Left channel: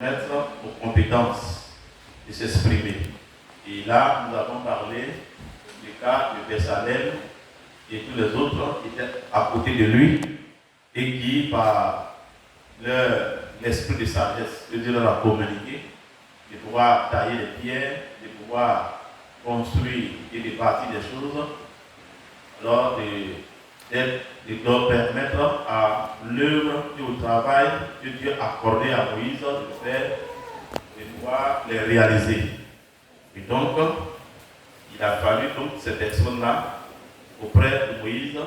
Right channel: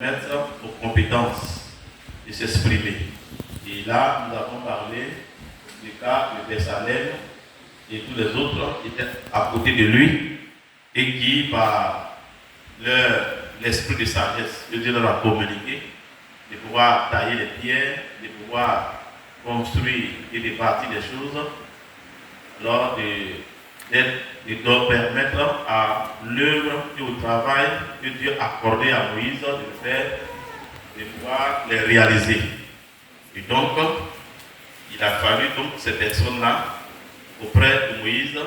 Mettre aux compétences de s'exprimer. Et là, nous avons parlé du cas de Bessalel et tous les autres qui étaient à côté de lui et qui, par l'esprit de sagesse que Dieu leur a communiqué, de pouvoir tailler les pierres, de pouvoir construire et de bâtir des choses, alors de permettre à l'œuvre et au travail que Dieu a accordé à Moïse de faire, de pouvoir les réaliser. Et donc, il a fallu donc ces personnes-là auprès de Moïse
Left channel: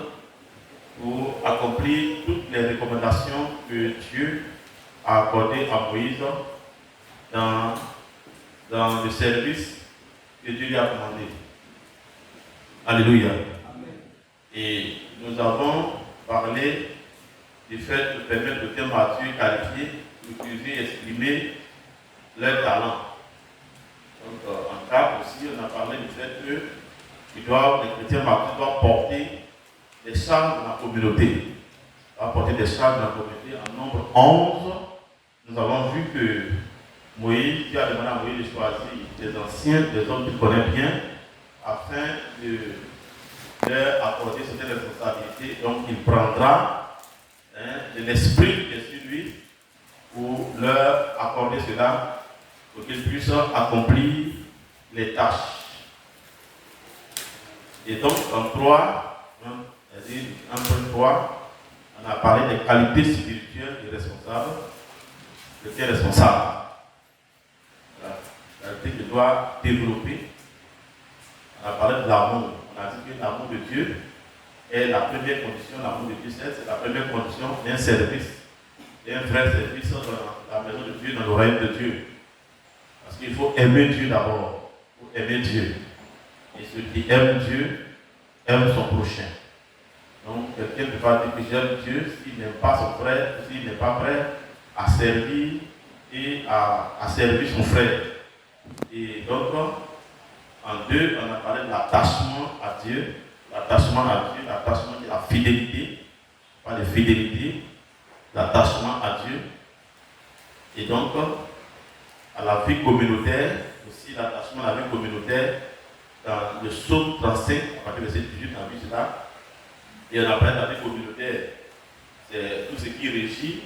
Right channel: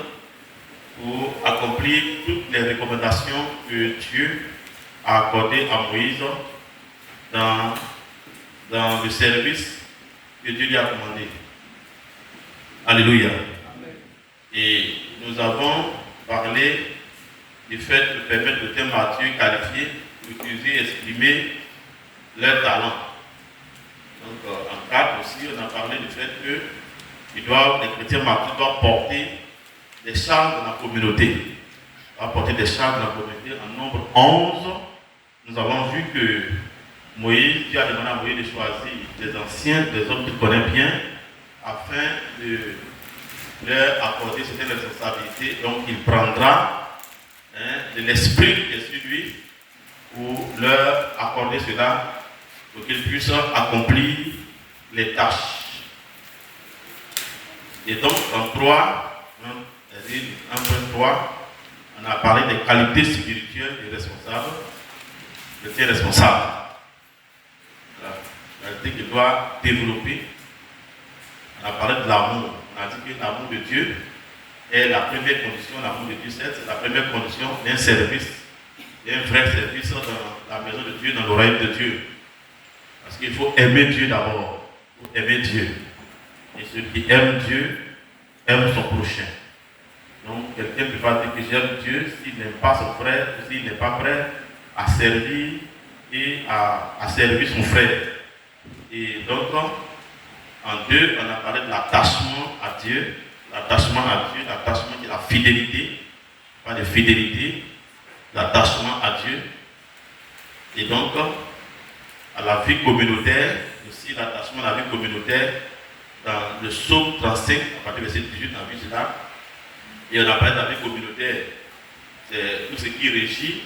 pour accomplir toutes les recommandations que Dieu a accordées à Moïse dans le service que Dieu lui a commandé. Alléluia. Et nous avons parlé du fait de permettre aux chrétiens matures qualifiés d'utiliser et exprimer leur talent. Donc, en cadre aussi, on a parlé du fait que les chrétiens matures doivent porter des charges dans la communauté. Doivent porter des charges dans la communauté. En nombre 11, nous avons vu que Dieu a demandé à Moïse de choisir des anciens, des hommes qu'il connaît bien, afin de leur accorder certaines responsabilités. Donc, il prendra de l'esprit qui est sur lui pour leur accorder cela, pour qu'ils puissent accomplir les tâches. Et donc, en 3, 1.3, on a parlé des qualités spirituelles des responsables, de ces responsables. La qualité qu'il doit développer. On a parlé de l'amour. On a dit que l'amour de Dieu est la première condition, l'amour de Dieu, c'est la première condition d'un service, d'un vrai service dans la maison de Dieu, dans l'oreille de Dieu. Parce qu'il faut aimer Dieu d'abord. Il faut aimer Dieu. Et celui qui aime Dieu aime son prochain. Donc, quelqu'un ne peut pas dire que j'aime Dieu s'il n'aime pas son frère, s'il n'est pas prêt à servir et à servir son frère. Et donc, en 2, on a parlé de l'attachement à Dieu. L'attachement à Dieu, l'attachement qui est la fidélité. Pas de fidélité, l'attachement à Dieu. Et donc, à la vie communautaire, aussi l'attachement à la vie communautaire, dans le psaume 35, à partir de verset 18, on a vu cela. Et on a parlé de la vie communautaire. C'est tout ce qui régit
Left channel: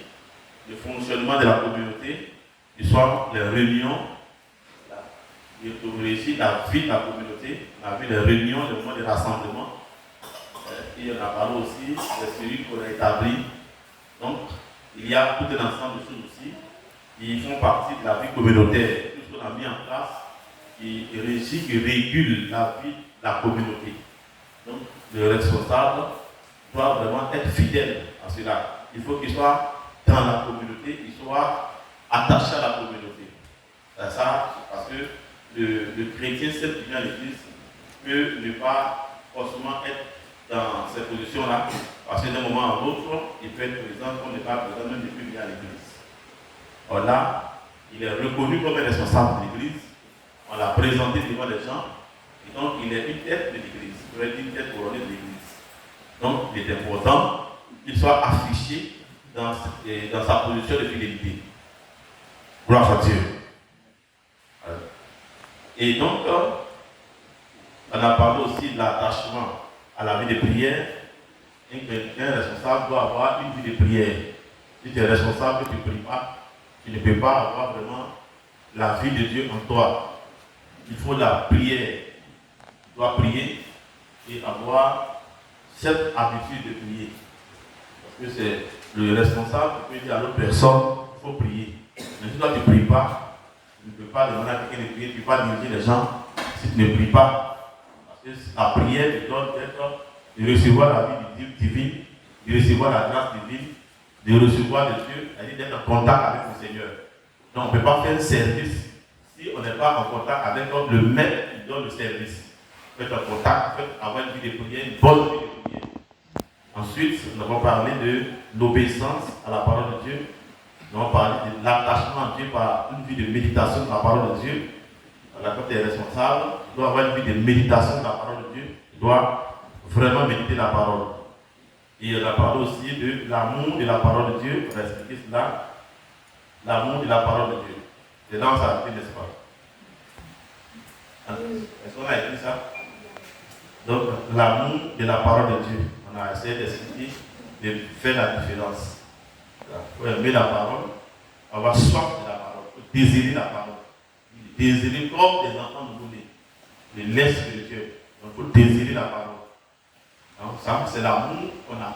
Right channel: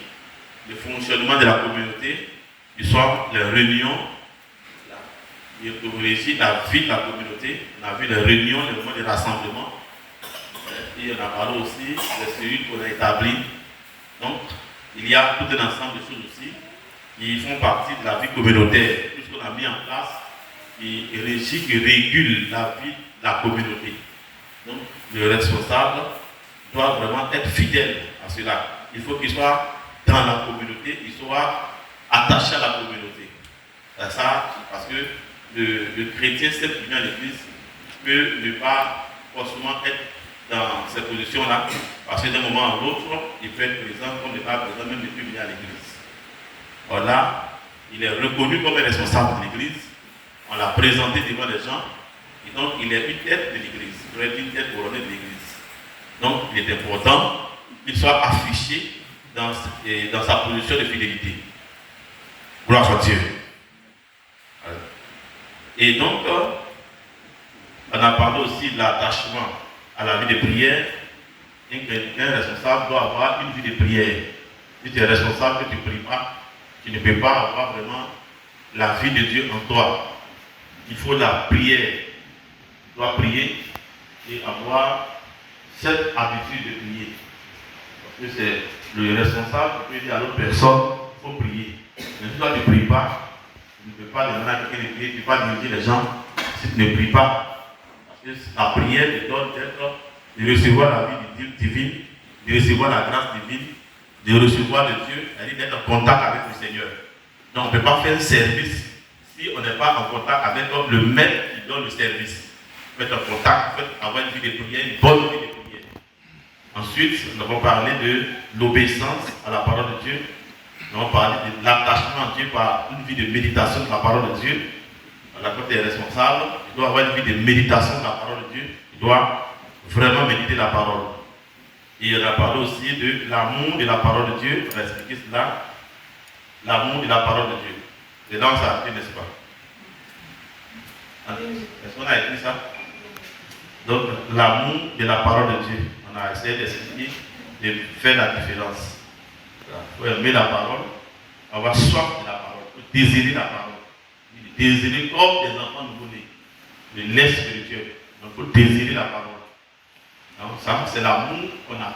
le fonctionnement de la communauté, qui sont les réunions, qui régit la vie de la communauté. On a vu les réunions, les moments de rassemblement. Et on a parlé aussi des cellules qu'on a établies. Donc, il y a tout un ensemble de choses aussi qui font partie de la vie communautaire. Tout ce qu'on a mis en place qui régit, qui régule la vie de la communauté. Donc, le responsable doit vraiment être fidèle à cela. Il faut qu'il soit dans la communauté, qu'il soit attaché à la communauté. Ça, parce que le chrétien, seul qui vient à l'église, peut ne pas forcément être dans ces positions-là, parce que d'un moment à l'autre, il peut être présent comme n'est pas présent, même depuis venir à l'église. Alors là, il est reconnu comme un responsable de l'église, on l'a présenté devant les gens, et donc il est une tête de l'église, il pourrait être une tête couronnée de l'église. Donc il est important qu'il soit affiché dans sa position de fidélité. Gloire à Dieu. Et donc, on a parlé aussi de l'attachement à la vie de prière. Un responsable doit avoir une vie de prière. Si tu es responsable, que tu ne pries pas, tu ne peux pas avoir vraiment la vie de Dieu en toi. Il faut la prière. Tu dois prier et avoir cette habitude de prier. Parce que c'est le responsable qui peut dire à l'autre personne, il faut prier. Mais si toi tu ne pries pas, tu ne peux pas demander à quelqu'un de prier, tu ne peux pas diriger les gens si tu ne pries pas. Parce que la prière te donne de recevoir la vie divine, de recevoir la grâce divine, de recevoir de Dieu, c'est-à-dire d'être en contact avec le Seigneur. Donc on ne peut pas faire un service si on n'est pas en contact avec le maître qui donne le service. Il faut être en contact, il faut avoir une vie de prière, une bonne vie de prière. Ensuite, nous avons parlé de l'obéissance à la parole de Dieu. Nous avons parlé de l'attachement à Dieu par une vie de méditation de la parole de Dieu. Quand tu es responsable, tu dois avoir une vie de méditation de la parole de Dieu. Tu dois vraiment méditer la parole. Et on a parlé aussi de l'amour de la parole de Dieu. On va expliquer cela. l'amour de la parole de Dieu. Et dans ça, n'est-ce pas? Est-ce qu'on a écrit ça? Donc, l'amour de la parole de Dieu. On a essayé d'expliquer, de faire la différence. Il faut aimer la parole, avoir soif de la parole, il faut désirer la parole. Désirer comme des enfants nouveau-nés, le lait spirituel. Donc, il faut désirer la parole. Donc, ça, c'est l'amour qu'on a.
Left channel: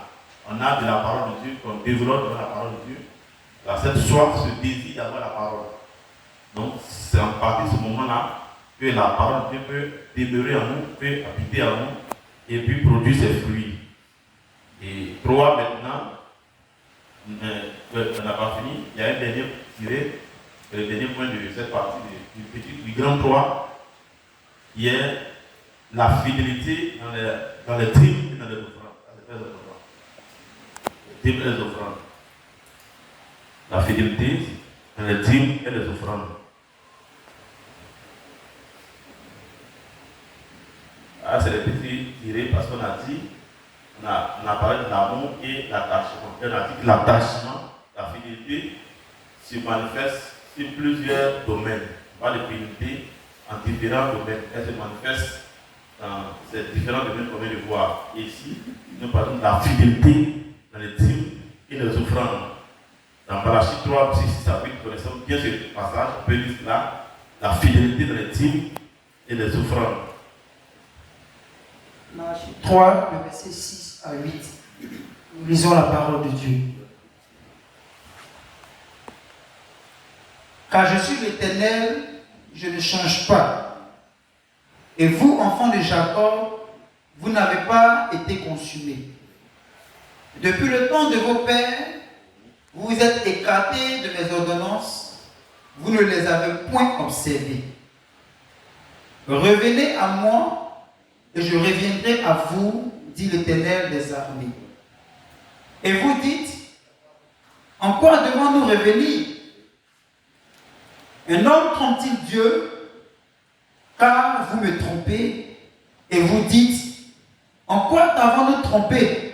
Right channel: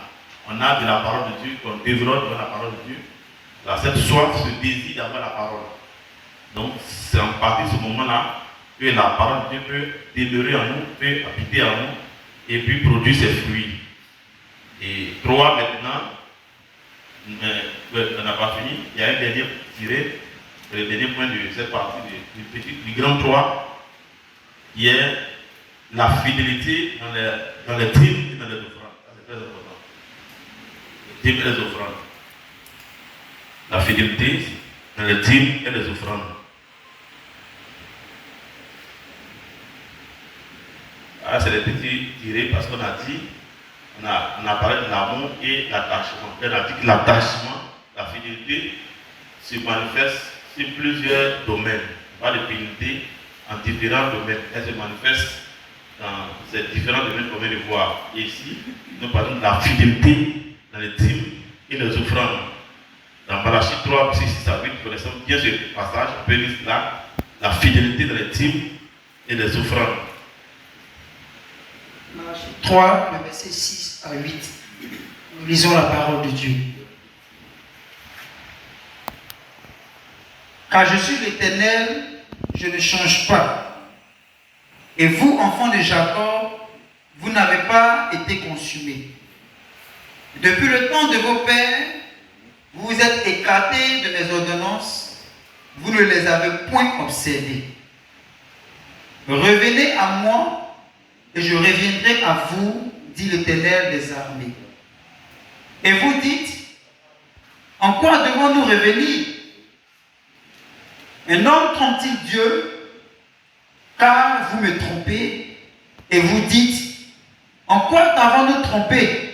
On a de la parole de Dieu, qu'on développe de la parole de Dieu. Dans cette soif, ce désir d'avoir la parole. Donc, c'est en partie ce moment-là que la parole de Dieu peut demeurer en nous, peut habiter en nous, et puis produire ses fruits. Et 3 maintenant, on n'a pas fini. Il y a un dernier tiré, le dernier point de cette partie du grand 3, qui est la fidélité dans les dîmes et dans les offrandes. C'est très important. Les dîmes et les offrandes. La fidélité dans les dîmes et les offrandes. Ah, c'est des petits tirés parce qu'on a dit, on a parlé de l'amour et l'attachement. On a dit que l'attachement, la fidélité se manifeste sur plusieurs domaines. Pas de fidélité en différents domaines. Elle se manifeste dans ces différents domaines qu'on vient de voir. Et ici, nous parlons de la fidélité dans les dîmes et les offrandes. Dans Malachie 3, 6 à 8, nous connaissons bien ce passage. On peut lire là, la fidélité dans les dîmes et les offrandes. Malachie 3, le verset 6 à 8. Nous lisons la parole de Dieu. Car je suis l'Éternel, je ne change pas. Et vous, enfants de Jacob, vous n'avez pas été consumés. Depuis le temps de vos pères, vous vous êtes écartés de mes ordonnances, vous ne les avez point observées. Revenez à moi, et je reviendrai à vous, dit l'Éternel des armées. Et vous dites, en quoi devons-nous revenir? Un homme trompe-t-il Dieu? Car vous me trompez, et vous dites, en quoi t'avons-nous trompé?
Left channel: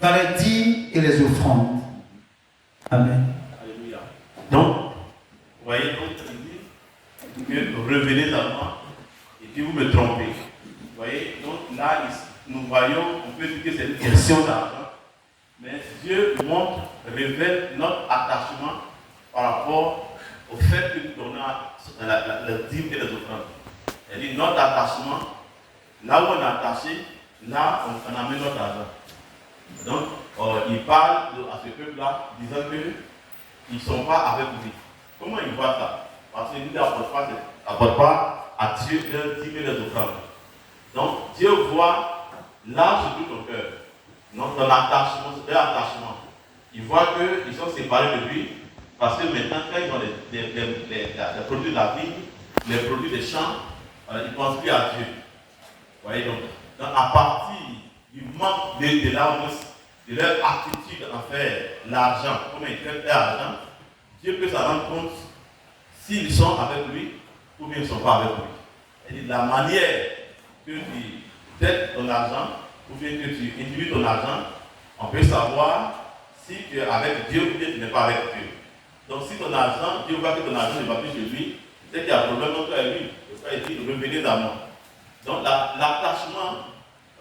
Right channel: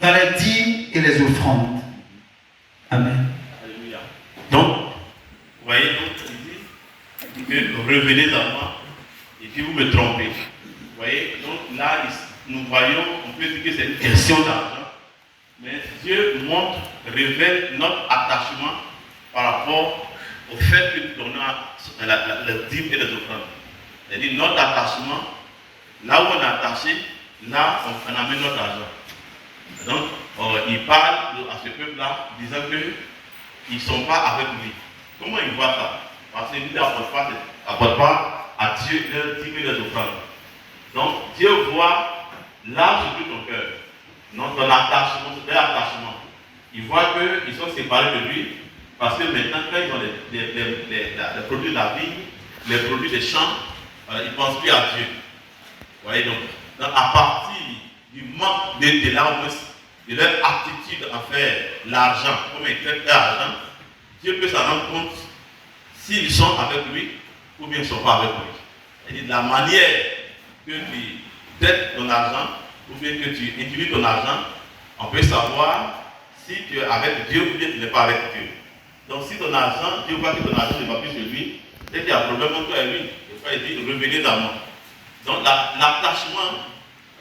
Dans les dîmes et les offrandes. Amen. Alléluia. Donc, vous voyez, donc, il dit que revenez à moi, et puis vous me trompez. Vous voyez, donc là, nous voyons, on peut dire que c'est une question d'argent, mais Dieu montre, révèle notre attachement par rapport au fait que nous donnons les dîmes et les offrandes. C'est-à-dire notre attachement, là où on est attaché, là on amène notre argent. Donc, il parle à ce peuple-là, disant qu'ils ne sont pas avec lui. Comment il voit ça? Parce que lui n'apporte pas à Dieu leurs dîmes et les offrandes. Donc, Dieu voit là sur tout ton cœur. Donc, dans l'attachement, c'est leur attachement. Il voit qu'ils sont séparés de lui, parce que maintenant, quand ils ont les produits de la vie, les produits des champs, ils ne pensent plus à Dieu. Vous voyez, donc, à partir du manque de leur aptitude à faire l'argent, comment ils traitent l'argent, Dieu peut s'en rendre compte s'ils sont avec lui ou bien ils ne sont pas avec lui. C'est-à-dire, la manière que tu traites ton argent ou bien que tu utilises ton argent, on peut savoir si tu es avec Dieu ou bien tu n'es pas avec Dieu. Donc si ton argent, Dieu voit que ton argent ne va plus chez lui, c'est qu'il y a un problème entre toi et lui. Et toi, il dit, revenez à moi. Donc l'attachement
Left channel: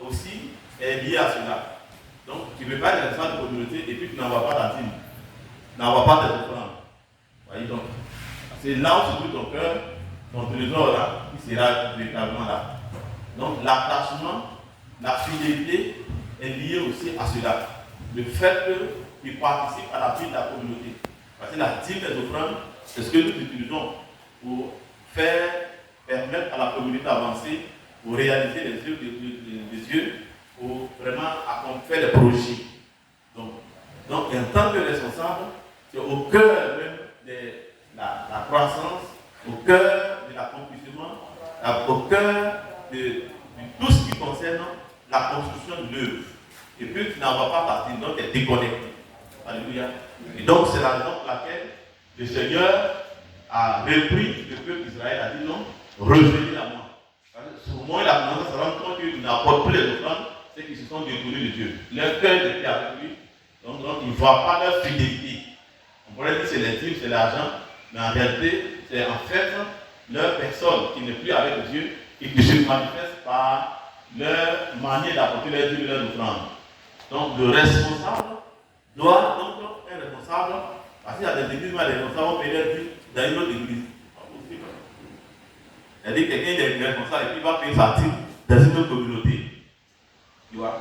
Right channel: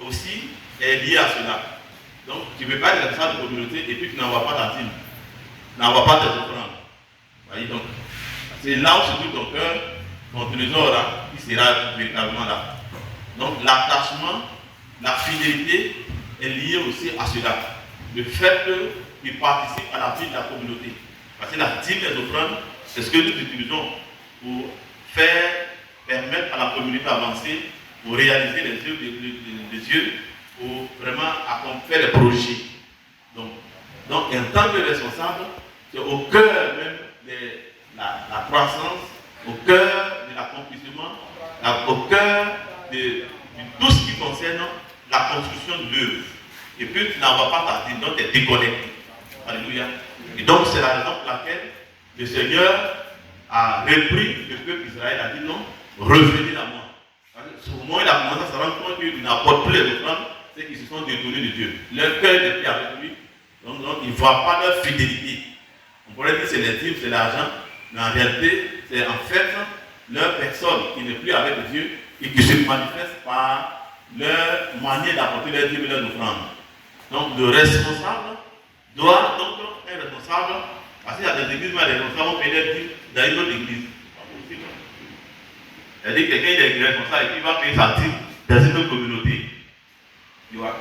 aussi est lié à cela. Donc tu ne peux pas être responsable de communauté et puis tu n'envoies pas ta dîme. Tu n'envoies pas tes offrandes. Voyez donc, c'est là où se trouve ton cœur, ton trésor là, qui sera véritablement là. Donc l'attachement, la fidélité est liée aussi à cela. Le fait que tu participes à la vie de la communauté. Parce que la dîme et les offrandes, c'est ce que nous utilisons pour permettre à la communauté d'avancer, pour réaliser les œuvres de Dieu, pour vraiment faire les projets. Donc, en tant que responsable, c'est au cœur même de la croissance, au cœur de l'accomplissement, au cœur de tout ce qui concerne la construction de l'œuvre. Et puis tu n'envoies pas ta dîme, donc tu es déconnecté. Alléluia. Et donc c'est la raison pour laquelle le Seigneur a repris le peuple d'Israël, a dit non, revenez à moi. Au moment où il a commencé à se rendre compte qu'ils n'apportent plus les offrandes, c'est qu'ils se sont détournés de Dieu. Leur cœur n'est plus avec lui, donc ils ne voient pas leur fidélité. On On pourrait dire que c'est les dîmes, c'est l'argent, mais en réalité, c'est en fait leur personne qui n'est plus avec Dieu et qui se manifeste par leur manière d'apporter leur dîmes et leur offrandes. Donc le responsable doit donc être responsable, parce qu'il y a des églises où les responsables paient leur dîmes dans une autre église. C'est-à-dire que quelqu'un est responsable et qui va payer sa dîme dans une autre communauté. Tu vois?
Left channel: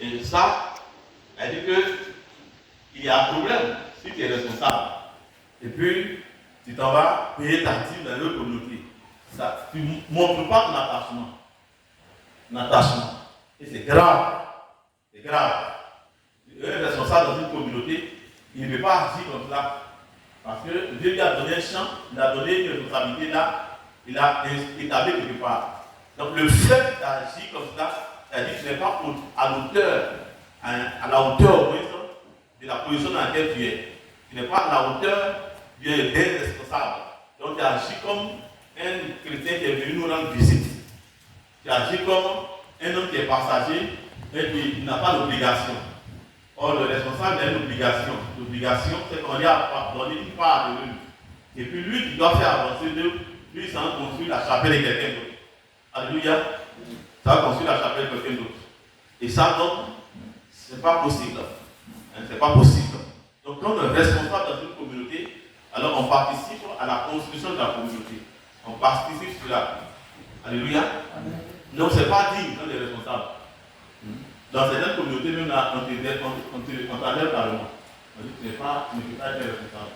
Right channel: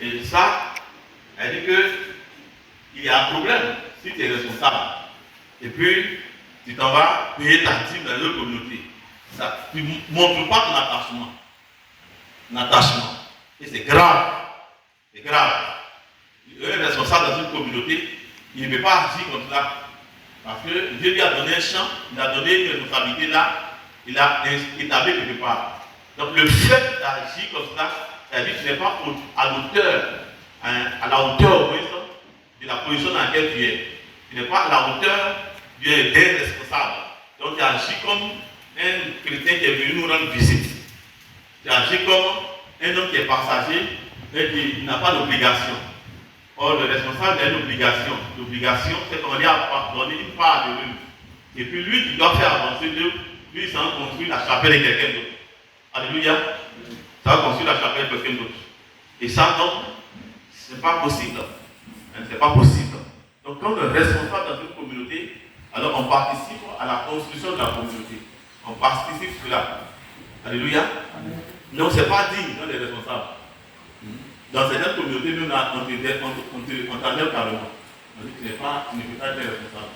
Et ça, c'est-à-dire qu'il y a un problème si tu es responsable. Et puis, tu t'en vas payer ta dîme dans une autre communauté. Ça, tu ne montres pas ton attachement. L'attachement. Et c'est grave. C'est grave. Un responsable dans une communauté, il ne peut pas agir comme ça. Parce que Dieu lui a donné un champ, il a donné une responsabilité là, il a établi quelque part. Donc le fait d'agir comme ça, c'est-à-dire que tu n'es pas à l'auteur, à la hauteur de la position dans laquelle tu es. Tu n'es pas à la hauteur d'un responsable. Donc tu agis comme un chrétien qui est venu nous rendre visite. Tu agis comme un homme qui est passager et qui n'a pas d'obligation. Or, le responsable a une obligation. L'obligation, c'est qu'on lui a donné une part de l'œuvre. Et puis lui qui doit faire avancer l'œuvre, lui, ça va construire la chapelle de quelqu'un d'autre. Alléluia. Ça va construire la chapelle de quelqu'un d'autre. Et ça, donc, ce n'est pas possible. Ce n'est pas possible. Donc, quand on est responsable dans une communauté, alors on participe à la construction de la communauté. On participe cela. Alléluia. Donc, ce n'est pas digne quand on est responsable. Dans certaines communautés, même là, on t'enlève carrément. On dit que tu ne peux pas être responsable.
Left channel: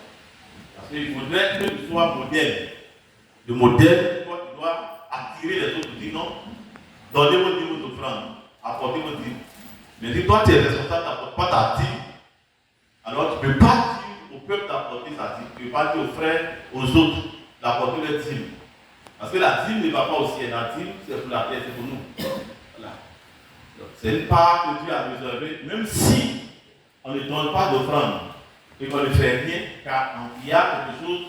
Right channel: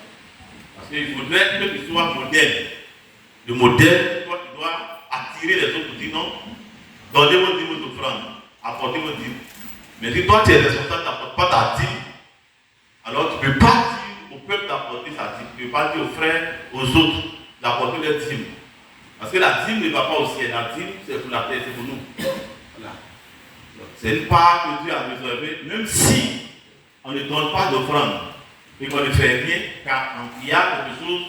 Parce qu'il faudrait que tu sois modèle. Le modèle, toi, tu dois attirer les autres pour dire non, donnez vos dîmes, vos offrandes, apportez vos dîmes. Mais si toi, tu es responsable, tu n'apportes pas ta dîme, alors tu ne peux pas dire au peuple d'apporter sa dîme. Tu ne peux pas dire aux frères, aux autres, d'apporter leur dîme. Parce que la dîme ne va pas au ciel. La dîme, c'est pour la terre, c'est pour nous. Voilà. C'est une part que Dieu a réservée, même si on ne donne pas d'offrande et qu'on ne fait rien, car il y a quelque chose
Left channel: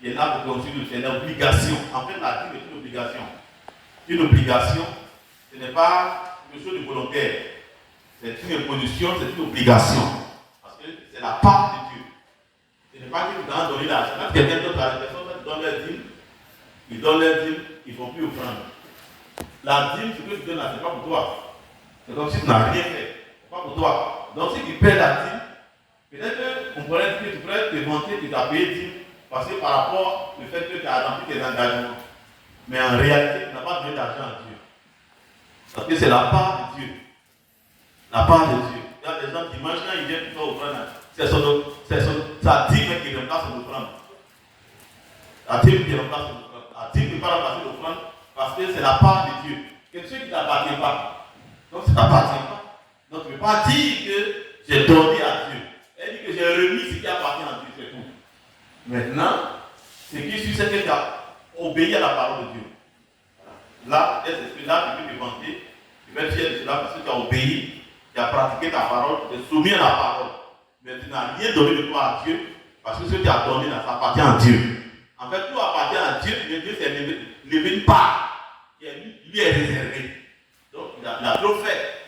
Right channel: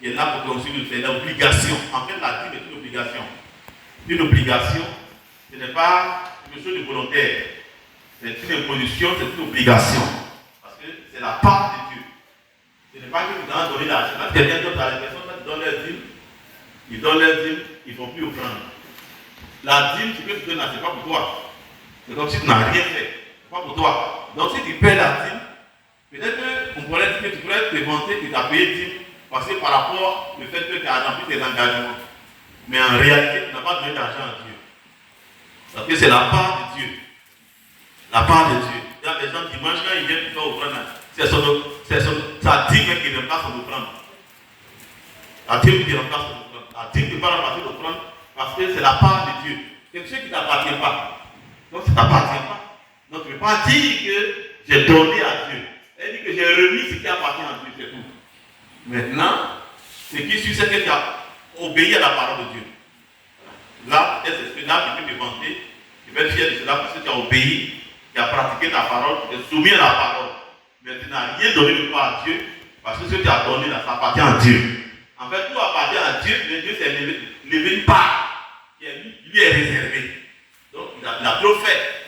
qui est là pour construire, c'est l'obligation. En fait, la dîme est une obligation. Une obligation, ce n'est pas quelque chose de volontaire. C'est une imposition, c'est une obligation. Parce que c'est la part de Dieu. Ce n'est pas que tu dois donner l'argent. Quand quelqu'un d'autre a la personne, quand tu donnes leur dîme, ils donnent leur dîme, ils ne font plus offrande. La dîme, ce que tu donnes là, ce n'est pas pour toi. C'est comme si tu n'as rien fait. Ce n'est pas pour toi. Donc si tu paies la dîme, peut-être qu'on pourrait dire que tu pourrais te vanter que tu as payé dîme parce que par rapport au fait que tu as rempli tes engagements. Mais en réalité, tu n'as pas donné d'argent à Dieu. Parce que c'est la part de Dieu. La part de Dieu. Il y a des gens qui mangent quand ils viennent pour faire offrande. C'est sa dîme qui remplace son offrande. La dîme qui remplace son offrande. La dîme qui ne peut pas remplacer l'offrande parce que c'est la part de Dieu. Quelque chose qui ne t'appartient pas. Donc ça ne t'appartient pas. Donc tu ne peux pas dire que j'ai donné à Dieu. Elle dit que j'ai remis ce qui appartient à Dieu, c'est tout. Maintenant, ce qui suit, c'est que tu as obéi à la parole de Dieu. Là, c'est ce là que tu peux te vanter. Tu vas être fier de cela parce que tu as obéi, tu as pratiqué ta parole, tu es soumis à la parole. Mais tu n'as rien donné de toi à Dieu parce que ce que tu as donné là, ça appartient à Dieu. En fait, tout appartient à Dieu, mais Dieu s'est levé une part qui lui est réservée. Donc, il a trop fait.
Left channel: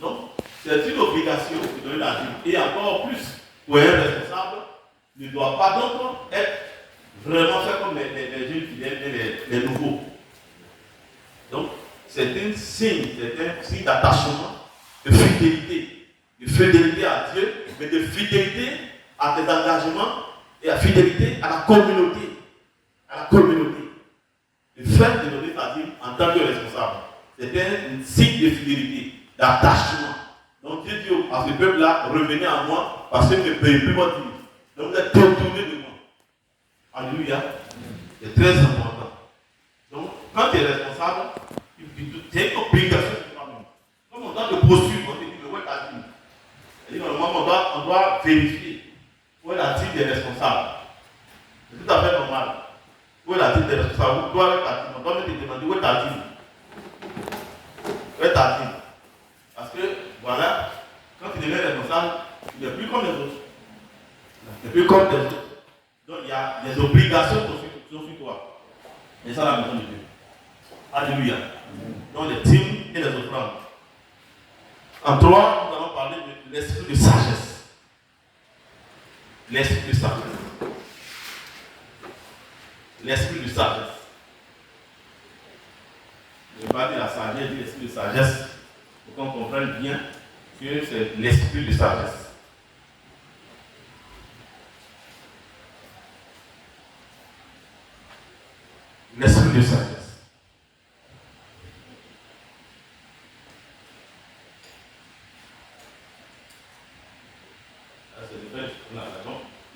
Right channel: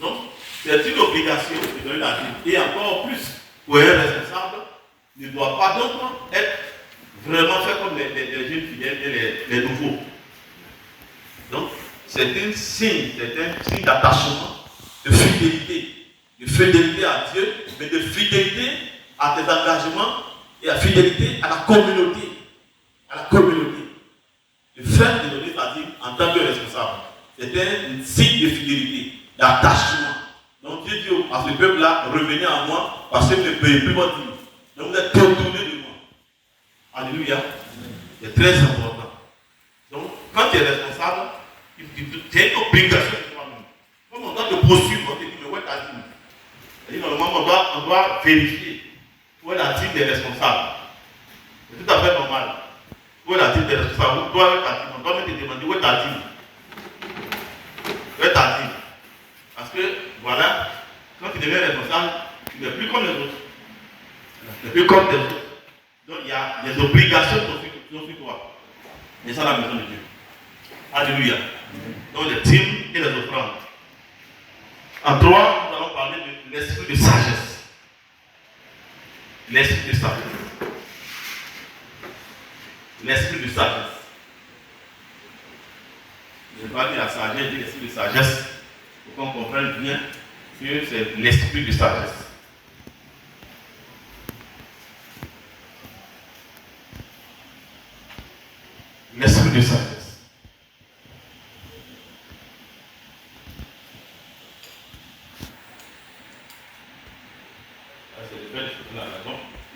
Donc, c'est une obligation de donner la dîme. Et encore plus, pour un responsable, ne doit pas donc être vraiment fait comme les jeunes fidèles et les nouveaux. Donc, c'est un signe d'attachement, de fidélité à Dieu, mais de fidélité à tes engagements et à fidélité à la communauté. À la communauté. Le fait de donner sa dîme en tant que responsable, c'est un signe de fidélité, d'attachement. Donc Dieu dit à ce peuple-là, revenez à moi parce que vous ne payez plus votre dîme. Donc vous êtes détournés de moi. Alléluia. C'est très important. Donc quand tu es responsable, tu as une obligation de toi-même. Comme on doit te poursuivre, on te dit, mais où est ta dîme? C'est-à-dire normalement on doit vérifier où est la dîme des responsables. C'est tout à fait normal. Où est la dîme des responsables? Où est ta dîme? On doit même te demander où est ta dîme. Où est ta dîme? Parce que, voilà, quand tu deviens responsable, tu n'es plus comme les autres. Tu n'es plus comme les autres. Donc, il y a des obligations sur toi. Et ça, la maison de Dieu. Alléluia. Donc, les dîmes et les offrandes. En 3, nous allons parler de l'esprit de sagesse. l'esprit de sagesse. L'esprit de sagesse. Je ne vais pas dire la sagesse, je dis l'esprit de sagesse, pour qu'on comprenne bien que c'est l'esprit de sagesse. L'esprit de sagesse.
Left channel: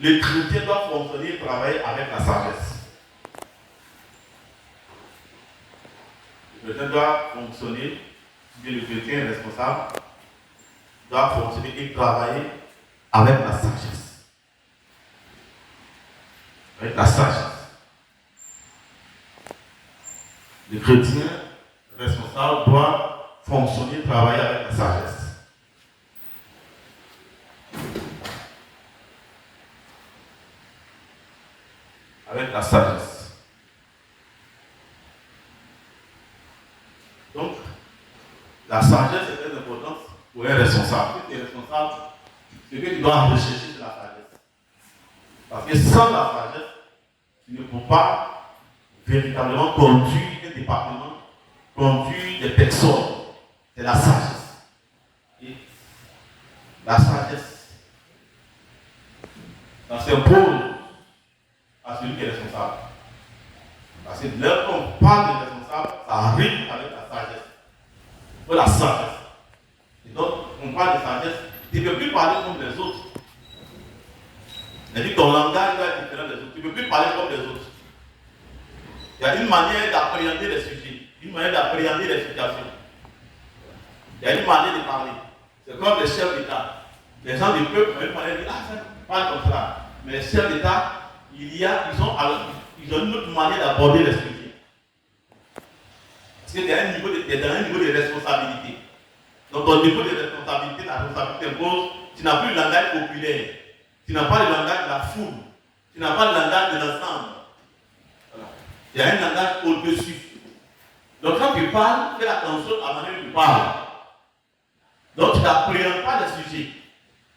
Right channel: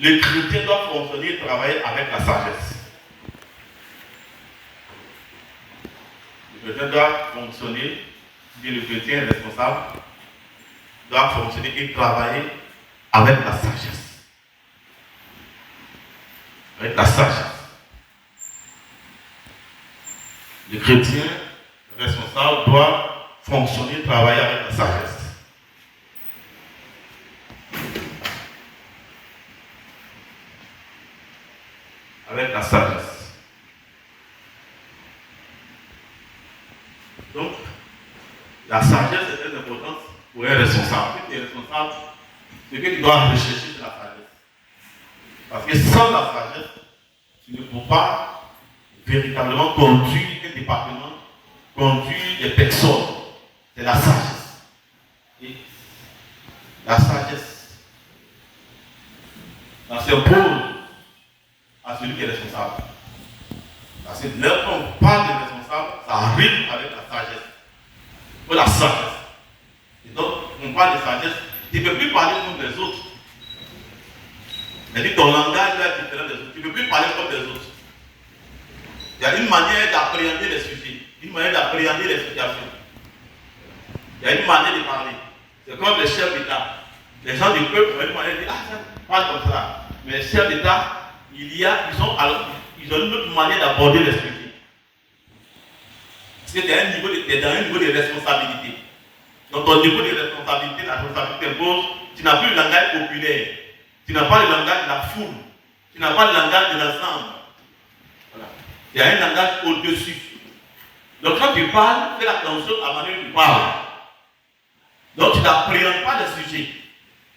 Le chrétien doit fonctionner et travailler avec la sagesse. Le chrétien doit fonctionner, bien le chrétien responsable doit fonctionner et travailler avec la sagesse. Avec la sagesse. Le chrétien responsable doit fonctionner et travailler avec la sagesse. Avec la sagesse. Donc, la sagesse est très importante pour un responsable. Si tu es responsable, c'est que tu dois rechercher la sagesse. Parce que sans la sagesse, tu ne peux pas véritablement conduire un département, conduire des personnes. C'est la sagesse. Et la sagesse, ça s'impose à celui qui est responsable. Parce que lorsqu'on parle de responsable, ça arrive avec la sagesse. Ou la sagesse. Et donc, on parle de sagesse, tu ne peux plus parler comme les autres. C'est-à-dire que ton langage est différent des autres. Tu ne peux plus parler comme les autres. Il y a une manière d'appréhender les sujets, une manière d'appréhender les situations. Il y a une manière de parler. C'est comme les chefs d'État. Les gens du peuple ont une manière de dire, ah, ça parle comme ça. Mais les chefs d'État, ils ont une autre manière d'aborder les sujets. Parce que tu es dans un niveau de responsabilité. Donc ton niveau de responsabilité, la responsabilité impose, tu n'as plus le langage populaire. Tu n'as pas le langage de la foule. Tu n'as pas le langage de l'ensemble. Voilà. Il y a un langage au-dessus. Donc quand tu parles, fais attention à la manière dont tu parles. Donc tu n'appréhendes pas les sujets.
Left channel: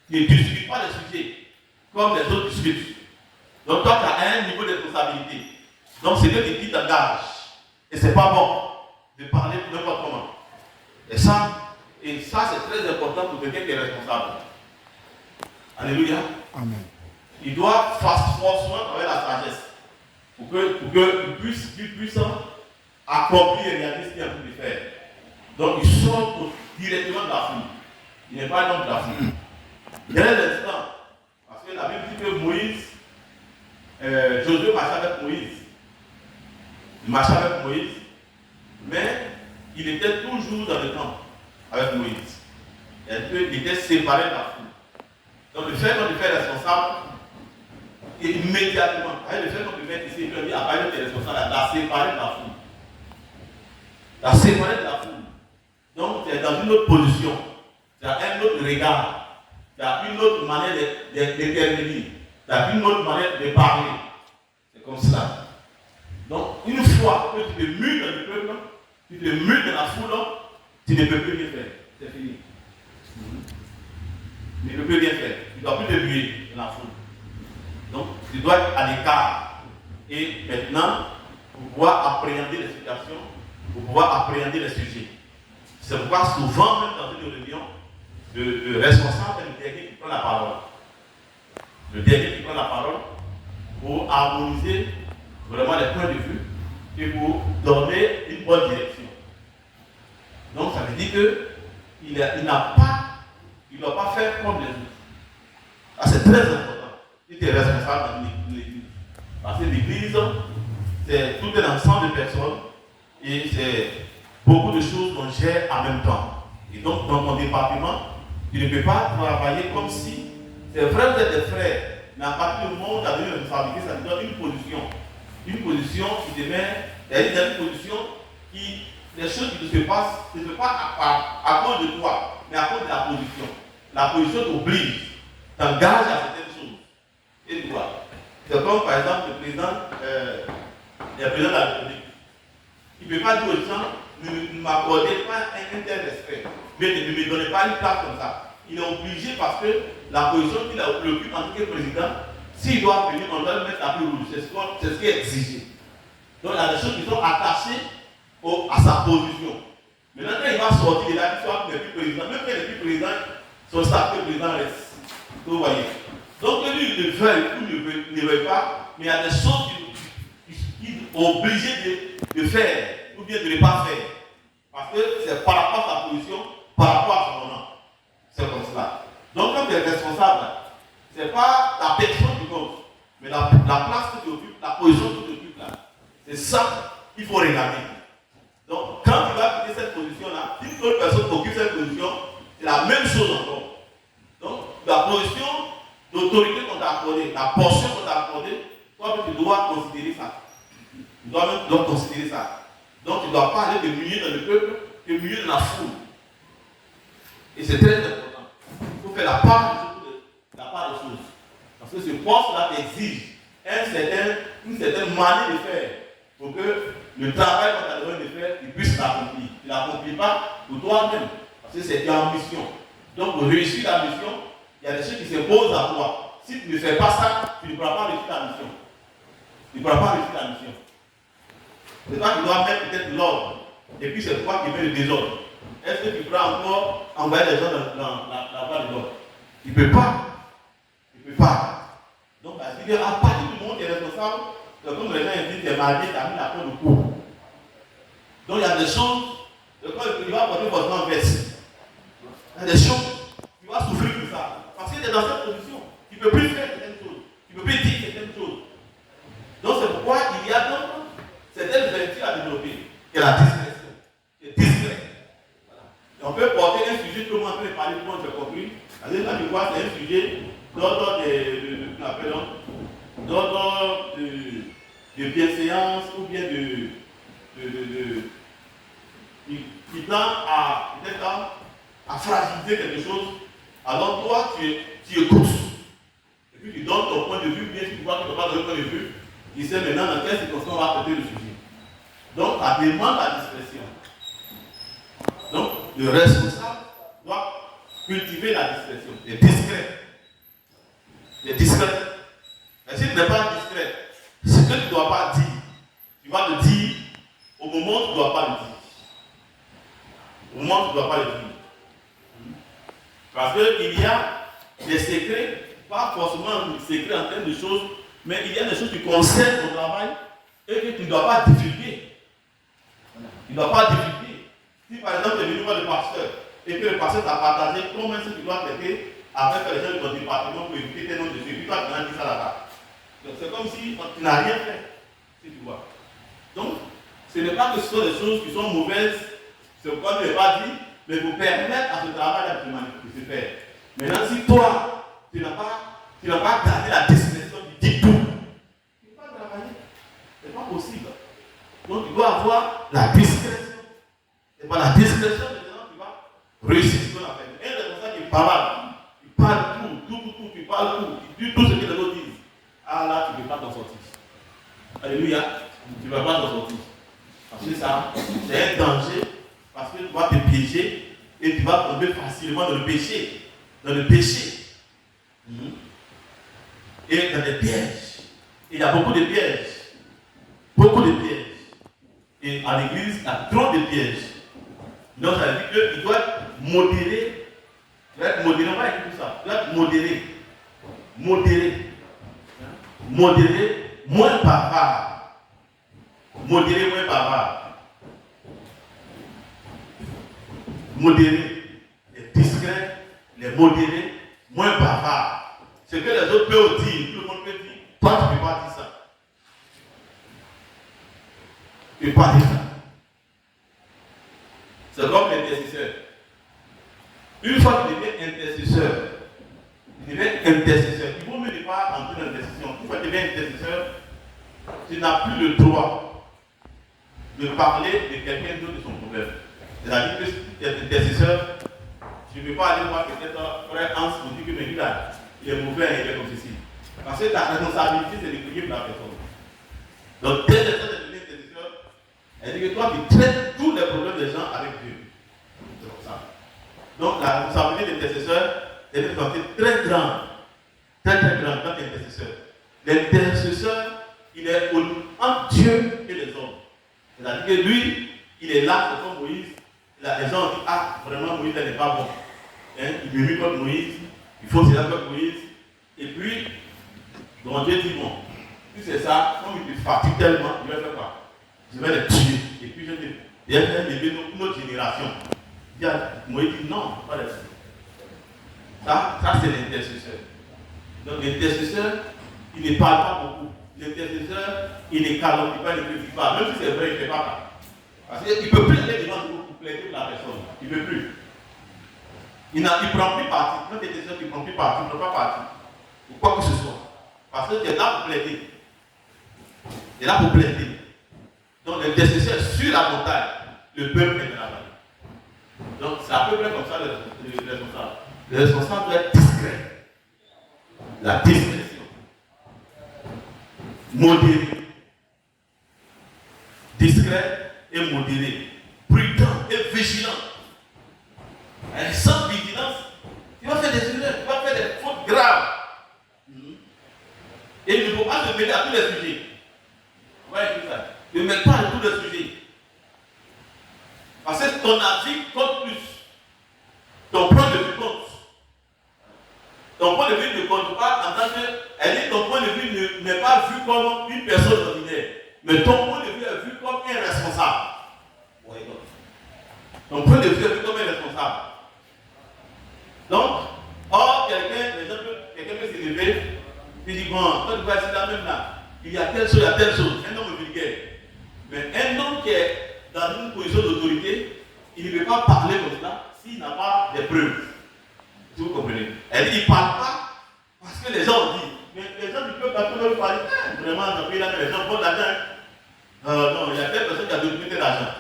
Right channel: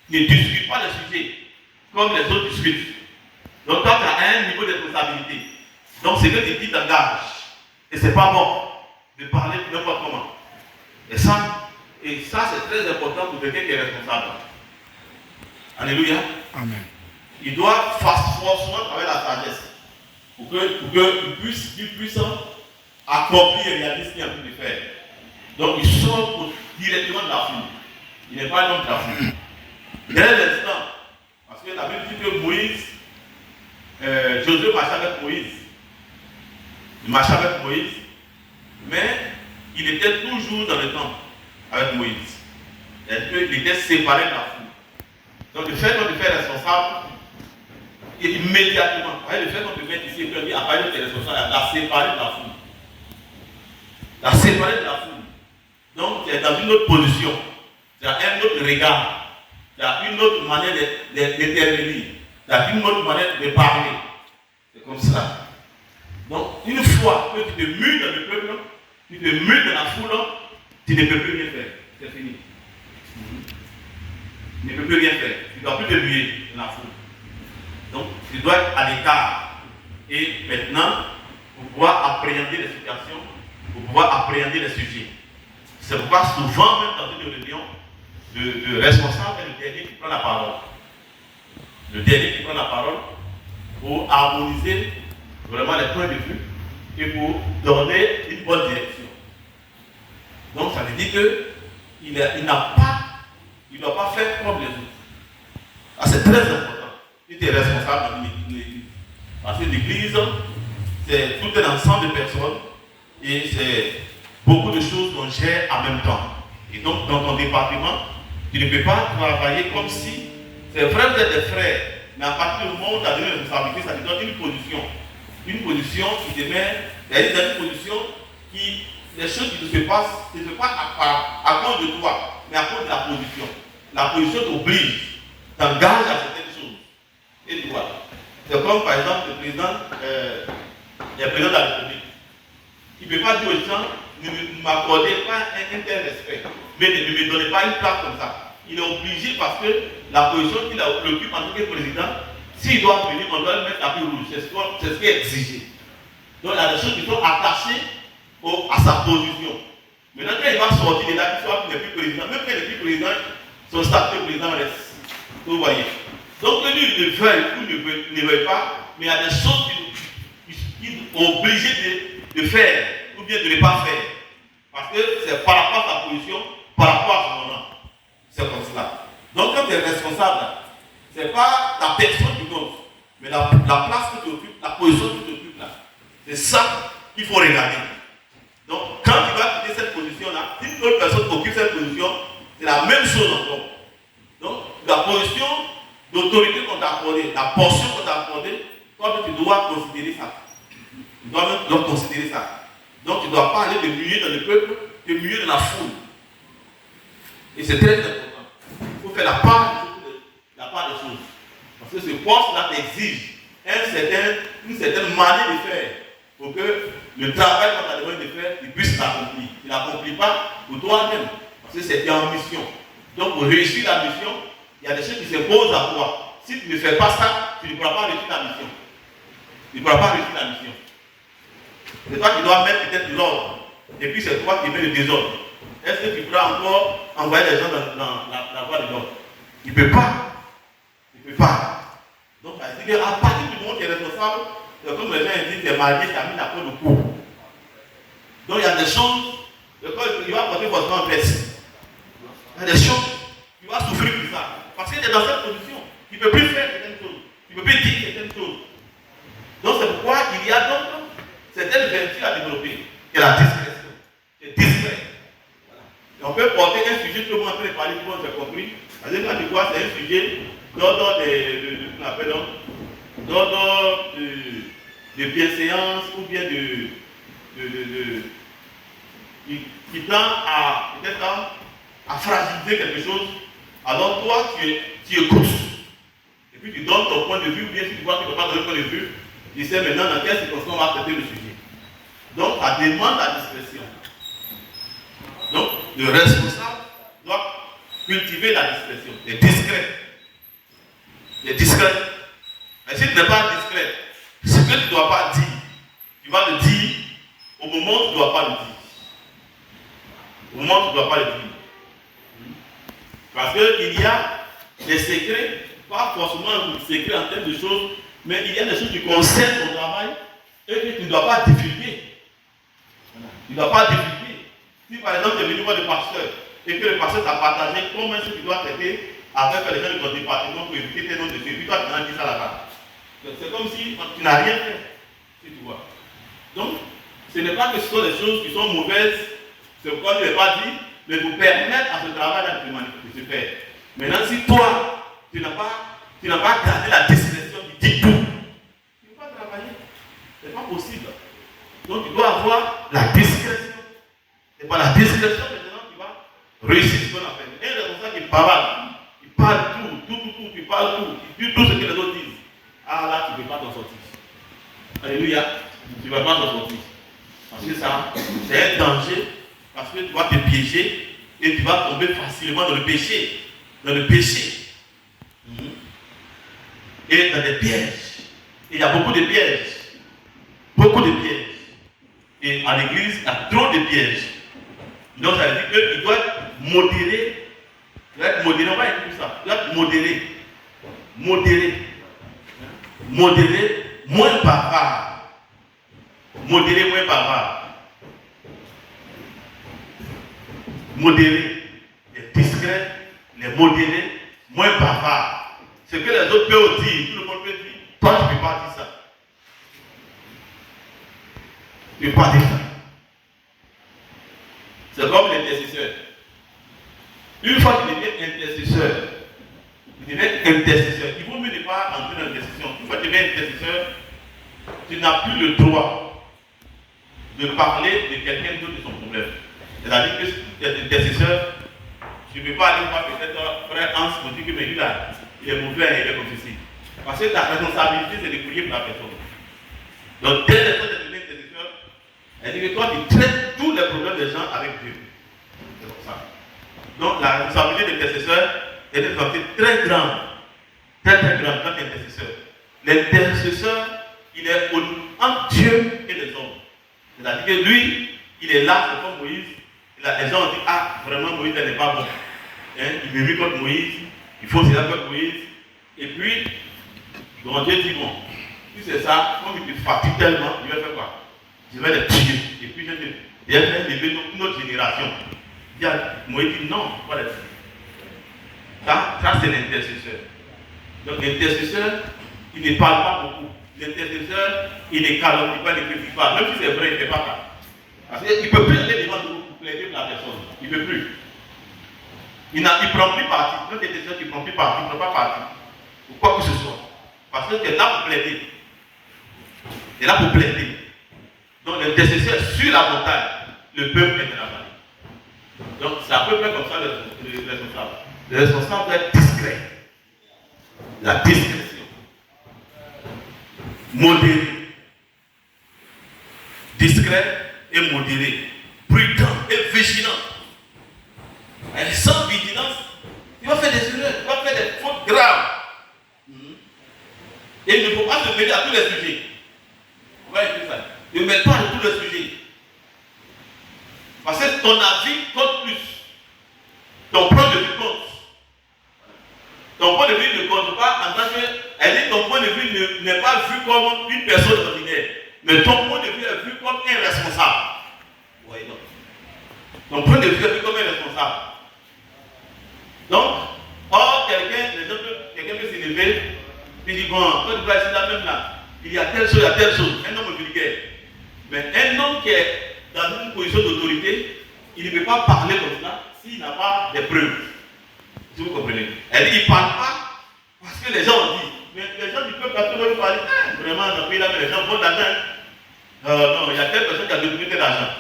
Tu ne discutes pas les sujets comme les autres discutent. Donc toi, tu as un niveau de responsabilité. Donc c'est que tu dis t'engages. Et c'est pas bon de parler n'importe comment. Et ça c'est très important pour quelqu'un qui est responsable. Alléluia. Amen. Il doit forcément travailler la sagesse. Pour qu'il puisse accomplir et réaliser ce qu'il est en train de faire. Donc il sort directement de la foule. Il n'est pas l'homme de la foule. Dès l'instant, parce que la Bible dit que Moïse, Josué marchait avec Moïse. Il marchait avec Moïse, mais il était toujours dans le temple avec Moïse. Il était séparé de la foule. Donc le fait qu'on le fait responsable, immédiatement, le fait qu'on le fait ici, il dit, après tu es responsable, la séparer de la foule. La séparer de la foule. Donc tu es dans une autre position, tu as un autre regard, tu as une autre manière d'intervenir. Tu as une autre manière de parler. C'est comme ça. Donc, une fois que tu te mues dans le peuple, tu te mues dans la foule, tu ne peux plus rien faire. C'est fini. Tu ne peux plus rien faire. Tu ne dois plus te muer dans la foule. Donc, tu dois être à l'écart. Et maintenant, pour pouvoir appréhender les situations, pour pouvoir appréhender les sujets. C'est pourquoi souvent, même dans une réunion, le responsable est le dernier qui prend la parole. Le dernier qui prend la parole pour harmoniser vraiment les points de vue et pour donner une bonne direction. Donc ça veut dire qu'il ne doit pas faire comme les autres. Ça c'est très important. Il est responsable de l'église. Parce que l'église, c'est tout un ensemble de personnes et c'est beaucoup de choses qu'on gère en même temps. Et donc dans ton département, tu ne peux pas travailler comme si c'est vrai que vous êtes des frères, mais à partir du moment où tu as donné une responsabilité, ça te donne une position. Une position qui te met dans une position qui, les choses qui se passent, ce n'est pas à cause de toi, mais à cause de la position. La position t'oblige, t'engage à certaines choses. Et tu vois, c'est comme par exemple le président de la République. Il ne peut pas dire aux gens, ne m'accordez pas un tel respect, mais ne me donnez pas une place comme ça. il est obligé parce que la position qu'il occupe en tant que président, s'il doit venir, on doit le mettre à tapis rouge. C'est ce qui est exigé. Donc il y a des choses qui sont attachées à sa position. Maintenant, quand il va sortir, il a dit qu'il n'est plus président. Même quand il n'est plus président, son statut de président reste. Vous voyez. Donc, lui, il ne veut ou ne veut pas, mais il y a des choses qu'il est obligé de faire, ou bien de ne pas faire. Parce que c'est par rapport à sa position, par rapport à son nom. C'est comme cela. Donc, quand tu es responsable, ce n'est pas la personne qui compte, mais la place que tu occupes, la position que tu occupes là. C'est ça qu'il faut regarder. Donc, quand tu vas quitter cette position-là, si une autre personne occupe cette position, c'est la même chose encore. Donc, la position d'autorité qu'on t'a accordée, la portion qu'on t'a accordée, toi, tu dois considérer ça. Tu dois même considérer ça. Donc, tu ne dois pas aller te muer dans le peuple, te muer dans la foule. Et c'est très important. Il faut faire la part des choses. Parce que ce poste-là t'exige une certaine manière de faire pour que le travail qu'on t'a demandé de faire, il puisse l'accomplir. Tu ne l'accomplis pas pour toi-même, parce que c'est en mission. Donc, pour réussir la mission, il y a des choses qui s'imposent à toi. Si tu ne fais pas ça, tu ne pourras pas réussir ta mission. Tu ne pourras pas réussir ta mission. C'est toi qui dois mettre peut-être l'ordre. Et puis c'est toi qui mets le désordre. Est-ce que tu pourras encore envoyer les gens dans la voie de l'ordre? Il ne peut pas. Il ne peut pas. Donc, c'est-à-dire qu'à partir du moment où tu es responsable, comme les gens disent, tu es marié, tu as mis la peau de cou. Donc, il y a des choses, il va porter forcément en veste. Il y a des choses, tu vas souffrir pour ça. Parce que tu es dans cette position. Tu ne peux plus faire certaines choses. Tu ne peux plus dire certaines choses. Donc, c'est pourquoi il y a donc certaines vertus à développer. Il y a la discrétion. Tu es discret. Voilà. On peut porter un sujet, tout le monde peut parler, tout le monde j'ai compris. C'est-à-dire quand tu vois, c'est un sujet d'ordre de bienséance ou bien qui tend à fragiliser quelque chose. Alors toi, tu écoutes. Et puis tu donnes ton point de vue, ou bien si tu vois que tu ne peux pas donner ton point de vue, tu sais maintenant dans quelle circonstance on va traiter le sujet. Donc ça demande la discrétion. Donc le responsable doit cultiver la discrétion. Il est discret. Il est discret. Mais si tu n'es pas discret, ce que tu ne dois pas dire, tu vas le dire au moment où tu ne dois pas le dire. Au moment où tu ne dois pas le dire. Parce qu'il y a des secrets, pas forcément des secrets en termes de choses, mais il y a des choses qui concernent ton travail et que tu ne dois pas divulguer. Voilà. Tu ne dois pas divulguer. Si par exemple tu es venu voir le pasteur et que le pasteur t'a partagé comment est-ce que tu dois traiter avec les gens de ton département pour éviter tes noms dessus, et puis toi tu n'as dit ça là-bas. C'est comme si tu n'as rien fait, si tu vois. Donc, ce n'est pas que ce sont des choses qui sont mauvaises, c'est pourquoi je ne l'ai pas dit, mais vous permettre à ce travail de se faire. Maintenant, si toi, tu n'as pas gardé la discrétion qui dit tout, tu ne peux pas travailler. Ce n'est pas possible. Donc, tu dois avoir la discrétion. Et par la discrétion, maintenant, tu vas réussir ce qu'on appelle. Un responsable qui parle tout, tu parles tout, tu dis tout ce que les autres disent. Ah là, tu ne peux pas t'en sortir. Alléluia. Tu ne peux pas t'en sortir. Parce que ça, c'est un danger. Parce que tu vas te piéger et tu vas tomber facilement dans le péché. Dans le péché. Et dans des pièges. Et il y a beaucoup de pièges. Beaucoup de pièges. Et à l'église, il y a trop de pièges. Donc ça veut dire qu'il doit être modéré. Il doit être modéré. On va écouter ça. Il doit être modéré. Modéré, moins bavard. Modéré, moins bavard. Modéré, les discrets, les modérés, moins bavards. Ce que les autres peuvent dire, tout le monde peut dire, toi tu ne peux pas dire ça. Tu ne peux pas dire ça. C'est comme l'intercesseur. Une fois que tu deviens intercesseur, il vaut mieux ne pas entrer dans l'intercession. Une fois que tu deviens intercesseur, tu n'as plus le droit de parler de quelqu'un d'autre de son problème. C'est-à-dire que si tu es intercesseur, tu ne peux pas aller voir peut-être frère Hans pour dire que mais lui là, il est mauvais, il est comme ceci. Parce que ta responsabilité, c'est de prier pour la personne. Donc, dès les fois de devenir intercesseur, elle dit que toi, tu traites tous les problèmes des gens avec Dieu. C'est comme ça. Donc, la responsabilité de l'intercesseur, L'intercesseur, il est entre Dieu et les hommes. C'est-à-dire que lui, il est là, c'est comme Moïse. Les gens ont dit, ah, vraiment, Moïse n'est pas bon. Hein? Il me met contre Moïse, il faut cela contre Moïse. Et puis, bon, Dieu dit, bon, si c'est ça, comme il te fatigue tellement, je vais faire quoi? Je vais les tuer. Et puis, je vais élever une autre génération. Moïse dit, non, pas les tuer. Ça c'est l'intercesseur. Donc, l'intercesseur, il ne parle pas beaucoup. L'intercesseur, il ne calomnie pas, il ne critique pas. Même si c'est vrai, il ne fait pas ça. Parce qu'il ne peut plus aller devant nous pour plaider pour la personne. Il ne peut plus. Il ne prend plus parti. Notre intercesseur qui ne prend plus parti, il ne prend pas parti. Ou quoi que ce soit. Parce que tu es là pour plaider. Tu es là pour plaider. Donc l'intercesseur sur la montagne, le peuple est dans la vallée. Donc c'est à peu près comme ça le responsable. Le responsable doit être discret. La discrétion. Modéré. Discret et modéré. Prudent et vigilant. Et sans vigilance, il va faire des erreurs, il va faire des fautes graves. Et il ne faut pas se mêler à tous les sujets. On va écrire ça. Ne mets pas à tous les sujets. Parce que ton avis compte plus. Ton point de vue compte. Ton point de vue ne compte pas en tant que. Elle dit ton point de vue n'est pas vu comme une personne ordinaire. Mais ton point de vue est vu comme un responsable. Oui, donc. Ton point de vue est vu comme un responsable. Donc, or, quelqu'un peut s'élever, il dit, bon, toi tu vas essayer la même là. Il y a telle chose, il y a telle chose. Un homme vulgaire. Mais un homme qui est dans une position d'autorité, il ne peut pas parler comme ça s'il n'a pas des preuves. Si vous comprenez. Elle dit, il ne parle pas parce que les gens ont dit. Mais les gens du peuple à tout le monde parler. Vraiment, dans le pays là, les gens font de l'argent. Non, il y a telle personne qui a détourné de l'argent.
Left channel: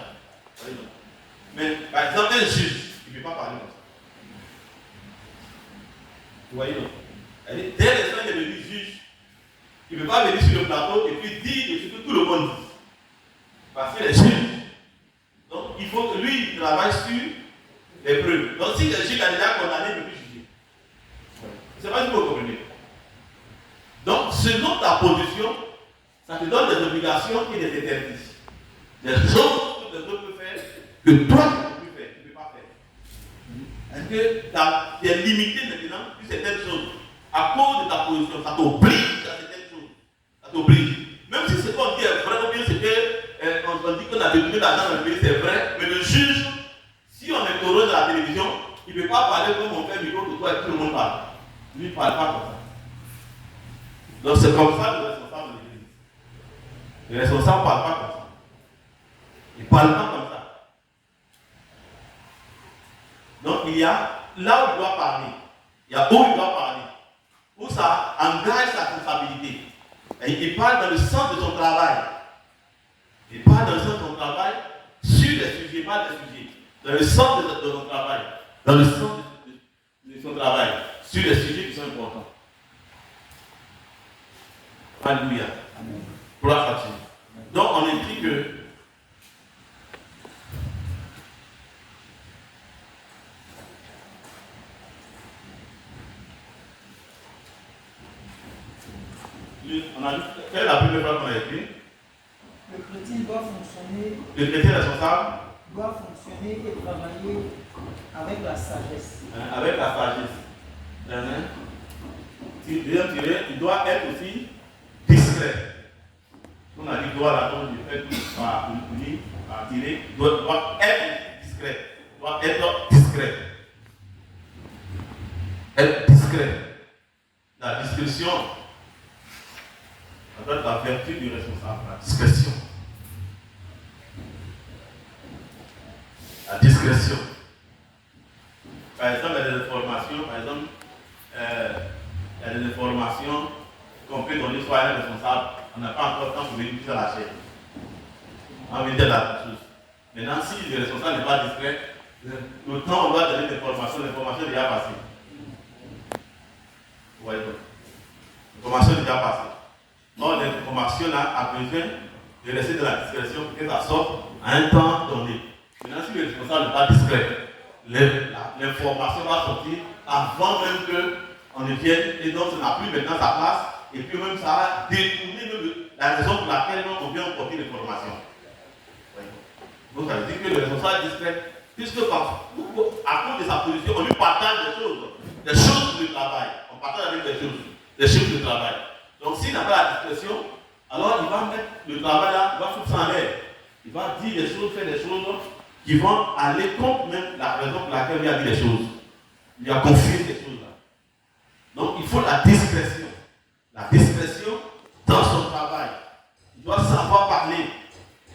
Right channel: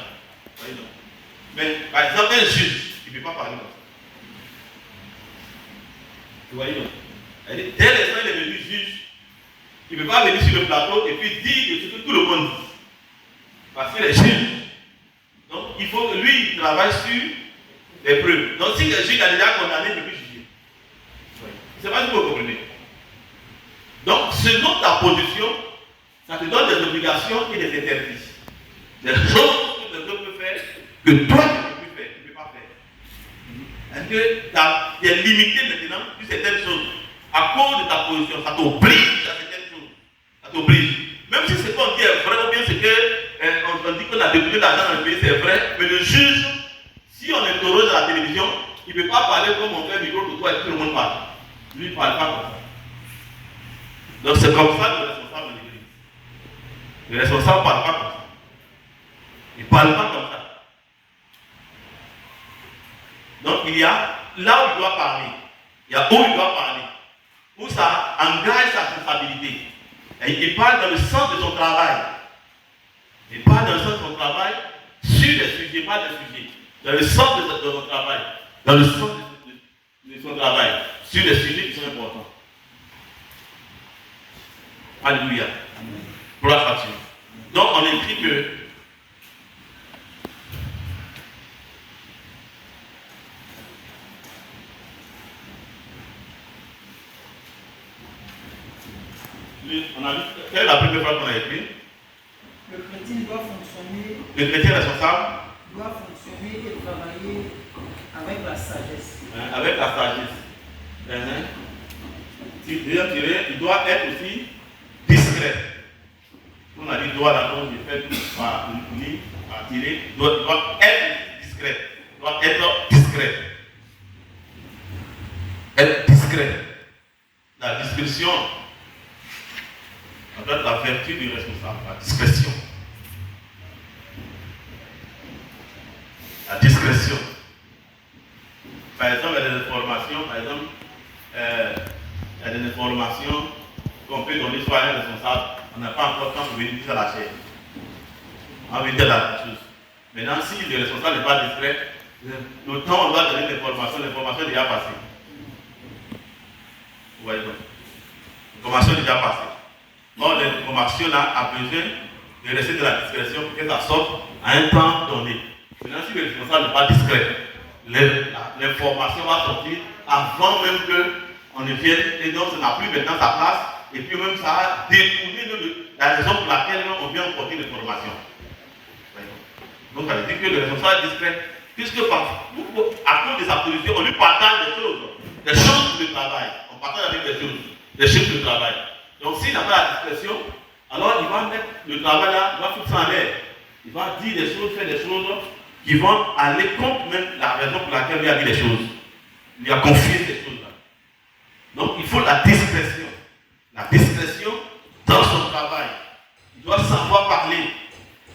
Mais par exemple, un juge, il ne peut pas parler comme ça. Vous voyez donc. Elle dit, dès l'instant il est devenu juge, il ne peut pas venir sur le plateau et puis dire ce que tout le monde dit. Parce que les juges. Donc il faut que lui, il travaille sur les preuves. Donc si le juge a déjà condamné, il ne peut plus juger. Je ne sais pas si vous comprenez. Donc selon ta position, ça te donne des obligations et des interdits. Des choses que les autres peuvent faire, que toi tu ne peux plus faire, tu ne peux pas faire. Est-ce que tu es limité maintenant sur certaines choses à cause de ta position? Ça t'oblige à certaines choses. Ça t'oblige. Même si c'est pas dit vrai ou bien c'est que on dit que la détourné d'argent dans le pays c'est vrai, mais le juge, si on interroge à la télévision, il ne peut pas parler comme on fait un micro pour toi et tout le monde parle. Lui il ne parle pas comme ça. Donc c'est comme ça le responsable de l'église. Le responsable ne parle pas comme ça. Il ne parle pas comme ça. Donc il y a là où il doit parler, il y a où il doit parler, où ça engage sa responsabilité. Et il parle dans le sens de son travail. Il parle dans le sens de son travail sur les sujets, pas des sujets. Dans le sens de son travail. Dans le sens de son travail. Sur les sujets qui sont importants. Alléluia. Gloire à Dieu. Donc on écrit que on a vu, quelle est la première fois qu'on a écrit? Le chrétien doit fonctionner. Le chrétien responsable Doit fonctionner et travailler avec la sagesse. Avec la sagesse. Il doit être aussi discret. On a dit doit là, donc il fait par lire, par tirer. Doit être discret. Doit être discret. Être discret. La discrétion. On doit être la vertu du responsable, la discrétion. La discrétion. Par exemple, il y a des informations, il y a des informations qu'on peut donner soit à un responsable, on n'a pas encore le temps pour venir plus à la chaîne. On va venir dire la chose. Maintenant, si le responsable n'est pas discret, le temps on doit donner l'information est déjà passée. Vous voyez donc. L'information est déjà passée. Or, l'information là a besoin de rester de la discrétion pour que ça sorte à un temps donné. Maintenant, si le responsable n'est pas discret, l'information va sortir avant même qu'on ne vienne et donc ça n'a plus maintenant sa place et puis même ça a détourné la raison pour laquelle on vient porter les formations. Donc ça veut dire que le responsable discret, puisque à cause des autorités, on lui partage des choses du travail. On partage avec des choses du travail. Donc s'il n'a pas la discrétion, alors il va mettre le travail là, il va foutre ça en l'air. Il va dire des choses, faire des choses qui vont aller contre même la raison pour laquelle il a dit les choses. Il a confié ces choses-là. Donc il faut la discrétion. La discrétion dans son travail. Il doit savoir parler.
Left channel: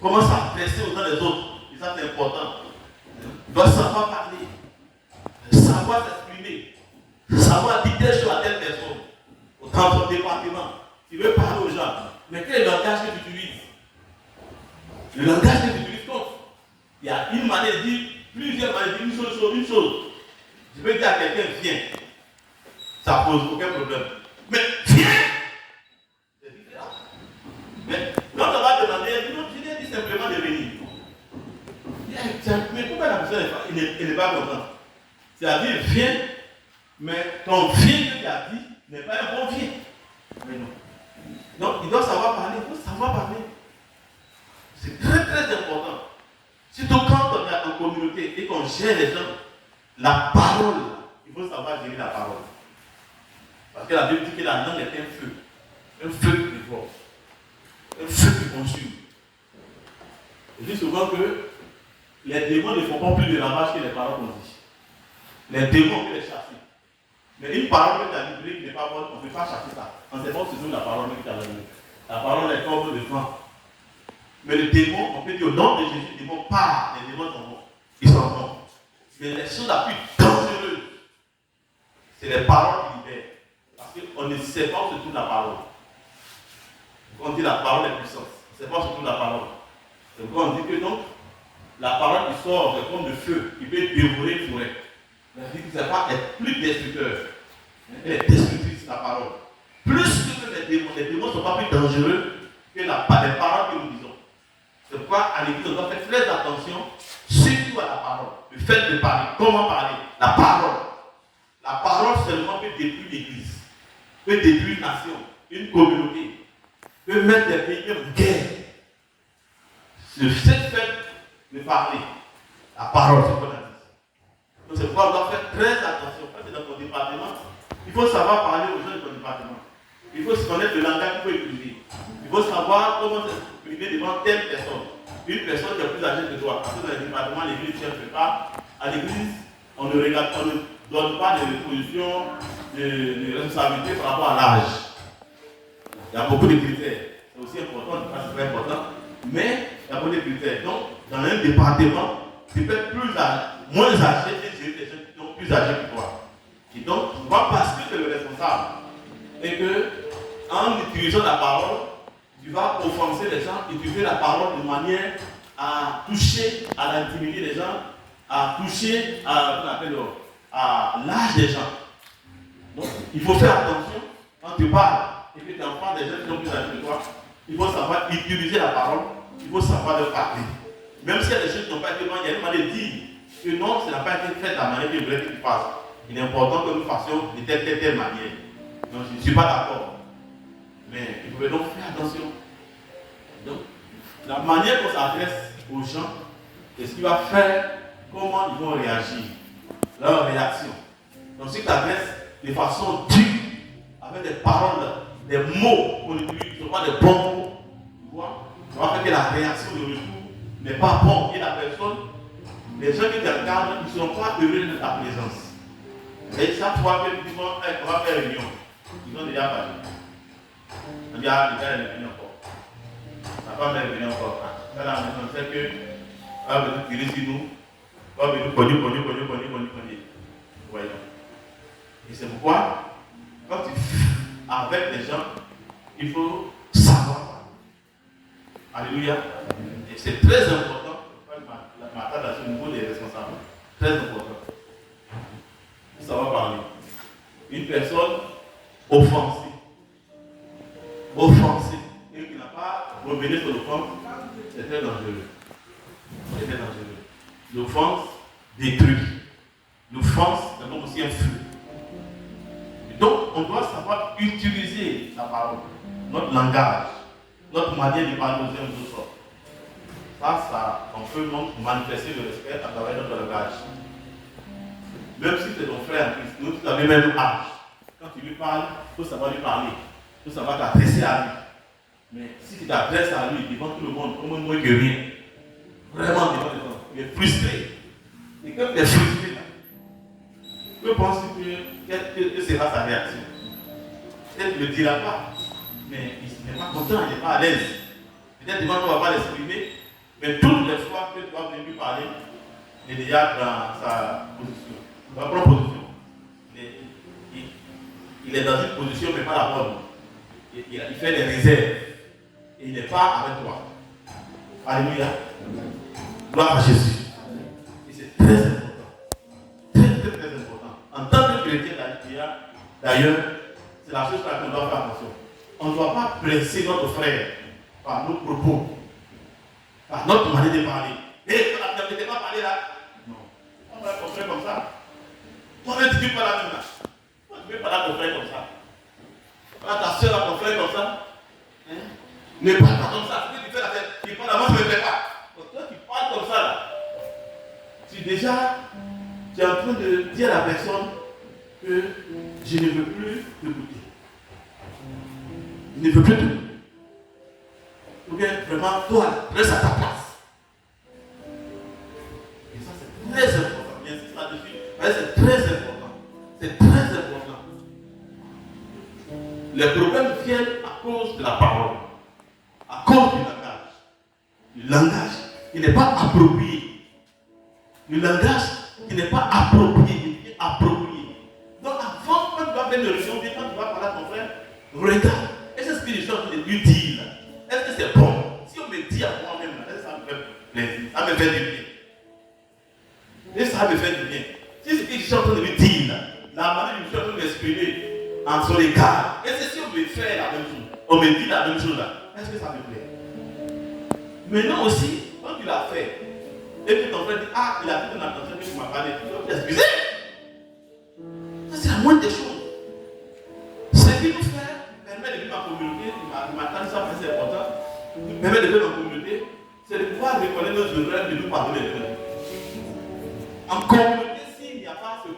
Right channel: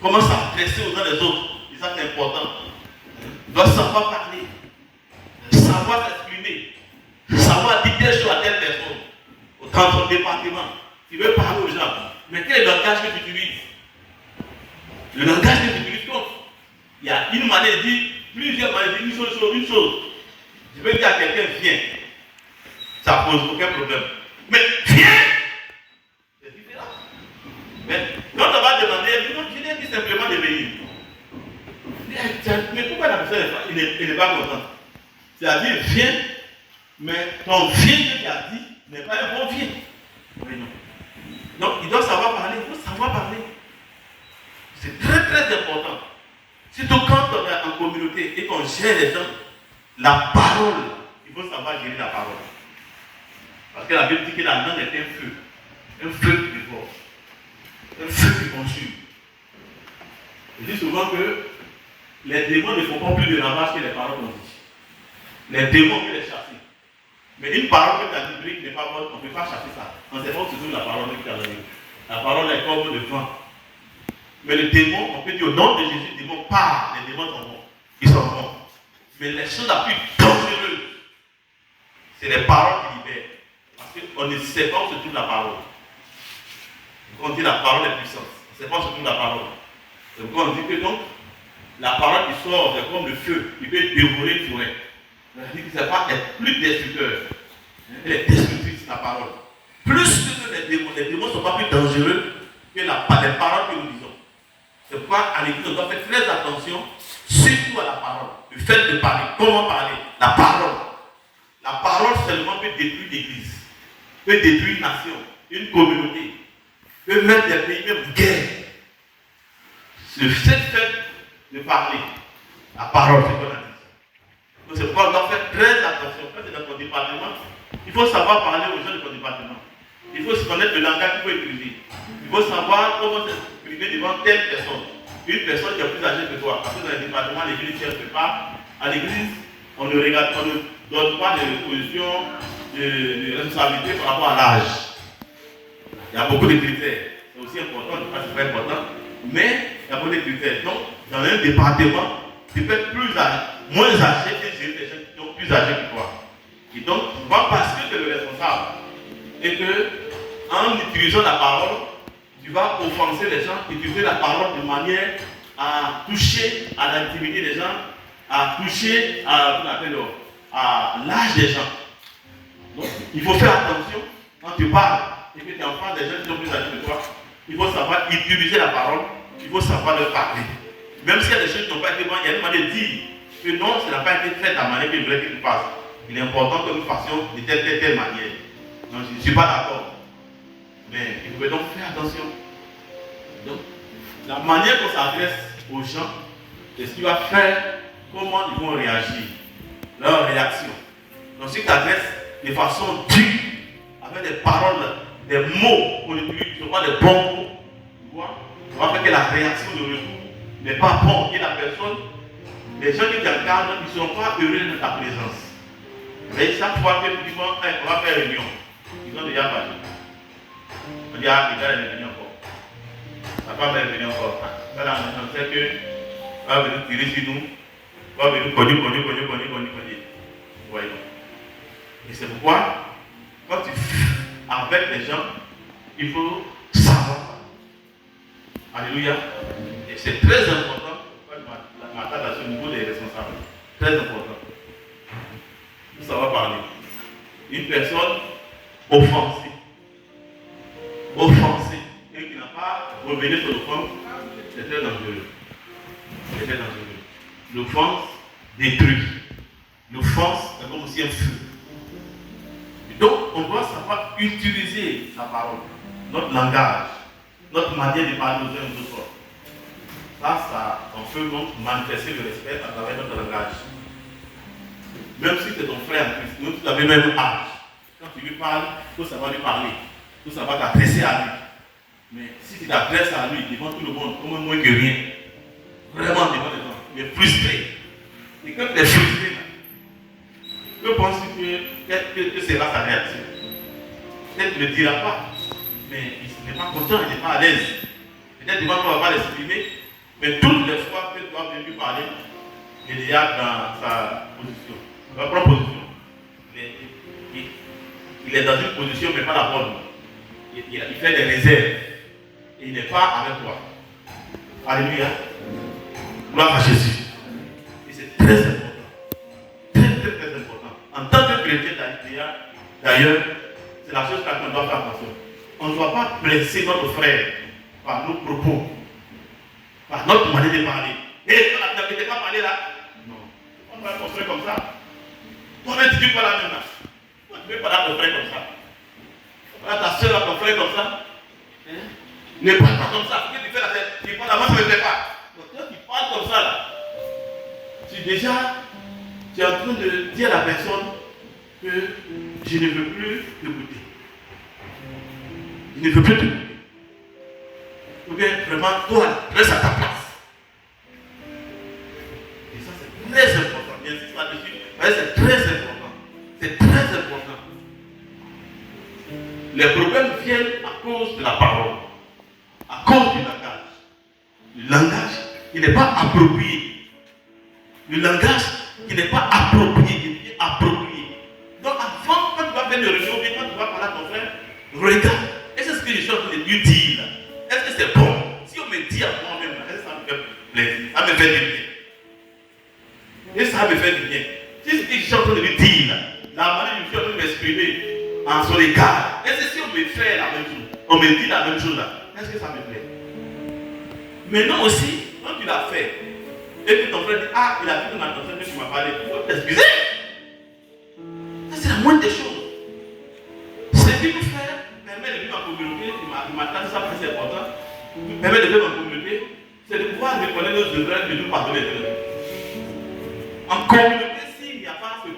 Comment s'adresser aux uns des autres. Et ça c'est important. Il doit savoir parler. Savoir s'exprimer. Savoir dire des choses à telle personne. Dans son département. Il veut parler aux gens. Mais quel est le langage que tu utilises? Le langage que tu utilises compte. Il y a une manière de dire, plusieurs manières de dire une chose. Je veux dire à quelqu'un, viens. Ça pose aucun problème. Mais viens! C'est différent. Mais quand on va demander, je lui dis simplement de venir. Mais pourquoi la personne n'est pas contente? C'est-à-dire, viens, mais ton viens que tu as dit n'est pas un bon viens. Mais non. Donc, il doit savoir parler, il faut savoir parler. C'est très très important. Surtout quand on est en communauté et qu'on gère les gens, la parole, il faut savoir gérer la parole. Parce que la Bible dit que la langue est un feu qui dévore, un feu qui consume. Je dis souvent que les démons ne font pas plus de ravage que les paroles qu'on dit. Les démons peuvent les chasser. Mais une parole que tu as dit n'est pas bonne, on ne peut pas chasser ça. On ne sait pas où se trouve la parole que tu as donnée. La parole est comme le vent. Mais le démon, on peut dire au nom de Jésus, le démon part, les démons sont bons. Ils sont bons. Mais les choses la plus dangereuses, c'est les paroles qui libèrent. Parce qu'on ne sait pas où se trouve la parole. Quand on dit la parole est puissante, on ne sait pas où se trouve la parole. Donc quand on dit que donc, la parole qui sort, c'est comme le feu, qui peut dévorer une forêt. C'est-à-dire que c'est pas plus destructeur. Elle est destructrice, la parole. Plus que les démons ne sont pas plus dangereux que les paroles que nous disons. C'est pourquoi à l'église, on doit faire très attention, surtout à la parole. Le fait de parler, comment parler, la parole. La parole seulement peut détruire l'église, peut détruire une nation, une communauté, peut mettre des pays même en guerre. Le fait de parler, la parole, c'est qu'on a dit. Donc c'est pourquoi on doit faire très attention. Quand c'est dans ton département, il faut savoir parler aux gens de ton département. Il faut se connaître le langage qu'il faut utiliser. Il faut savoir comment s'exprimer devant telle personne. Une personne qui est plus âgée que toi. Parce que dans les départements, l'église ne cherche pas. À l'église, on ne donne pas de position de responsabilité par rapport à l'âge. Il y a beaucoup de critères. C'est aussi important, c'est très important. Mais il y a beaucoup de critères. Donc, dans un département, tu peux être moins âgé que des gens qui sont plus âgés que toi. Et donc, pas parce que tu es le responsable et que, en utilisant la parole, tu vas offenser les gens, utiliser la parole de manière à toucher à l'intimité des gens, à toucher à l'âge des gens. Donc, il faut faire attention quand tu parles et que tu entends des gens qui sont plus âgés que toi. Il faut savoir utiliser la parole, il faut savoir leur parler. Même s'il y a des choses qui n'ont pas été bonnes, il y a une manière de dire que non, ça n'a pas été fait de la manière que je voulais que tu fasses. Il est important que nous fassions de telle manière. Donc, je ne suis pas d'accord. Mais il faut donc faire attention. Donc, la manière qu'on s'adresse aux gens, c'est ce qui va faire comment ils vont réagir, leur réaction. Donc, si tu t'adresses de façon dure, avec des paroles, des mots qu'on utilise, ce ne sont pas des bons mots, tu vois, ça va faire que la réaction de retour n'est pas bonne. Et la personne, les gens qui t'encadrent, ils ne sont pas heureux de ta présence. Mais chaque fois que nous disons, on va faire réunion, ils ont déjà parlé. On dit, ah, les gars, il est venu encore. Ça va faire venir encore. Là, on sait que va venir tirer sur nous, va venir cogner. Voyez. Et c'est pourquoi, quand tu fais avec les gens, il faut savoir. Alléluia. Et c'est très important. Je m'attends à ce niveau des responsables. Très important. Il faut savoir parler. Une personne offensée, et qui n'a pas revenu sur l'offense, c'est très dangereux. C'est très dangereux. L'offense détruit. L'offense, c'est comme aussi un feu. Donc, on doit savoir utiliser la parole, notre langage, notre manière de parler aux uns aux autres. Ça, on peut manifester le respect à travers notre langage. Même si c'est ton frère en Christ, nous vous avez même âge. Quand tu lui parles, il faut savoir lui parler. Il faut savoir t'adresser à lui. Mais si tu t'adresses à lui devant tout le monde, comme moins que rien, vraiment devant les gens, mais frustré. Et quand tu es frustré, que penses-tu que sera ta réaction? Peut-être qu'il ne le dira pas, mais il n'est pas content, il n'est pas à l'aise. Peut-être qu'il ne va pas l'exprimer, mais toutes les fois que tu vas venir lui parler, il est déjà dans sa position, dans sa propre position. Il est dans une position, mais pas la bonne. Il fait des réserves. Et il n'est pas avec toi. Alléluia. Gloire à Jésus. Et c'est très important. Très important. En tant que chrétien, d'ailleurs, c'est la chose qu'on doit faire attention. On ne doit pas blesser notre frère par nos propos, par notre manière de parler. Et tu ne t'es pas parlé là. Non. On va ton frère comme ça. Toi-même, tu ne veux pas la même là. Toi, tu ne veux pas la ton frère comme ça. Voilà ta soeur à ton frère comme ça. Hein? Ne parle pas comme ça. Ce que tu fais là, tu parles avant, je ne le fais pas. Donc, toi, tu parles comme ça là. Tu es en train de dire à la personne que je ne veux plus t'écouter. Il ne veut plus t'écouter. Donc, vraiment, toi, reste à ta place. Et ça, c'est très important. J'insiste là-dessus. C'est très important. C'est très important. Les problèmes viennent à cause de la parole, à cause du langage. Le langage qui n'est pas approprié. Le langage qui n'est pas approprié, Donc avant, quand tu vas faire le réunion, quand tu vas parler à ton frère, regarde, est-ce que ce que je suis en train de lui dire, est-ce que c'est bon? Si on me dit à moi-même, est-ce que ça me fait plaisir? Ça me fait du bien. Et ça me fait du bien. Si ce que je suis en train de lui dire, la manière dont je suis en train de m'exprimer en son égard, est-ce que si on me fait la même chose, on me dit la même chose là, est-ce que ça me plaît? Maintenant aussi, quand tu l'as fait, et que ton frère dit, ah, il a dit ton attention que tu m'as parlé, il faut t'excuser. Ça, c'est la moindre des choses. Ce qu'il nous fait permet de vivre en communauté, il m'a dit ça, c'est important, permet de vivre en communauté, c'est de pouvoir reconnaître nos erreurs et de nous pardonner. En communauté, s'il n'y a pas ce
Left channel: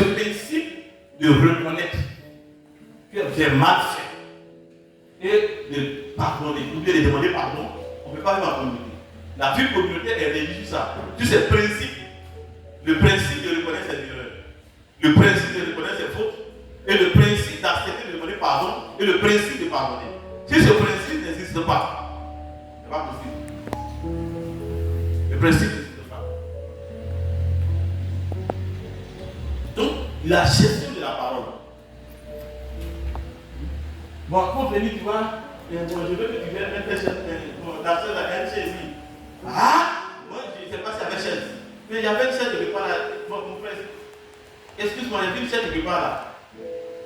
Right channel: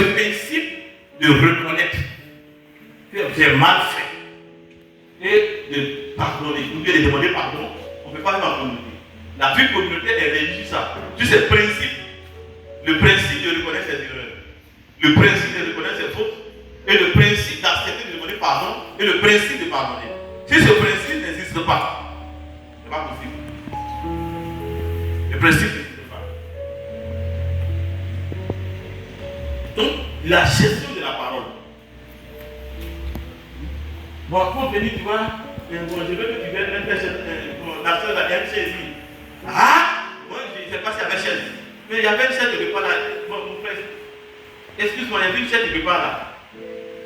principe de reconnaître que j'ai mal fait et de pardonner, ou bien de demander pardon, on ne peut pas vivre en communauté. La vie communautaire est régie sur ça, sur ces principes. Le principe de reconnaître ses erreurs, le principe de reconnaître ses fautes, et le principe d'accepter de demander pardon, et le principe de pardonner. Si ce principe n'existe pas, ce n'est pas possible. Le principe n'existe pas. Donc, la gestion de la parole. Bon, pour venir, tu vois, je veux que tu viennes même faire la soeur a une chaise. Ah, moi, je ne sais pas s'il y avait une chaise. Mais il y avait une chaise quelque part là. Bon, mon frère, excuse-moi, il y avait une chaise quelque part là.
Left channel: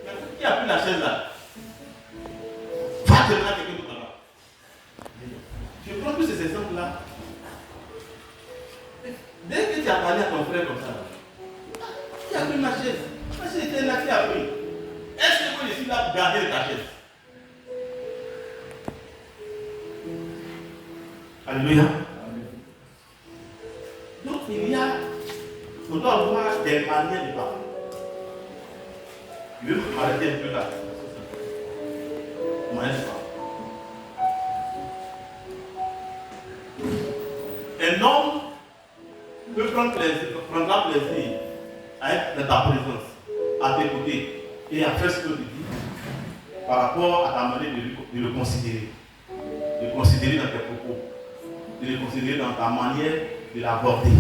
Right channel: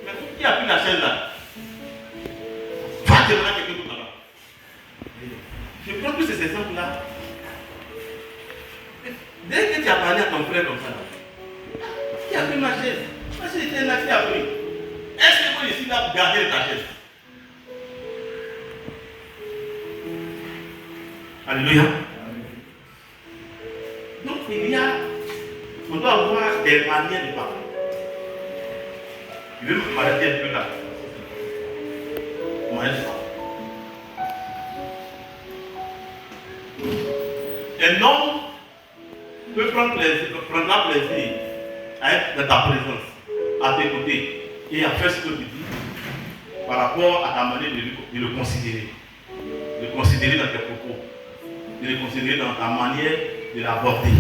Mais qui a pris la chaise là? Va demander à quelqu'un pour là-bas. Je crois que c'est ces exemples-là. Dès que tu as parlé à ton frère comme ça, qui a pris ma chaise? Ma chaise était là, qui a pris? Est-ce que moi je suis là pour garder ta chaise? Alléluia. Donc on doit avoir des manières de parler. Je vais vous m'arrêter un peu là. Moyen de parler. Un homme peut prendre plaisir à être dans ta présence, à t'écouter et à faire ce que tu dis par rapport à ta manière de le considérer. De le considérer dans tes propos. De le considérer dans ta manière de l'aborder.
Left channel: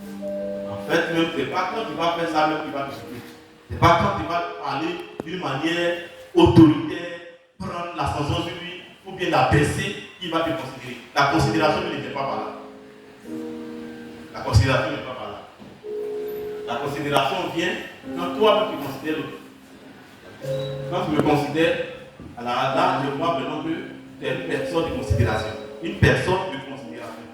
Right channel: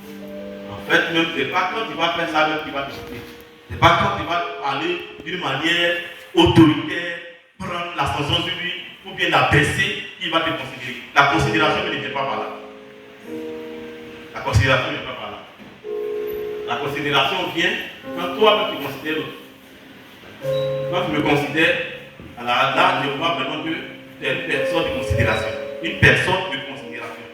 En fait, même ce n'est pas quand tu vas faire ça même qui va t'écouter. Ce n'est pas quand tu vas parler d'une manière autoritaire, prendre l'ascension sur lui, ou bien la baisser, qu'il va te considérer. La considération ne vient pas par là. La considération ne vient pas par là. La considération vient quand toi tu considères l'autre. Quand tu me considères, alors là, je vois vraiment que tu es une personne de considération. Une personne de considération.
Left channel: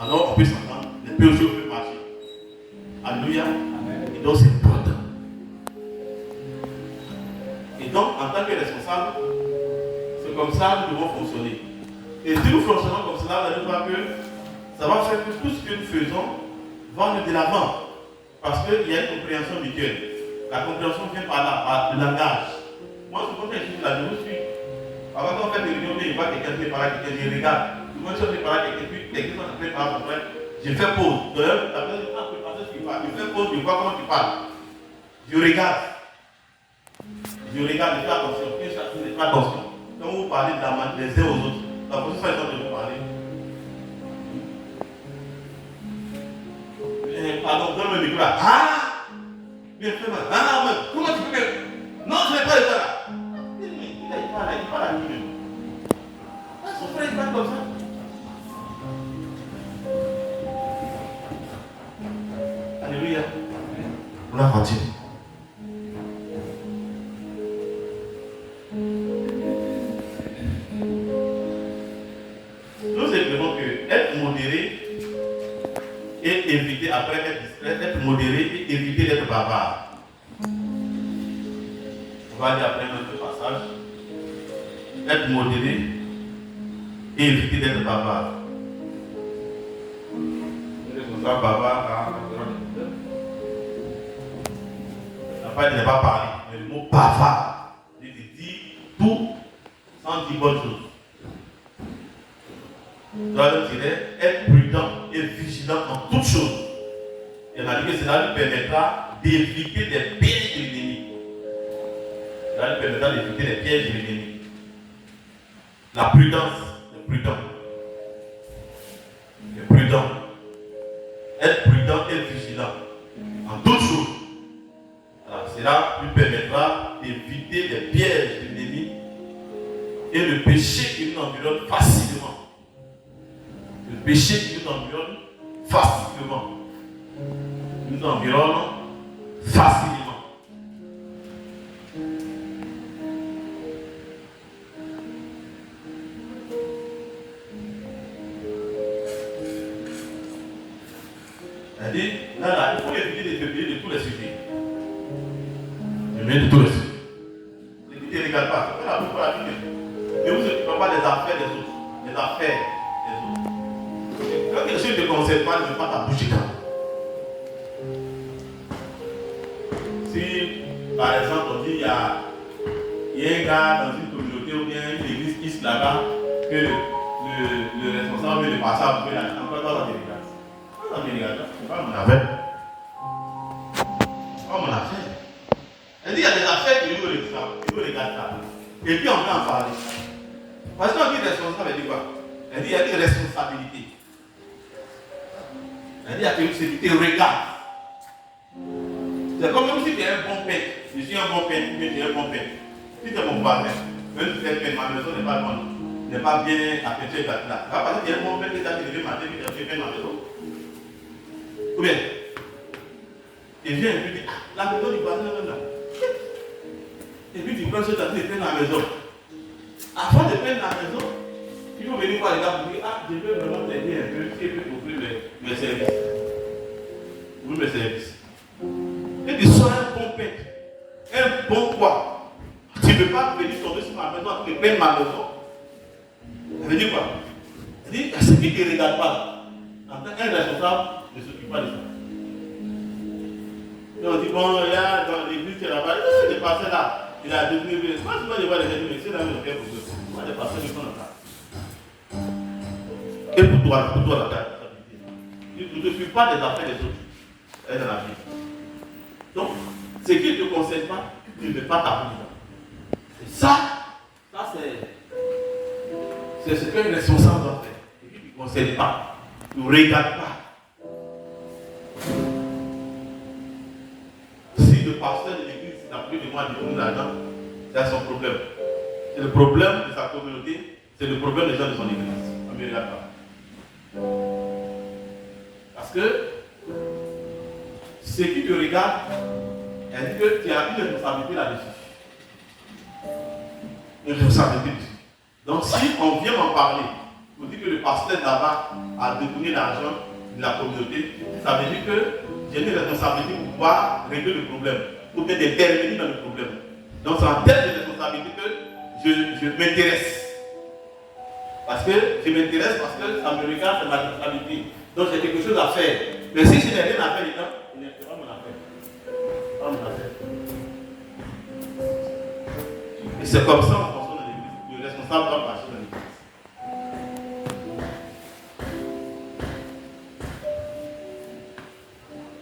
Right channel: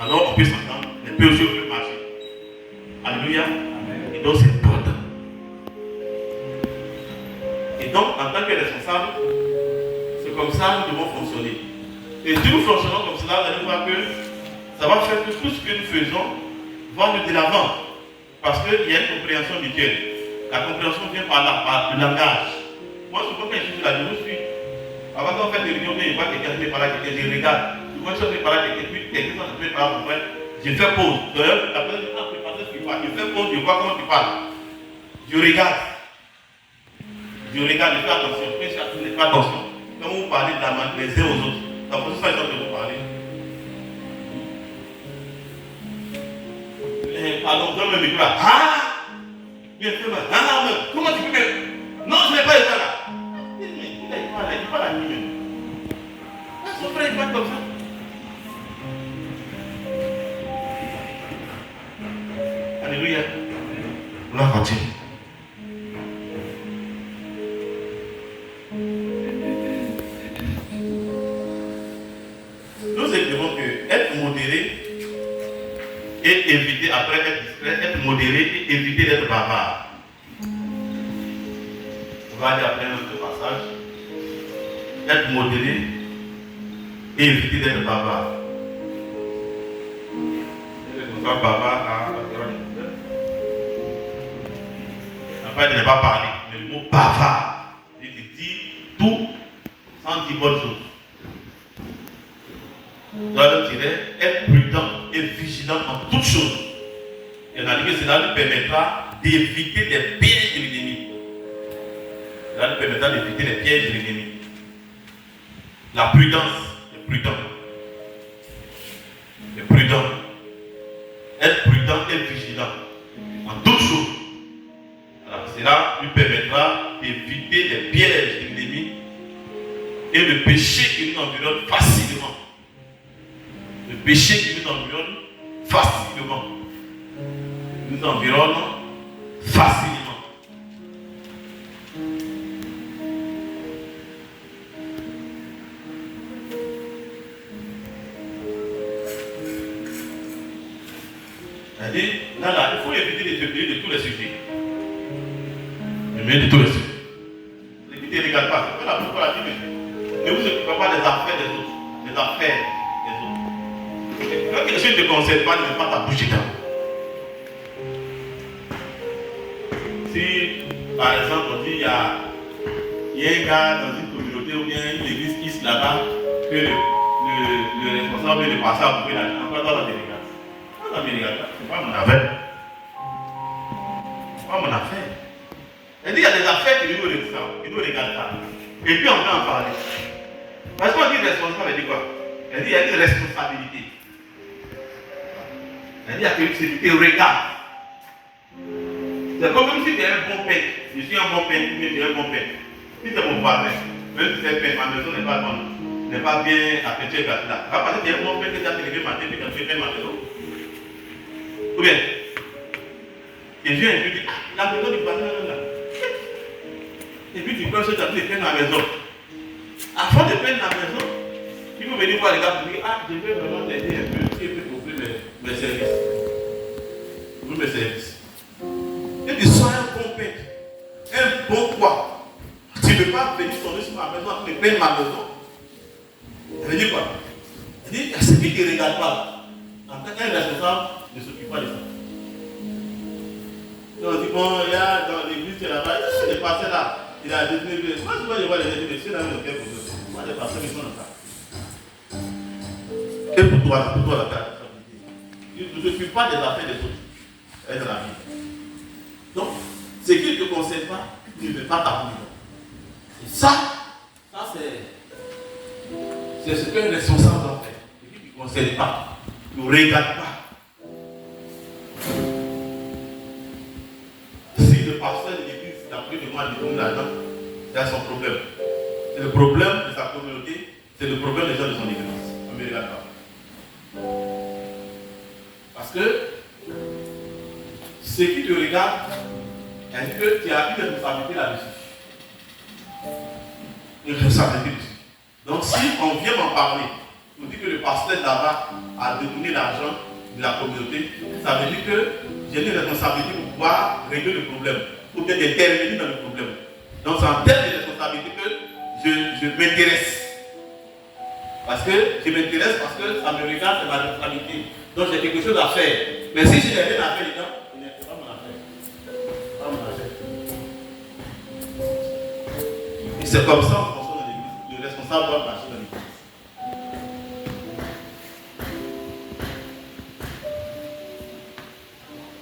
Alors on peut s'entendre, les deux choses peuvent marcher. Alléluia. Et donc c'est important. fonctionner. Et si nous fonctionnons comme cela, vous allez voir que ça va faire que tout ce que nous faisons va nous de l'avant. Parce qu'il y a une compréhension mutuelle. La compréhension vient par là, par le langage. Moi, souvent, quand je suis là, je vous suis. Avant qu'on fait des réunions, je vois quelqu'un qui parle, quelqu'un je regarde. Souvent, je vais parler, quelqu'un qui parle, mon frère, je fais pause. D'ailleurs, après, je fais pause, je vois comment tu parles. Je regarde. Je regarde, je fais attention. Je fais attention. Quand vous parlez de la main les uns aux autres, la prochaine façon de vous parler. Pardon, donne le micro là. Ah! Bien fait, ah, comment tu peux faire? Non, je n'ai pas été là. Il parle à lui-même. Son frère, il parle comme ça. Alléluia. Gloire à Dieu. Nous espérons que être modéré et éviter, après être discret, être modéré et éviter d'être bavard. On va aller après notre passage. Être modéré et éviter d'être bavard. Nous sommes bavards à la période de après, il ne pas parler. Mais le mot bavard, il dit tout sans dire bonne chose. Donc, je dirais être prudent et vigilant en toutes choses. Et on a dit que cela nous permettra d'éviter les pièges de l'ennemi. Cela nous permettra d'éviter les pièges de l'ennemi. La prudence, le prudent. Le prudent. Être prudent et vigilant en toutes choses. Alors, cela lui permettra d'éviter les pièges de l'ennemi et le péché qui nous environne facilement. Le péché qui nous environne facilement. Nous environne facilement. C'est-à-dire, là, il faut éviter de se payer de tous les sujets. De tous les sujets. L'éviter ne regarde pas. C'est pas la plupart la vie. Ne vous occupez pas des affaires des autres. Les affaires des autres. Quand quelque chose ne te concerne pas, ne pas ta bouche dedans. Si, par exemple, on dit il y a un gars dans une communauté ou bien une église qui se là-bas, que le responsable veut le passer à vous, encore dans la délégation. Pas c'est pas mon affaire. C'est pas mon affaire. Elle dit il y a des affaires qui nous regardent pas. Et puis on peut en parler. Parce qu'on dit responsable, elle dit quoi? Elle dit il y a une responsabilité. Elle dit il y a quelque chose qui te regarde. C'est comme si tu es un bon père. Je suis un bon père, mais tu es un bon père. Si tu es mon parrain, même si tu es père, ma maison n'est pas bonne, n'est pas bien affectée là. Parce que tu es un bon père qui t'a fait lever ma tête, qui t'a fait ma maison. Ou bien, et Dieu lui dit, la maison du voisin là. Et puis tu prends ce tableau et peines à la maison. Avant de peindre la maison, tu peux venir voir les gars pour dire, ah, je vais vraiment t'aider un peu, si je peux t'offrir mes services. Ouvrir mes services. Et tu sois un bon père, un bon quoi. Tu ne veux pas venir tomber sur ma maison, tu me peindre ma maison. Elle dit quoi? Elle dit, c'est qui ne regarde pas? En tant qu'un responsable, ne s'occupe pas de ça. Donc on dit, bon, il y a dans l'église là-bas, il est passé là. Il a dit, moi je vois les gens, mais c'est là où il y a quelque chose. Moi je passe le temps là. Et pour toi la responsabilité. Tu ne t'occupes pas des affaires des autres. Elle est dans la vie. Donc, ce qui ne te concerne pas, tu ne veux pas t'appliquer. Et ça c'est ce qu'un responsable doit faire. Ce qui ne te concerne pas, tu ne regardes pas. Si le pasteur de l'église n'a plus de moi de donner l'argent, c'est son problème. C'est le problème de sa communauté, c'est le problème des gens de son église. Ça ne me regarde pas. Parce que ce qui te regarde, elle dit que tu as une responsabilité là-dessus. Une responsabilité dessus. Donc si on vient m'en parler, on dit que le pasteur là-bas a détourné l'argent de la communauté, ça veut dire que j'ai une responsabilité pour pouvoir régler le problème, ou peut-être intervenir dans le problème. Donc c'est en termes de responsabilité que je m'intéresse. Parce que je m'intéresse, parce que ça me regarde, c'est ma responsabilité. Donc j'ai quelque chose à faire. Mais si je n'ai rien à faire dedans, ce n'est pas mon affaire. Pas mon affaire. Et c'est comme ça qu'on fonctionne dans l'église. Le responsable doit marcher dans l'église.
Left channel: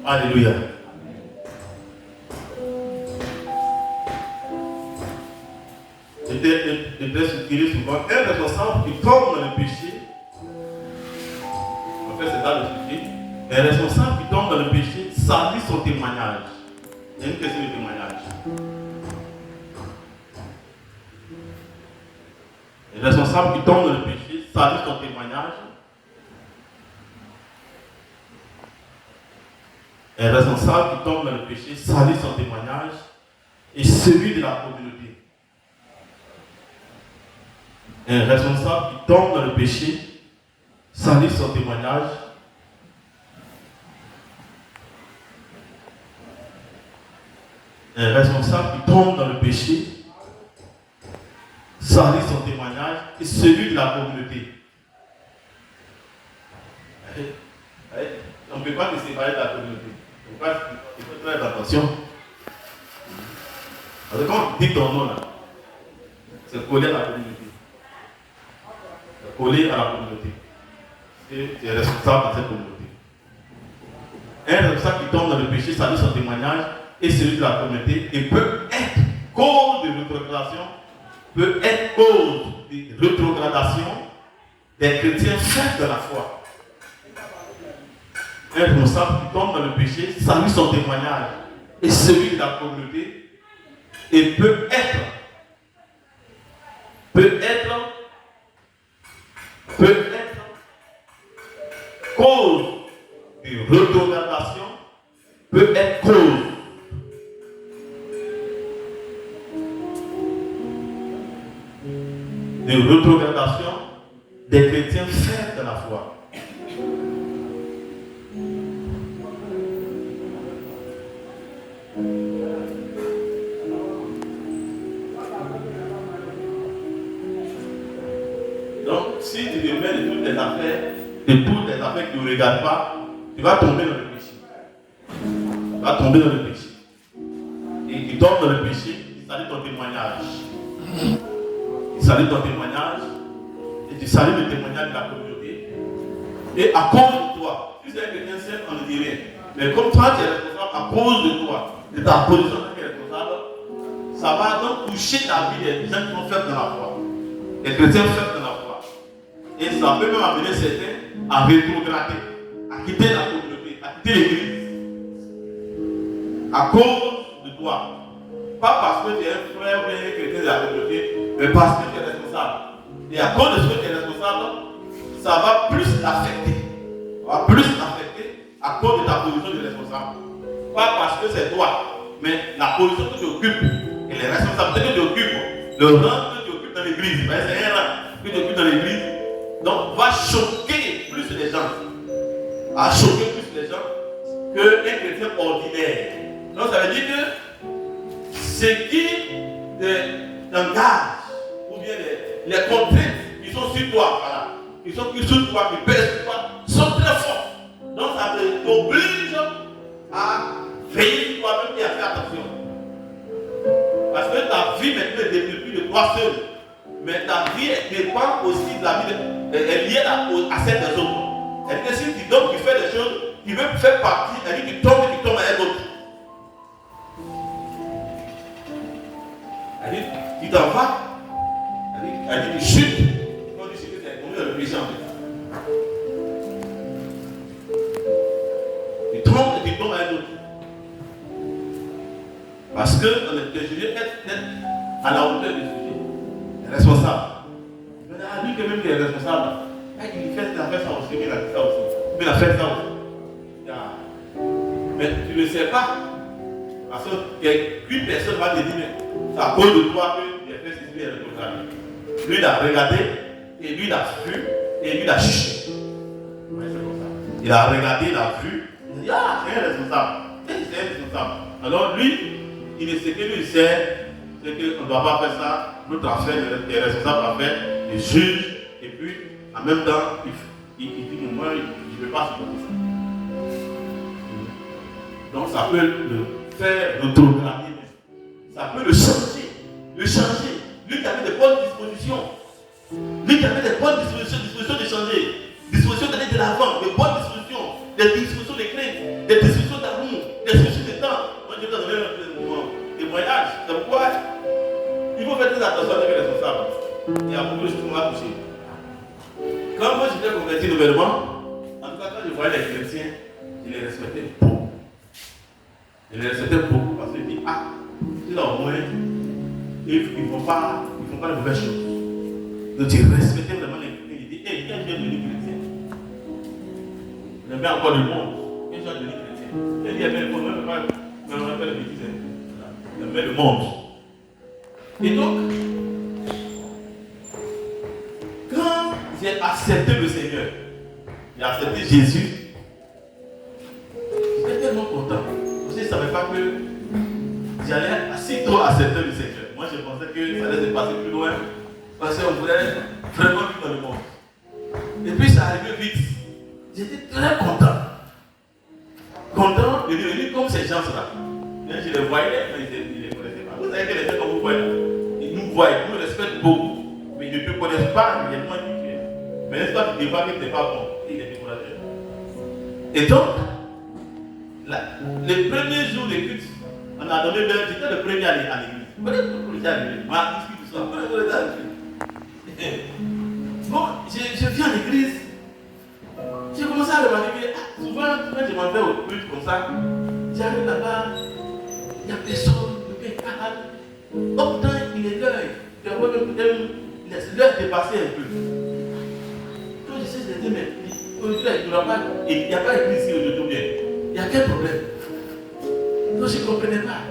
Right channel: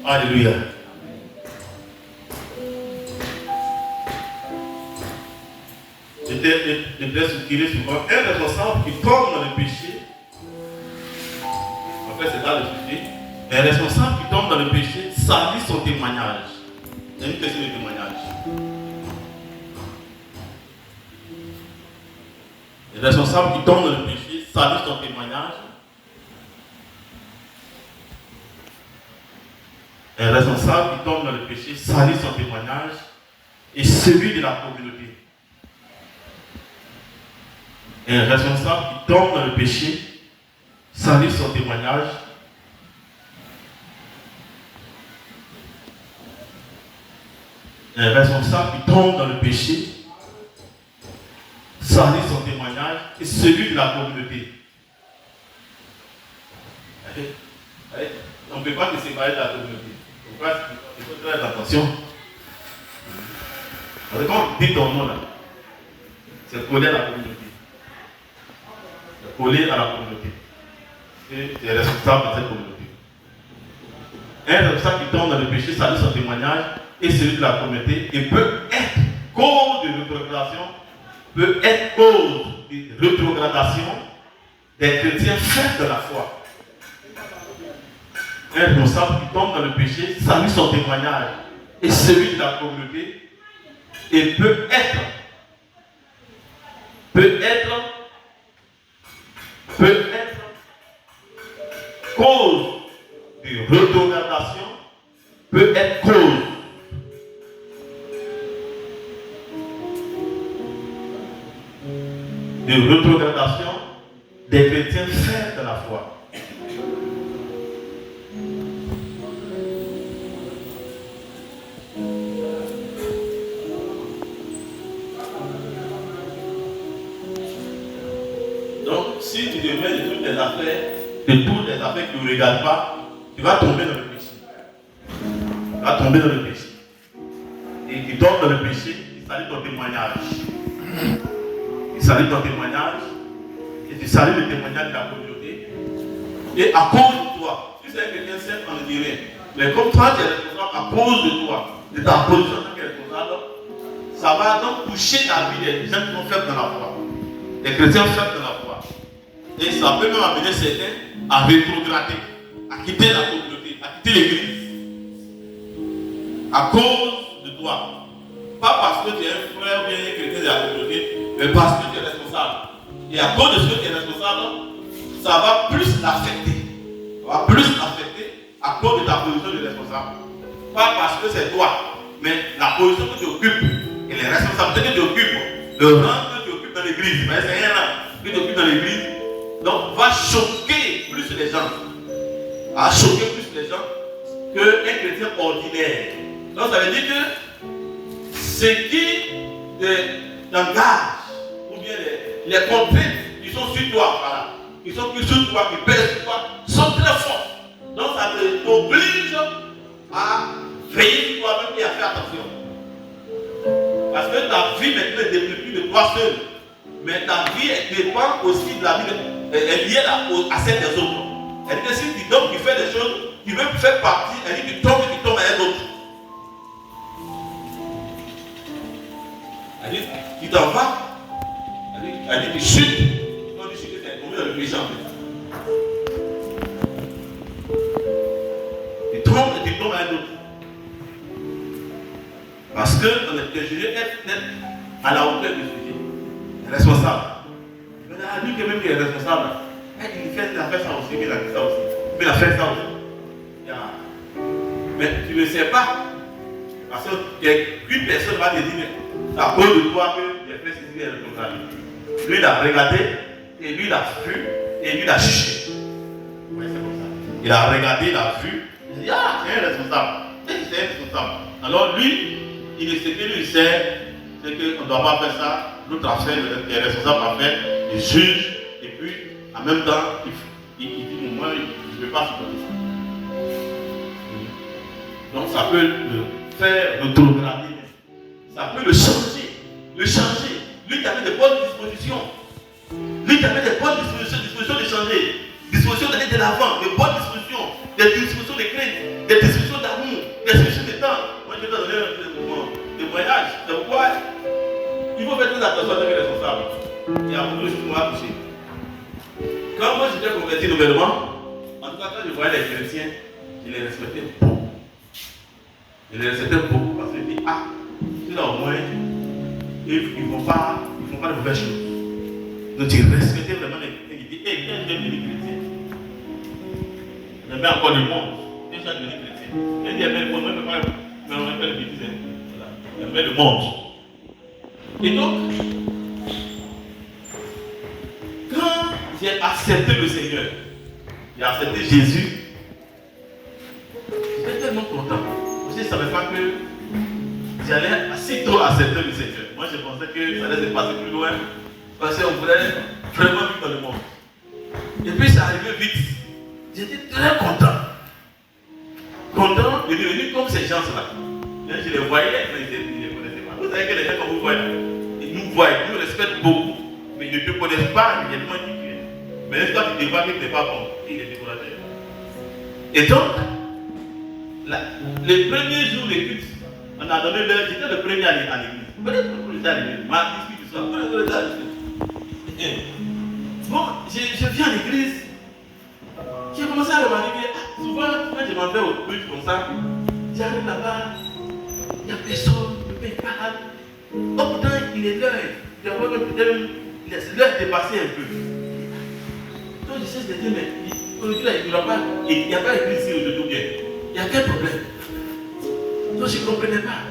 Alléluia. J'étais soutenu souvent. Un responsable qui tombe dans le péché, en fait c'est pas le sujet, un responsable qui tombe dans le péché salit son témoignage. Il y a une question de témoignage. Un responsable qui tombe dans le péché salit son témoignage. Un responsable qui tombe dans le péché salit son témoignage et celui de la communauté. Un responsable qui tombe dans le péché salit son témoignage un responsable qui tombe dans le péché salit son témoignage et celui de la communauté. On ne peut pas te séparer de la communauté. Pourquoi il faut faire attention. Parce que quand on dit ton nom là, c'est collé à la communauté. C'est collé à la communauté. Et tu es responsable de cette communauté. Un responsable qui tombe dans le péché salit son témoignage et celui de la communauté et peut être cause de rétrogradation, des chrétiens faits de la foi. Un responsable qui tombe dans le péché salit son témoignage et celui de la communauté et peut être cause de rétrogradation, peut être cause de rétrogradation des chrétiens faits de la foi. Donc, si tu te mets de toutes les affaires qui ne regardent pas, tu vas tomber dans le péché. Tu vas tomber dans le péché. Et tu tombes dans le péché, tu salis ton témoignage. Tu salis ton témoignage et tu salis le témoignage de la communauté. Et à cause de toi, tu sais que quelqu'un sait, on ne dit rien. Mais comme toi, tu es responsable à cause de toi, de ta position de responsable, ça va donc toucher la vie des gens qui sont faits dans la foi. Les chrétiens faits dans la foi. Et ça peut même amener certains à rétrograder, à quitter la communauté, à quitter l'église. À cause de toi. Pas parce que tu es un frère ou bien un chrétien de la communauté, mais parce que tu es responsable. Et à cause de ce que tu es responsable, ça va plus l'affecter. Ça va plus l'affecter à cause de ta position de responsable. Pas parce que c'est toi, mais la position que tu occupes et les responsabilités que tu occupes, le rang que tu occupes dans l'église, mais c'est rien là que tu occupes dans l'église, donc va choquer plus les gens. Va choquer plus les gens qu'un chrétien ordinaire. Donc ça veut dire que ce qui t'engage, ou bien les contraintes qui sont sur toi, voilà, qui sont plus sur toi, qui pèsent sur toi, sont très fortes. Donc ça t'oblige à veiller sur toi-même et à faire attention. Parce que ta vie maintenant ne dépend plus de toi seul. Mais ta vie dépend aussi de la vie, elle est liée à celle des autres. Elle décide si donc tu fais des choses qui veulent faire partie, elle dit tu tombes et tu tombes à un autre. Elle dit tu t'en vas, elle dit tu chutes. Quand tu chutes, c'est tombé dans le péché en fait. Tu tombes et tu tombes à un autre. Parce que je veux être à la hauteur du sujet. Responsable. Mais lui qui même qui est responsable, il a fait ça aussi, il a fait ça aussi. Il a fait ça aussi. Mais tu ne sais pas. Parce qu'une personne va te dire, mais c'est à cause de toi que les frères ici est responsable. Lui il a regardé, et lui il a vu, et lui il a juché. Ouais, c'est comme ça. Il a regardé, il a vu, il dit, ah, c'est un responsable. C'est un responsable. Alors lui, il sait que lui il sait, c'est qu'on ne doit pas faire ça. Notre affaire est responsable à faire, il juge et puis en même temps, il dit moi, je ne veux pas supporter ça. Donc ça peut le faire rétrograder. Ça peut le changer. Lui qui avait des bonnes dispositions. Lui qui avait des bonnes dispositions de changer. Dispositions d'aller de l'avant, des bonnes dispositions, des dispositions de crainte, des dispositions d'amour, des dispositions de temps. Moi je vais te donner un témoignage. C'est pourquoi il faut faire très attention avec les responsables. Il y a beaucoup de choses qui m'ont touché. Quand moi j'étais converti nouvellement, en tout cas quand je voyais les chrétiens, je les respectais beaucoup. Je les respectais beaucoup parce que je dis, ah, là au moins, ils ne font pas de mauvaises choses. Donc tu respectais vraiment les chrétiens. Il dit, hé, viens devenir chrétien. Il y avait encore le monde. Viens devenir chrétien. Il dit, le monde, même pas le bêtise. Il y avait le monde. Et donc, quand j'ai accepté le Seigneur, j'ai accepté Jésus, j'étais tellement content. Je ne savais pas que j'allais assez trop accepter le Seigneur. Moi, je pensais que ça allait se passer plus loin parce qu'on voulait vraiment vivre dans le monde. Et puis, ça arrivait vite. J'étais très content. Content de devenir comme ces gens-là. Je les voyais, mais je ne les connaissais pas. Vous savez que les gens comme vous voyez, ils nous voient, ils nous respectent beaucoup, mais ils ne te connaissent pas réellement qui tu es. Mais quand tu débarques, tu n'es pas bon. Il est découragé. Et donc, les premiers jours d'études, on a donné, j'étais le premier à l'église. Peut-être que le à l'église, mardi, tout ça. Bon, je viens à l'église, j'ai commencé à remarquer que souvent, quand je m'en vais au culte comme ça, j'arrive là-bas, il n'y a personne, il me parle. Pourtant, il est l'heure. L'heure est passée un peu. Quand je cherche de dire, mais il n'y a pas écrit ici aujourd'hui. Il y a quel problème? Donc je ne comprenais pas.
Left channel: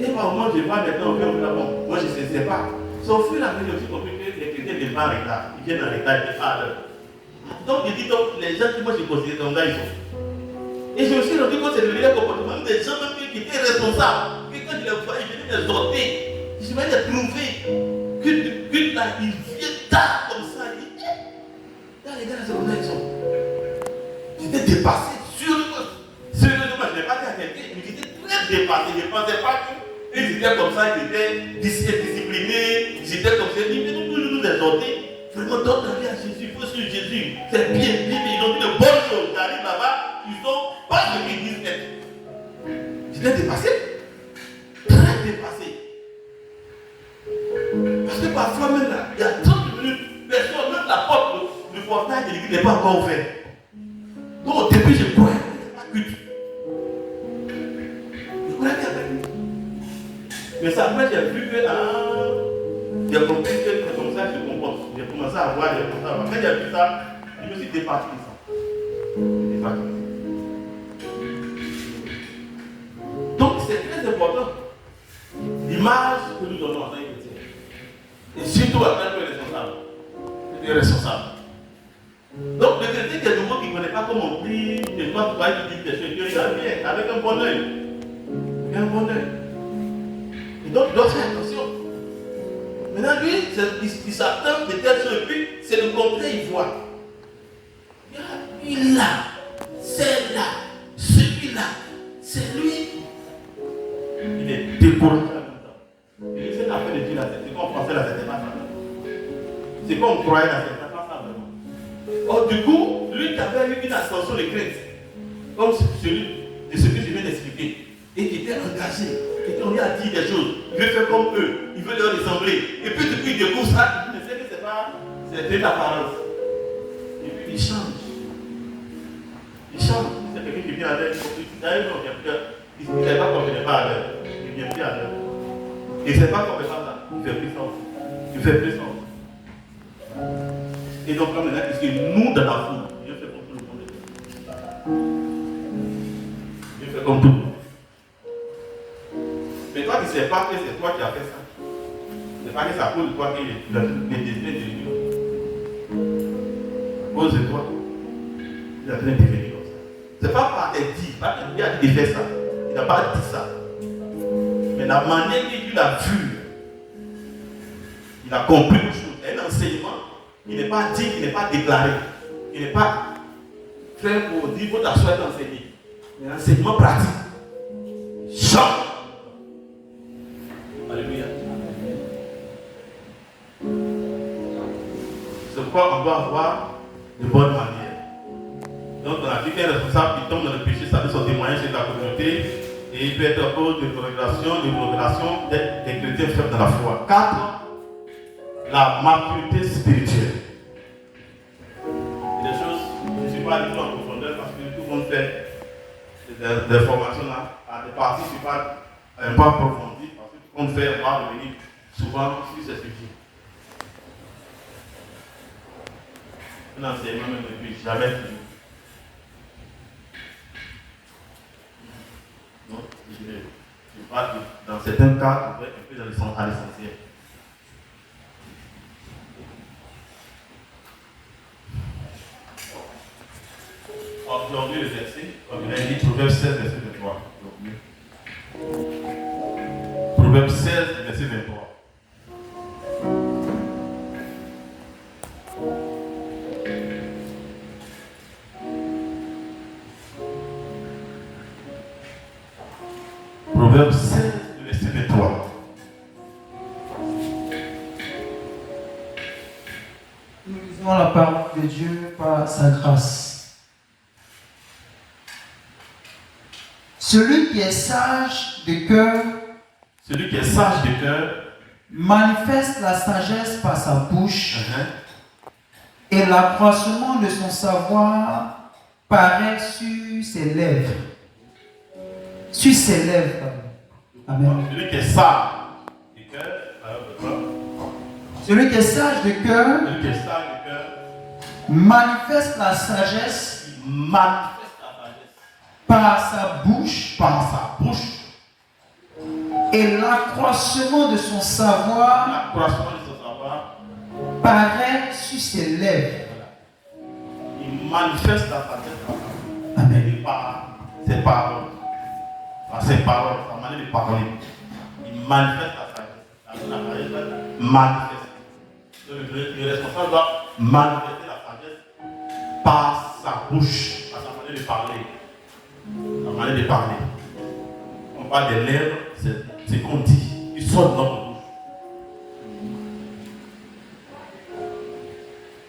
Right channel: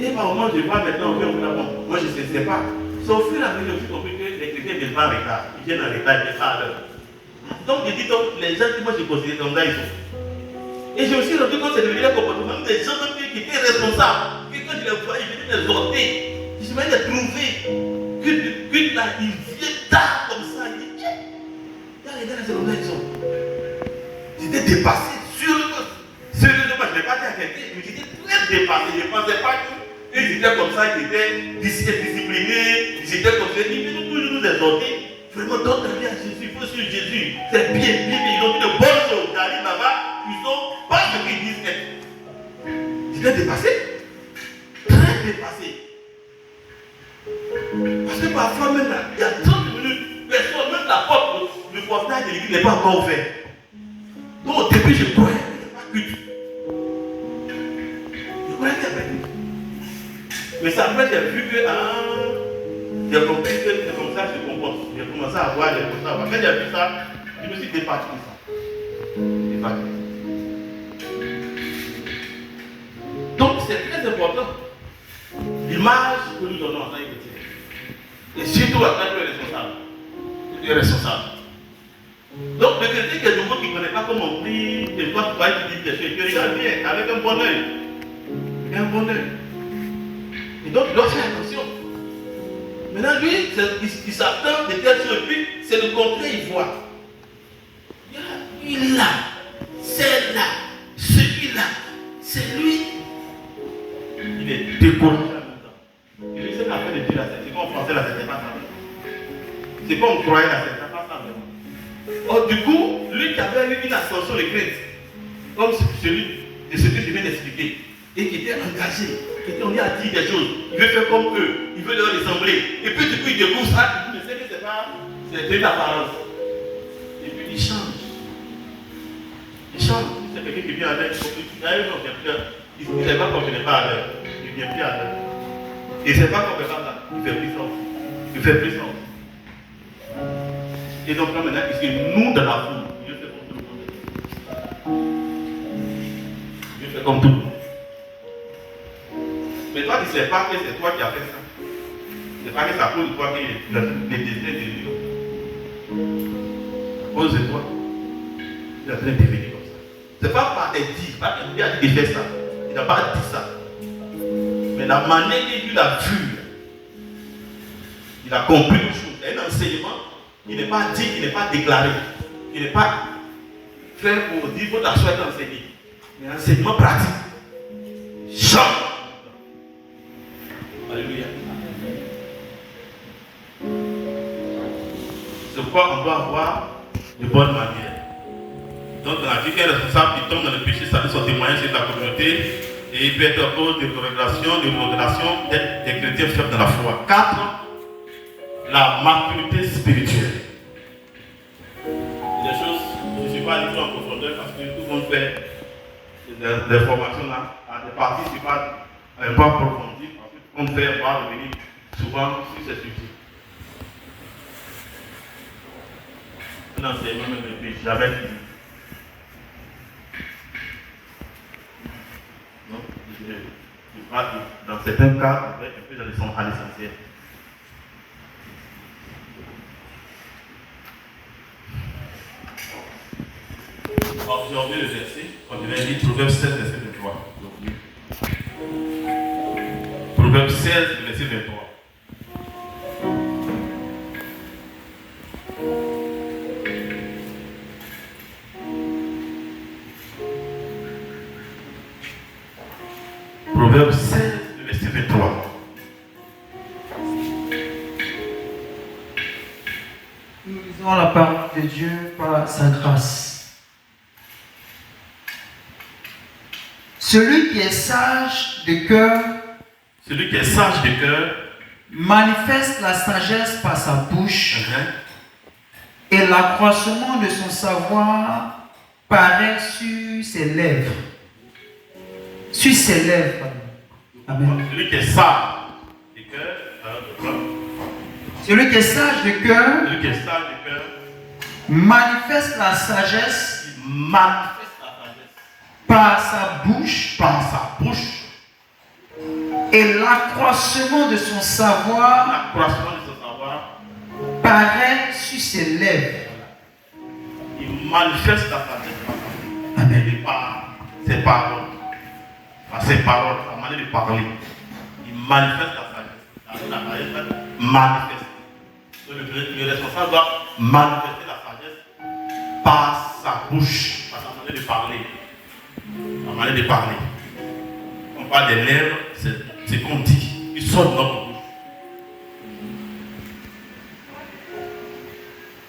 Et par moment, je vois maintenant, bon, moi je ne sais pas. Sauf que la vie, j'ai compris que les chrétiens ne viennent pas en retard. Ils viennent en retard, ils viennent à l'heure. Donc je dis donc, les gens qui moi je considère comme ça, ils sont. Et je me suis rendu compte que c'est le meilleur comportement des gens qui étaient responsables. Que quand je les vois, ils venaient les exhorter. Je vais les trouver. Que là, ils viennent tard comme ça. Ils disent, là les gars, c'est comme ça ils sont. J'étais dépassé. Sérieusement, je n'ai pas dit à quelqu'un, mais j'étais très dépassé. Je ne pensais pas qu'ils étaient comme ça, ils étaient disciplinés, ils étaient comme ça. Ils venaient pour nous exhorter. Vraiment, donne ta vie à Jésus, il faut suivre Jésus. C'est bien, ils ont dit de bonnes choses. J'arrive là-bas, ils sont pas ce qu'ils disent être. J'étais dépassé. Très dépassé. Parce que parfois même là, il y a 30 minutes, personne, même la porte, le portail de l'église n'est pas encore ouvert. Donc au début, je croyais qu'il n'y avait pas culte. Je croyais qu'il y avait culte. Mais ça après, j'ai vu que, j'ai compris que c'est comme ça que je comporte. J'ai commencé à voir, Quand j'ai vu ça, je me suis départi de ça. Donc c'est très important. L'image que nous donnons en tant que chrétiens. Et surtout en tant que responsable. Donc le chrétien qui est nouveau, qui ne connaît pas comment on prie, des fois tu vas dire des choses, tu regardes bien, avec un bon œil. Et donc il doit faire attention. Maintenant lui, il s'attend de telle chose, puis c'est le contraire, il voit. Il est là, c'est là, celui-là, c'est lui. Il est découragé en même temps. Il essaie d'appeler de Dieu là, c'est comme on pensait là, c'était pas ça. C'est comme on croyait là, c'était pas ça vraiment. Or, du coup, lui qui avait eu une ascension de Christ, comme celui de ce que je viens d'expliquer, et qui était engagé, qui était envie à dire des choses, il veut faire comme eux, il veut leur ressembler, et puis du coup il découvre ça, il sait que c'est de l'apparence. Et puis il change. C'est quelqu'un qui vient à l'heure, il ne n'est pas comme je n'ai pas à l'heure, il vient plus à l'heure. Et c'est pas comme ça, il fait plus sens. Et donc là maintenant, il dit nous dans la foule, il veut faire comme tout le monde. Il veut faire comme tout le monde. Mais toi, tu ne sais pas que c'est toi qui as fait ça. Tu ne sais pas que c'est à cause de toi que les désirs de Dieu. À cause de toi, il a besoin de devenir comme ça. Ce n'est pas par tes dits, pas qu'il a dit de faire ça. Il n'a pas dit ça. Mais la manière qu'il a vu, il a compris une chose, un enseignement qui n'est pas dit, qui n'est pas déclaré, qui n'est pas fait pour dire votre assoir d'enseigner. Mais enseignement pratique. Jamais. Alléluia. C'est pourquoi on doit avoir de bonnes manières. Donc, dans la vie, quelqu'un est responsable, il tombe dans le péché, ça donne son témoignage sur la communauté et il peut être à cause de modération des chrétiens faibles dans la foi. 4. La maturité spirituelle. Il y a des choses, je ne suis pas allé en profondeur parce que tout le monde fait des formations là, à des parties, je ne suis pas approfondi parce que tout le monde fait, on va revenir souvent sur ces sujets. Un enseignement ne peut jamais finir. Donc, je crois que dans certains cas, on peut être un peu dans l'essentiel. Aujourd'hui, le verset, comme je l'ai dit, Proverbe 16, verset 23. Proverbe 16, verset 23. Proverbe 16, verset 23. Nous lisons la parole de Dieu par sa grâce. Celui qui est sage de cœur manifeste la sagesse par sa bouche et l'accroissement de son savoir paraît sur ses lèvres. Sur ses lèvres. Amen. Celui qui est sage de cœur, celui qui est sage de cœur manifeste la sagesse par sa bouche et l'accroissement de son savoir paraît sur ses lèvres. Il manifeste la sagesse. Amen. Par ses paroles. Par ses paroles, sa manière de parler. Il manifeste la sagesse. La sagesse manifeste. Le responsable doit manifester la sagesse par sa bouche, par sa manière de parler. La manière de parler. On parle des lèvres, c'est qu'on dit. Il sort de notre bouche.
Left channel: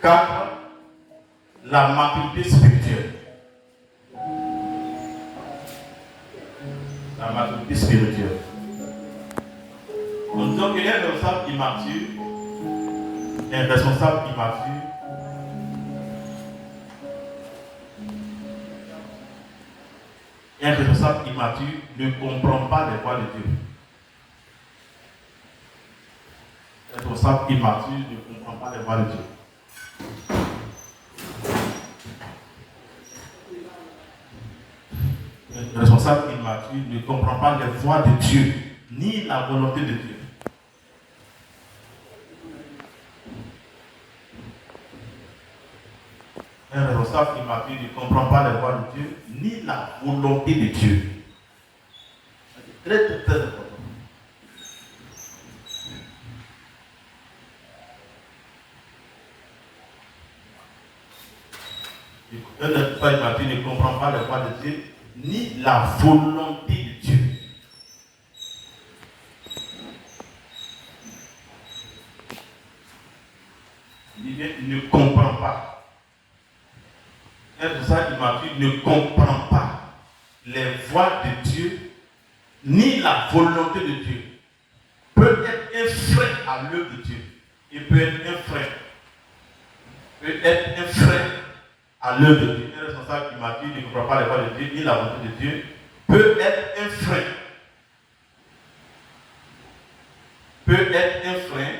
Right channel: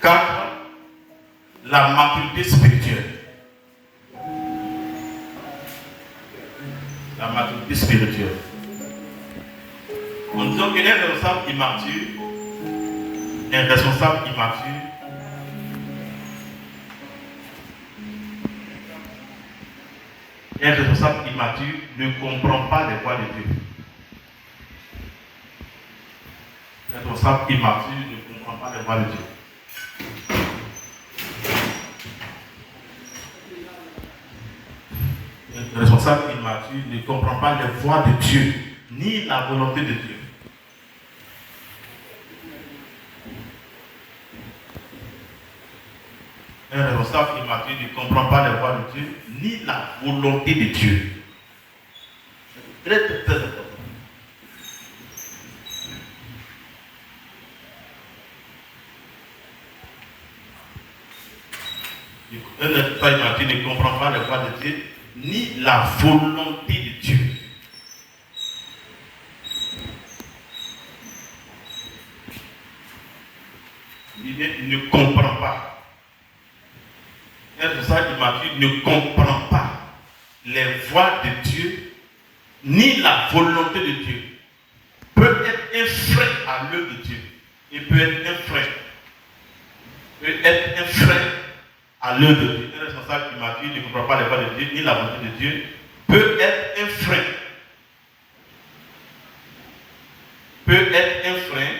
4. La maturité spirituelle. La maturité spirituelle. En disant qu'un responsable immature, un responsable immature, un responsable immature ne comprend pas les voies de Dieu. Un responsable immature ne comprend pas les voies de Dieu. Un responsable immature ne comprend pas les voies de Dieu, ni la volonté de Dieu. Un responsable immature ne comprend pas les voies de Dieu, ni la volonté de Dieu. C'est très, très important. Un responsable immature ne comprend pas les voies de Dieu, ni la volonté de Dieu. Il ne comprend pas. Un responsable immature ne comprend pas les voies de Dieu, ni la volonté de Dieu. Peut être un frein à l'œuvre de Dieu. Il peut être un frein. Peut être un frein à l'œuvre de Dieu. Un responsable immature ne comprend pas les voies de Dieu, ni la volonté de Dieu. Peut être un frein. Peut être un frein.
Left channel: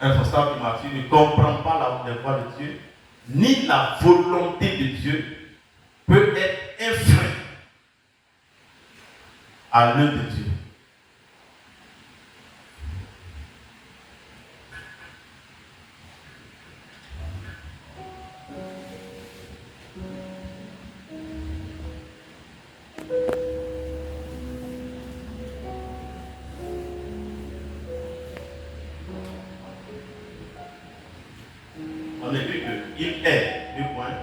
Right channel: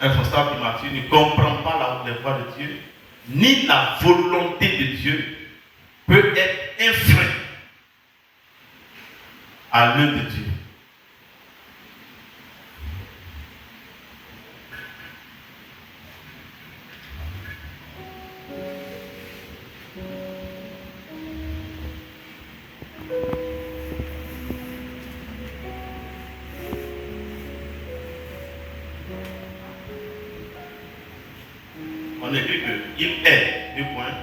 Un responsable immature ne comprend pas les voies de Dieu, ni la volonté de Dieu. Peut être un frein à l'œuvre de Dieu. on écrit qu'il est, 2 points.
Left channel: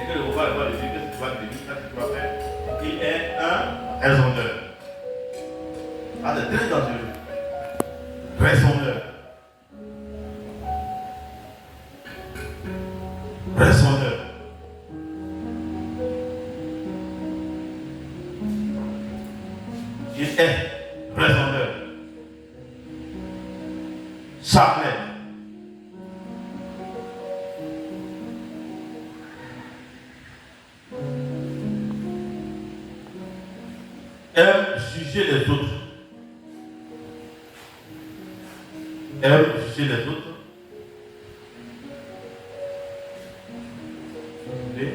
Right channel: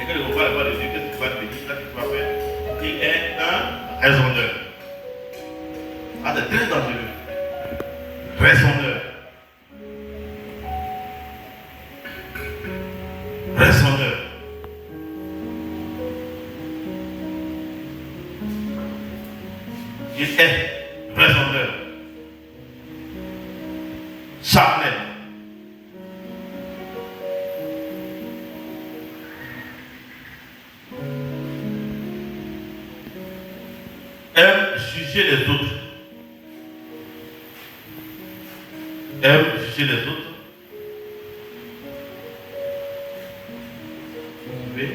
Et que le repas de Dieu, qu'est-ce que tu vas te dire, qu'est-ce que tu vas faire? Il est un raisonneur. Ah, c'est très dangereux. Raisonneur. Raisonneur. Il est raisonneur. Charnel. Aime juger les autres. Aime juger les autres. Oui.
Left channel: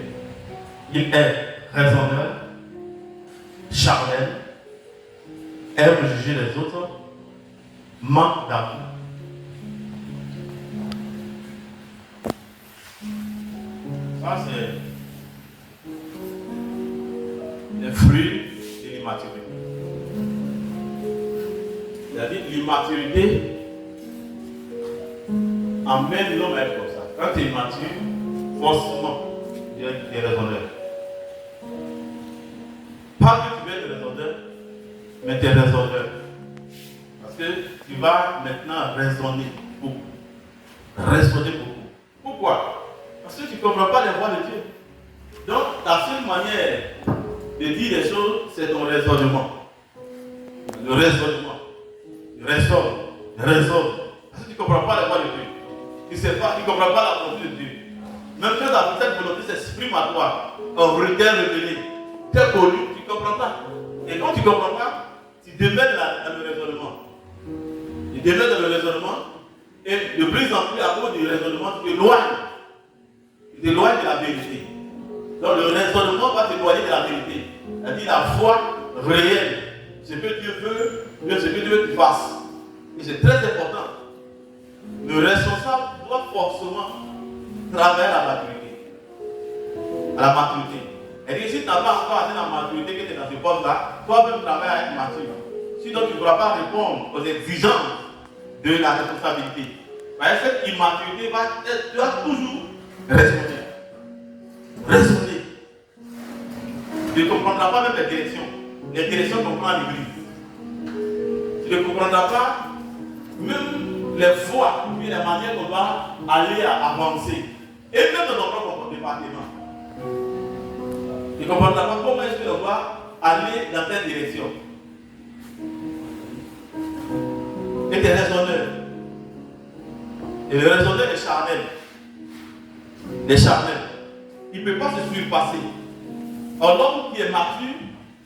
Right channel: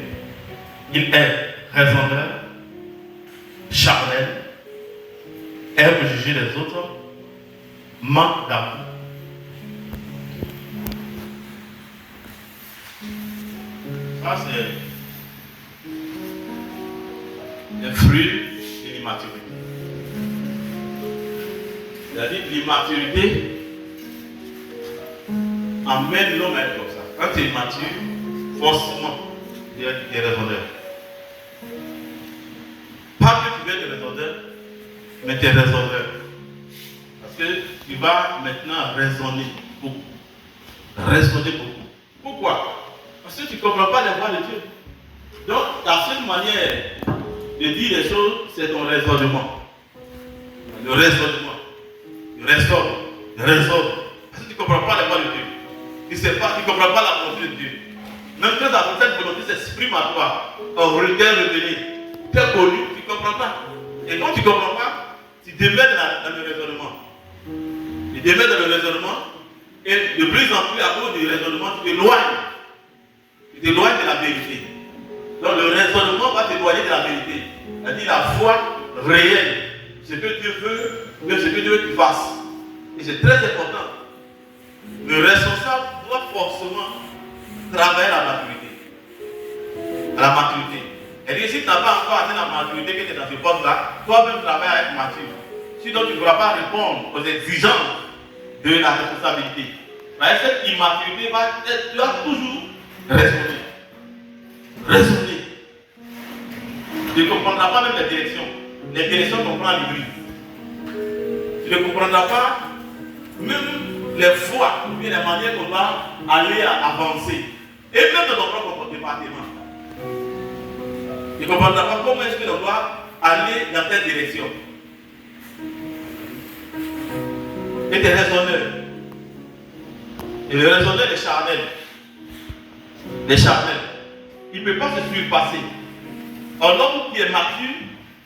Il est raisonneur, charnel, aime juger les autres, manque d'amour. Ça, c'est le fruit de l'immaturité. C'est-à-dire que l'immaturité amène l'homme à être comme ça. Quand tu es immature, forcément, il y a des raisonneurs. Pas que tu veux être raisonneur, mais tu es raisonneur. Parce que tu vas maintenant raisonner beaucoup. Raisonner beaucoup. Pourquoi? Parce que tu ne comprends pas les voies de Dieu. Donc, ta seule manière de dire les choses, c'est ton raisonnement. Le raisonnement. Tu raisonnes. Tu raisonnes. Parce que tu ne comprends pas les voies de Dieu. Tu ne comprends pas la volonté de Dieu. Même quand cette volonté s'exprime à toi, un regard révélé, tu es connu, tu ne comprends pas. Et quand tu ne comprends pas, tu demeures dans le raisonnement. Tu demeures dans le raisonnement, et de plus en plus, à cause du raisonnement, tu t'éloignes. Tu t'éloignes de la vérité. Donc le raisonnement va t'éloigner de la vérité. C'est-à-dire la foi réelle. Ce que Dieu veut, ce que Dieu veut que tu fasses. Et c'est très important. Le responsable doit forcément travailler à la maturité. À la maturité. Et si tu n'as pas encore atteint la maturité que tu es dans ce poste-là, toi-même travaille à être mature. Sinon, tu ne pourras pas répondre aux exigences de la responsabilité. Mais cette immaturité, tu dois toujours raisonner. Raisonner. Tu ne comprendras pas même les directions. Les directions qu'on prend à l'église. Tu ne comprendras pas même les voies, ou bien les manières qu'on doit aller avancer. Et même dans ton propre département. Tu ne comprendras pas comment est-ce que l'on doit aller dans telle direction. Et tu es raisonneur. Et le raisonneur est charnel. Les charnels. Il ne peut pas se surpasser. Or, l'homme qui est mature,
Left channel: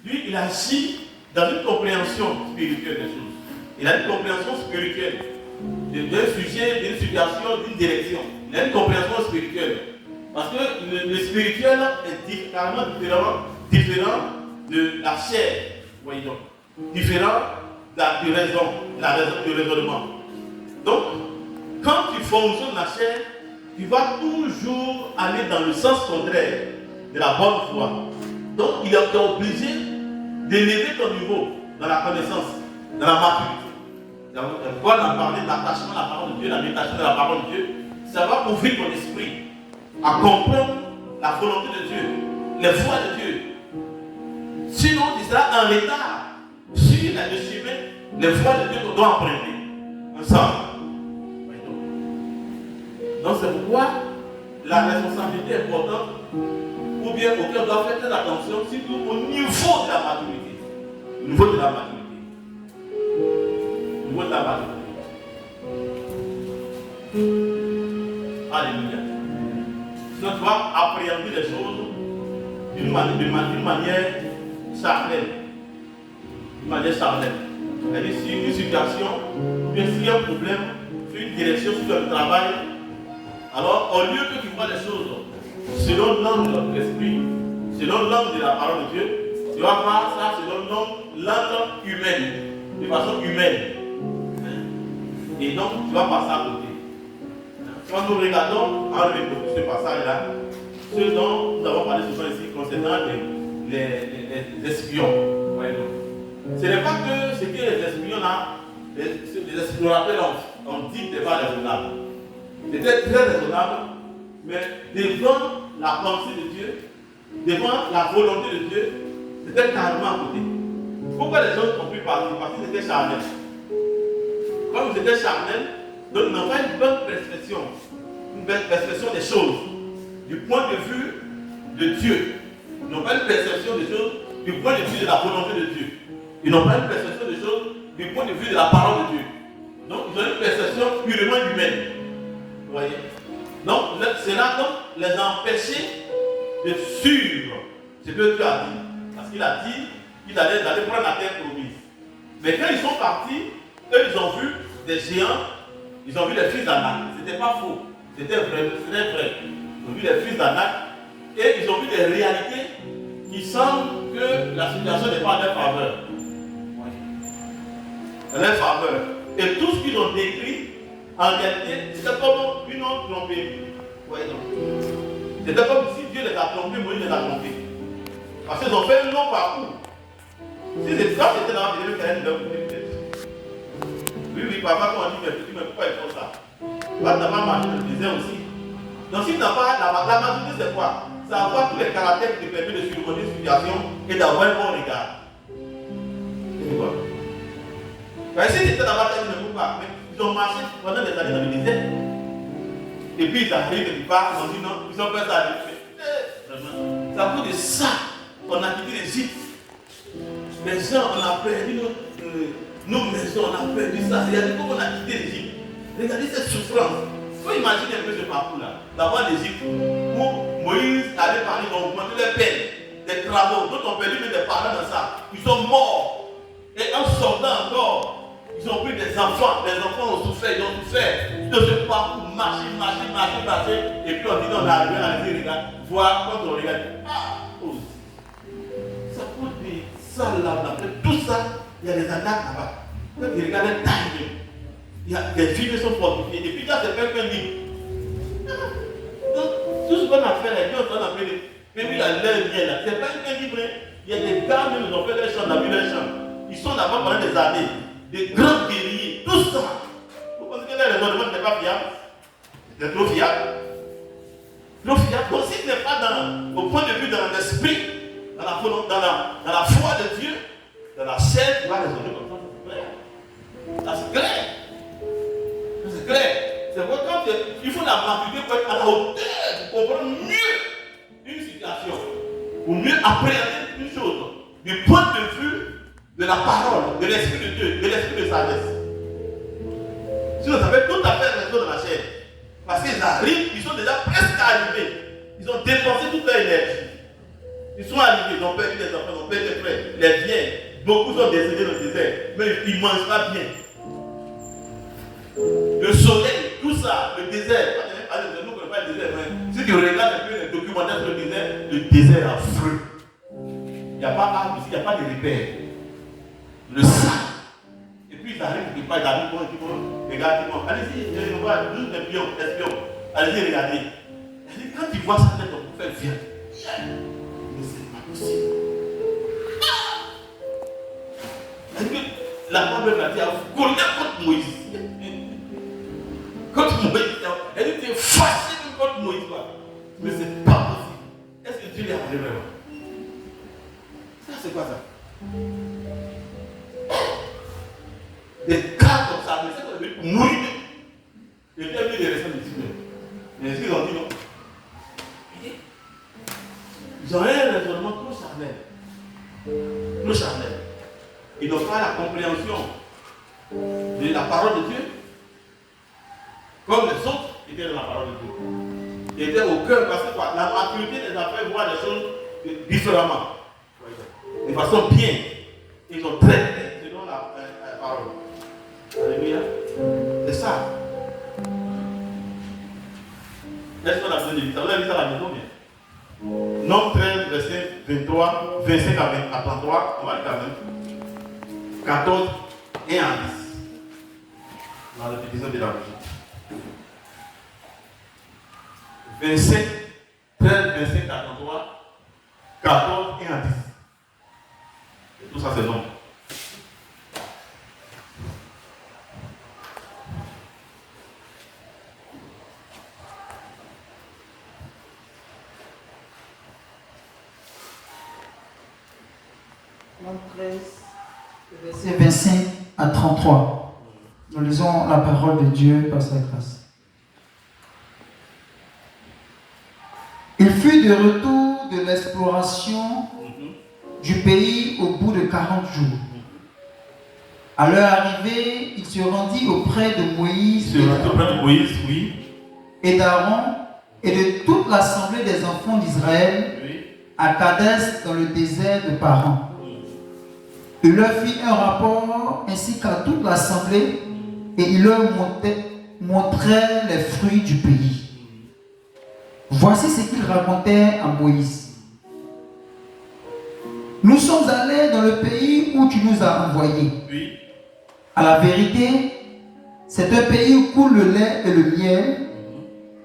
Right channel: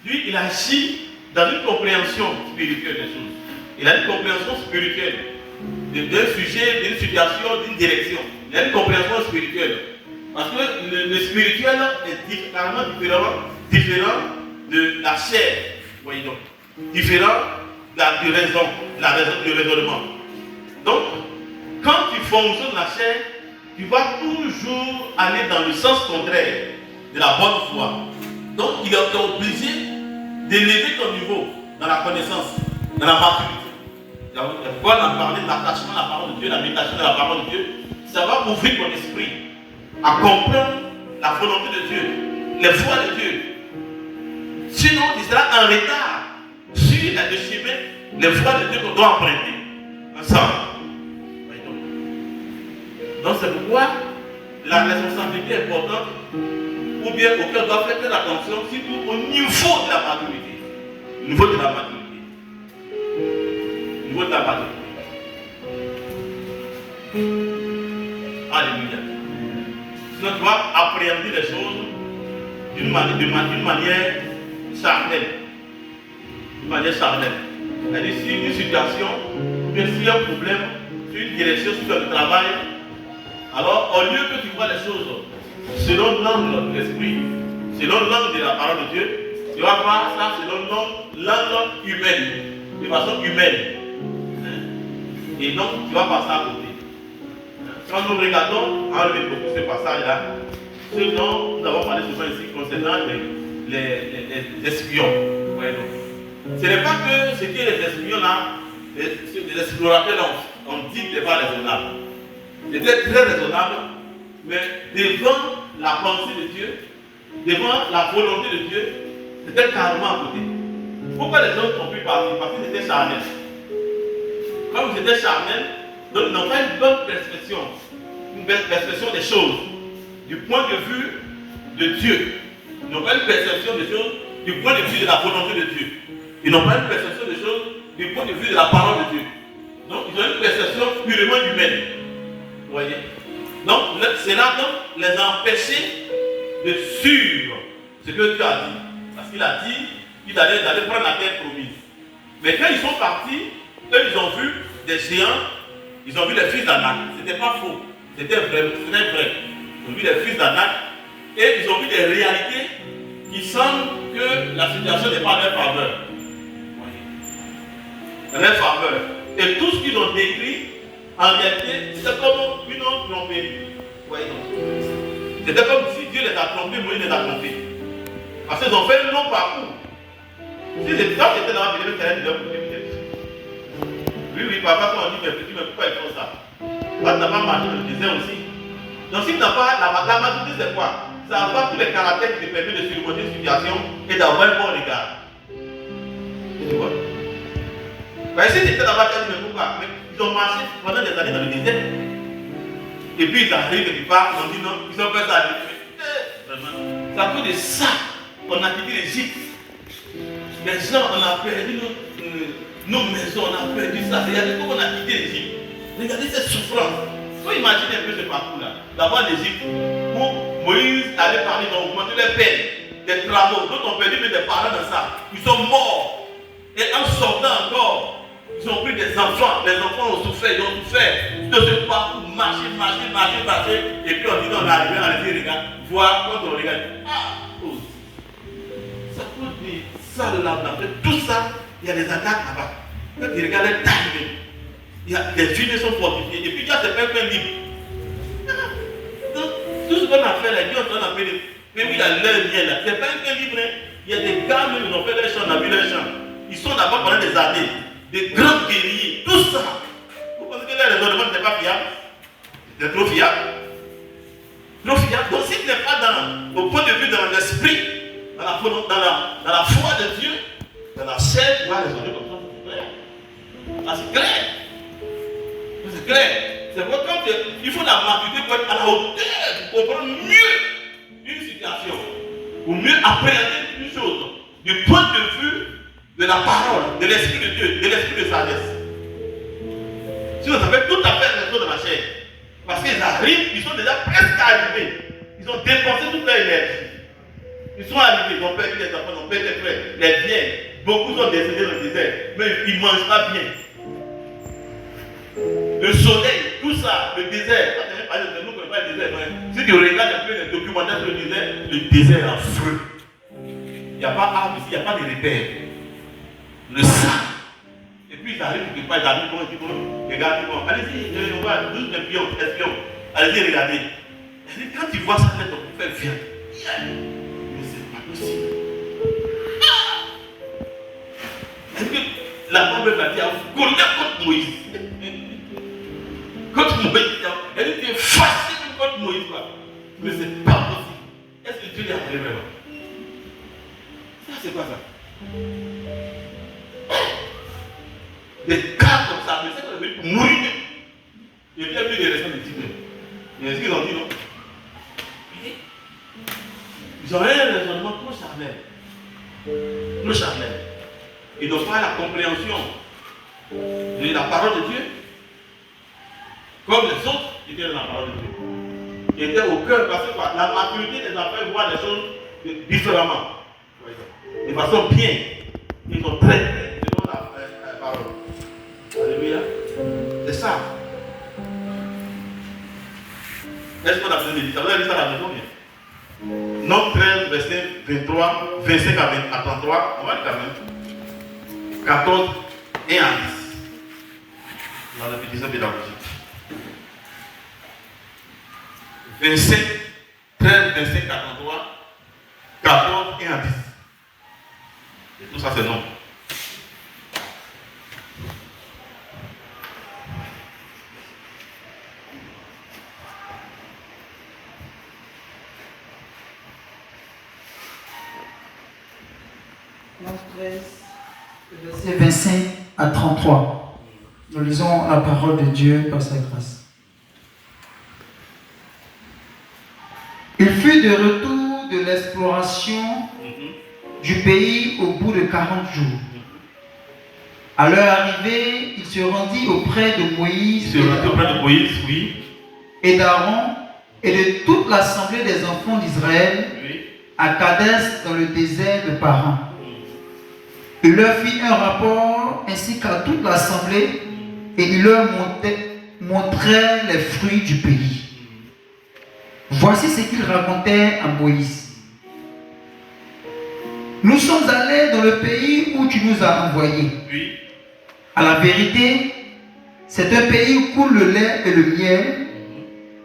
lui, il agit dans une compréhension spirituelle des choses. Il a une compréhension spirituelle d'un sujet, d'une situation, d'une direction. Il a une compréhension spirituelle. Parce que le spirituel est carrément différent de la chair. Voyez donc. Différent du raisonnement. Donc, quand tu fonctionnes dans la chair, tu vas toujours aller dans le sens contraire de la bonne foi. Donc, il est obligé d'élever ton niveau dans la connaissance, dans la maturité. Pourquoi on a parlé de l'attachement à la parole de Dieu, la méditation de la parole de Dieu? Ça va ouvrir ton esprit à comprendre la volonté de Dieu, les voies de Dieu. Sinon, tu seras en retard sur le chemin, les voies de Dieu qu'on doit emprunter ensemble. Donc c'est pourquoi la responsabilité est importante, ou bien auquel on doit faire très attention, surtout au niveau de la maturité. Au niveau de la maturité. Au niveau de la maturité. Alléluia. Sinon tu vas appréhender les choses d'une manière charnelle. D'une manière charnelle. C'est-à-dire si une situation, bien s'il y a un problème, sur une direction, sur le travail, alors au lieu que tu vois les choses selon l'angle de l'esprit, selon l'angle de la parole de Dieu, tu vas voir ça selon l'angle humain, de façon humaine. Et donc tu vas passer à côté. Quand nous regardons, on remet beaucoup ce passage-là, ce dont nous avons parlé souvent ici concernant les espions. Ouais, ce n'est pas que ce que les espions là, les explorateurs ont dit n'est pas raisonnable. C'était très raisonnable, mais devant la pensée de Dieu, devant la volonté de Dieu, c'était carrément à côté. Pourquoi les gens ont pu partir? Parce qu'ils étaient charnels. Comme ils étaient charnels, donc ils n'ont pas une bonne perception des choses, du point de vue de Dieu. Ils n'ont pas une perception des choses du point de vue de la volonté de Dieu. Ils n'ont pas une perception des choses du point de vue de la parole de Dieu. Donc ils ont une perception purement humaine. Vous voyez? Donc cela les a empêchés de suivre ce que Dieu a dit. Parce qu'il a dit qu'il allait prendre la terre promise. Mais quand ils sont partis, eux ils ont vu des géants, ils ont vu les fils d'Anak. C'était pas faux, c'était vrai, c'était vrai. Ils ont vu les fils d'Anak et ils ont vu des réalités qui semblent que la situation n'est pas à leur faveur. À leur faveur. Et tout ce qu'ils ont décrit, en réalité, c'était comme une autre trompée. C'était comme si Dieu les a trompés, Moïse les a trompés. Parce qu'ils ont fait un long parcours. Si c'était ça, c'était dans la vidéo qui allait de leur côté. Oui, papa, quand on dit, mais petit, mais pourquoi ils font ça? Quand tu n'as pas marché dans le désert aussi. Donc, si tu n'as pas la maturité, c'est quoi? C'est avoir tous les caractères qui te permettent de surmonter une situation et d'avoir un bon regard. Tu vois? Mais si tu étais dans la bataille, mais pourquoi? Ils ont marché pendant des années dans le désert. Et puis ils arrivent quelque part, ils ont dit non, ils ont fait ça. Vraiment. C'est à cause de ça qu'on a quitté l'Égypte. Les gens, on a perdu nos maisons, on a perdu ça. Regardez comment on a quitté l'Égypte. Regardez cette souffrance. Il faut imaginer un peu ce parcours-là. D'abord l'Égypte, où Moïse allait parler d'augmenter les peines, des travaux. D'autres ont perdu des parents dans ça. Ils sont morts. Et en sortant encore, ils ont pris des enfants. Les enfants ont souffert, ils ont souffert de ce parcours, marcher. Et puis on dit, on est arrivé, on a dit, regarde, voir, quand on regarde, ça peut dire, ça là, on a fait tout ça, il y a des attaques là-bas. Quand tu regardes les tailles, il y a des filles qui sont fortifiées. Et puis il y a des personnes libres. Donc, tout ce qu'on a fait, les gens ont appelé, et puis il y a leur lien là. C'est pas un peu libre. Il y a des gars, même, ils ont fait leur champ, on a vu leur champ. Ils sont là-bas pendant des années. Des grands guerriers, tout ça. Vous pensez que les raisonnements n'étaient pas fiables? C'était trop fiable. Trop fiable. Donc si tu n'es pas au point de vue dans l'esprit, dans la foi de Dieu, dans la chair, tu vas raisonner comme ça. Ça c'est clair. C'est clair. C'est pourquoi il faut la maturité pour être à la hauteur, pour comprendre mieux une situation, pour mieux appréhender une chose, du point de vue de la parole, de l'Esprit de Dieu, de l'Esprit de sagesse. Si vous avez tout à fait raison de la chair, parce qu'ils arrivent, ils sont déjà presque arrivés. Ils ont dépensé toute leur énergie. Ils sont arrivés, ils ont perdu les enfants, ils ont perdu les frères, les biens. Beaucoup sont décédés dans le désert, mais ils ne mangent pas bien. Le soleil, tout ça, le désert. Nous ne connaissons pas le désert. Si tu regardes un peu les documentaires sur le désert est affreux. Il n'y a pas d'arbre ici, il n'y a pas de repères. Le sang. Et puis ils arrivent quelque part, ils arrivent, ils disent, regardez, allez-y, on va, nous espions. Allez-y, regardez. Quand tu vois ça, ton frère vient. Mais c'est pas possible. Est-ce que la Bible va dire, contre Moïse. Contre Moïse, elle était facile contre Moïse. Mais c'est pas possible. Est-ce que Dieu lui a révélé vraiment? Ça, c'est quoi ça? Des cas comme ça, mais c'est qu'on a vu pour mourir. Et bien vu les raisons de Dieu. Mais est-ce qu'ils ont dit non? Ils ont un raisonnement trop charnel. Trop charnel. Ils n'ont pas la compréhension de la parole de Dieu. Comme les autres étaient dans la parole de Dieu. Ils étaient au cœur parce que la maturité les a fait voir les choses différemment. De façon bien. Ils ont traité selon la parole. Alléluia. C'est ça. Est-ce qu'on a besoin de dire ça? Vous avez dit ça à la maison, bien. Nombre 13, verset 23, 25 à 33. On va dire quand même. 14 et 1 10. Dans la répétition pédagogique. 27, 13, 25 à 33, 14 et 1 10. Et tout ça, c'est non. Marc 13, Verset 25 à 33. Nous lisons la parole de Dieu par sa grâce. Il fut de retour de l'exploration du pays au bout de 40 jours. À leur arrivée, il se rendit auprès de Moïse et d'Aaron et de toute l'assemblée des enfants d'Israël à Kadès dans le désert de Paran. Il leur fit un rapport ainsi qu'à toute l'assemblée et il leur montrait les fruits du pays. Voici ce qu'il racontait à Moïse. Nous sommes allés dans le pays où tu nous as envoyés. À la vérité, c'est un pays où coule le lait et le miel,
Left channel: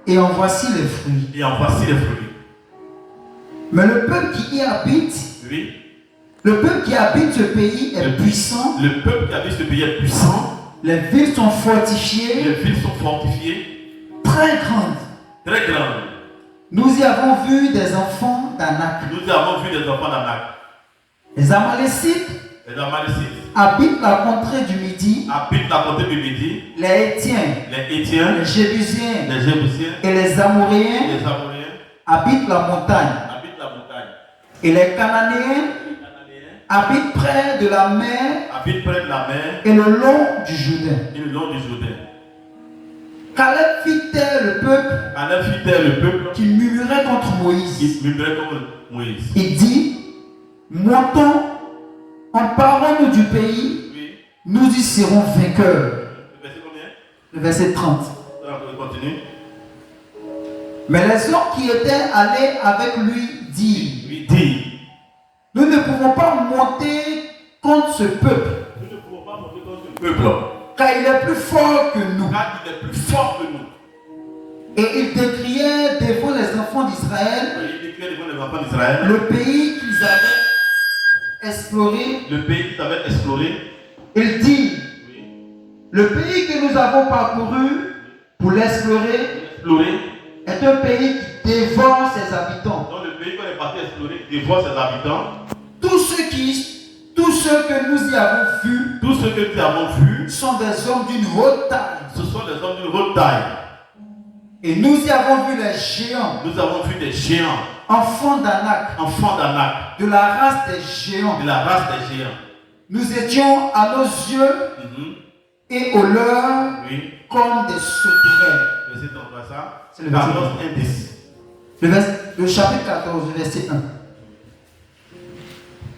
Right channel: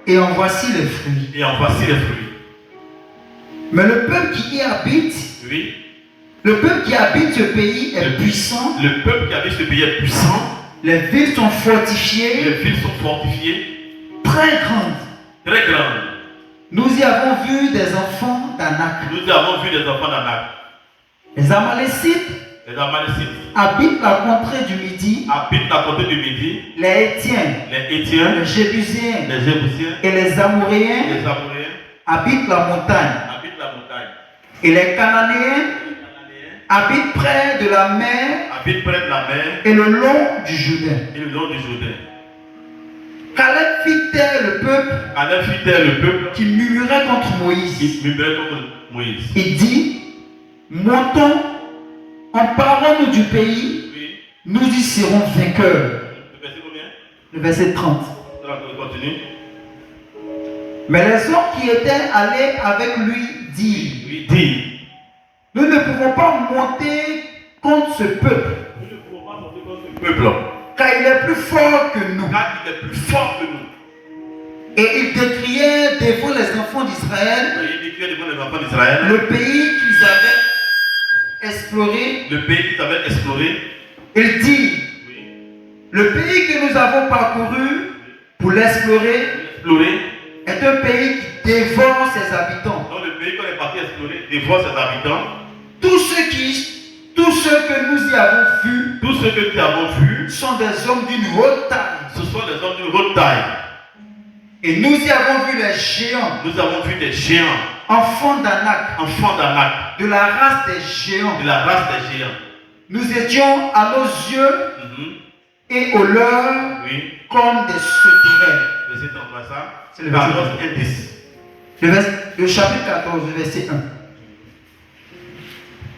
et en voici les fruits. Mais le peuple qui y habite, ce pays est puissant. Le peuple qui habite ce pays est puissant. Les villes sont fortifiées. Très grandes. Nous y avons vu des enfants d'Anak. Les Amalécites habitent la contrée du Midi. Les Hétiens, les Jébusiens et les Amoréens habitent la montagne. Et les Cananéens habitent près de la mer et le long du Jourdain. Caleb fit taire le peuple qui murmurait contre Moïse. Il dit, montons, emparons-nous du pays, nous y serons vainqueurs. Le verset 30. Mais les hommes qui étaient allés avec lui dirent, nous ne pouvons pas monter contre ce peuple, car il est plus fort que nous. Et il décriait devant les enfants d'Israël le pays qu'ils avaient exploré. Il dit, le pays que nous avons parcouru pour l'explorer est un pays qui dévore ses habitants. Tous ceux que nous y avons vus, sont des hommes d'une haute taille. Et nous y avons vu les géants. Enfants d'Anak. De la race des géants. Nous étions à nos yeux et aux leurs comme des sauterelles. C'est le verset 1. Le chapitre 14, verset 1.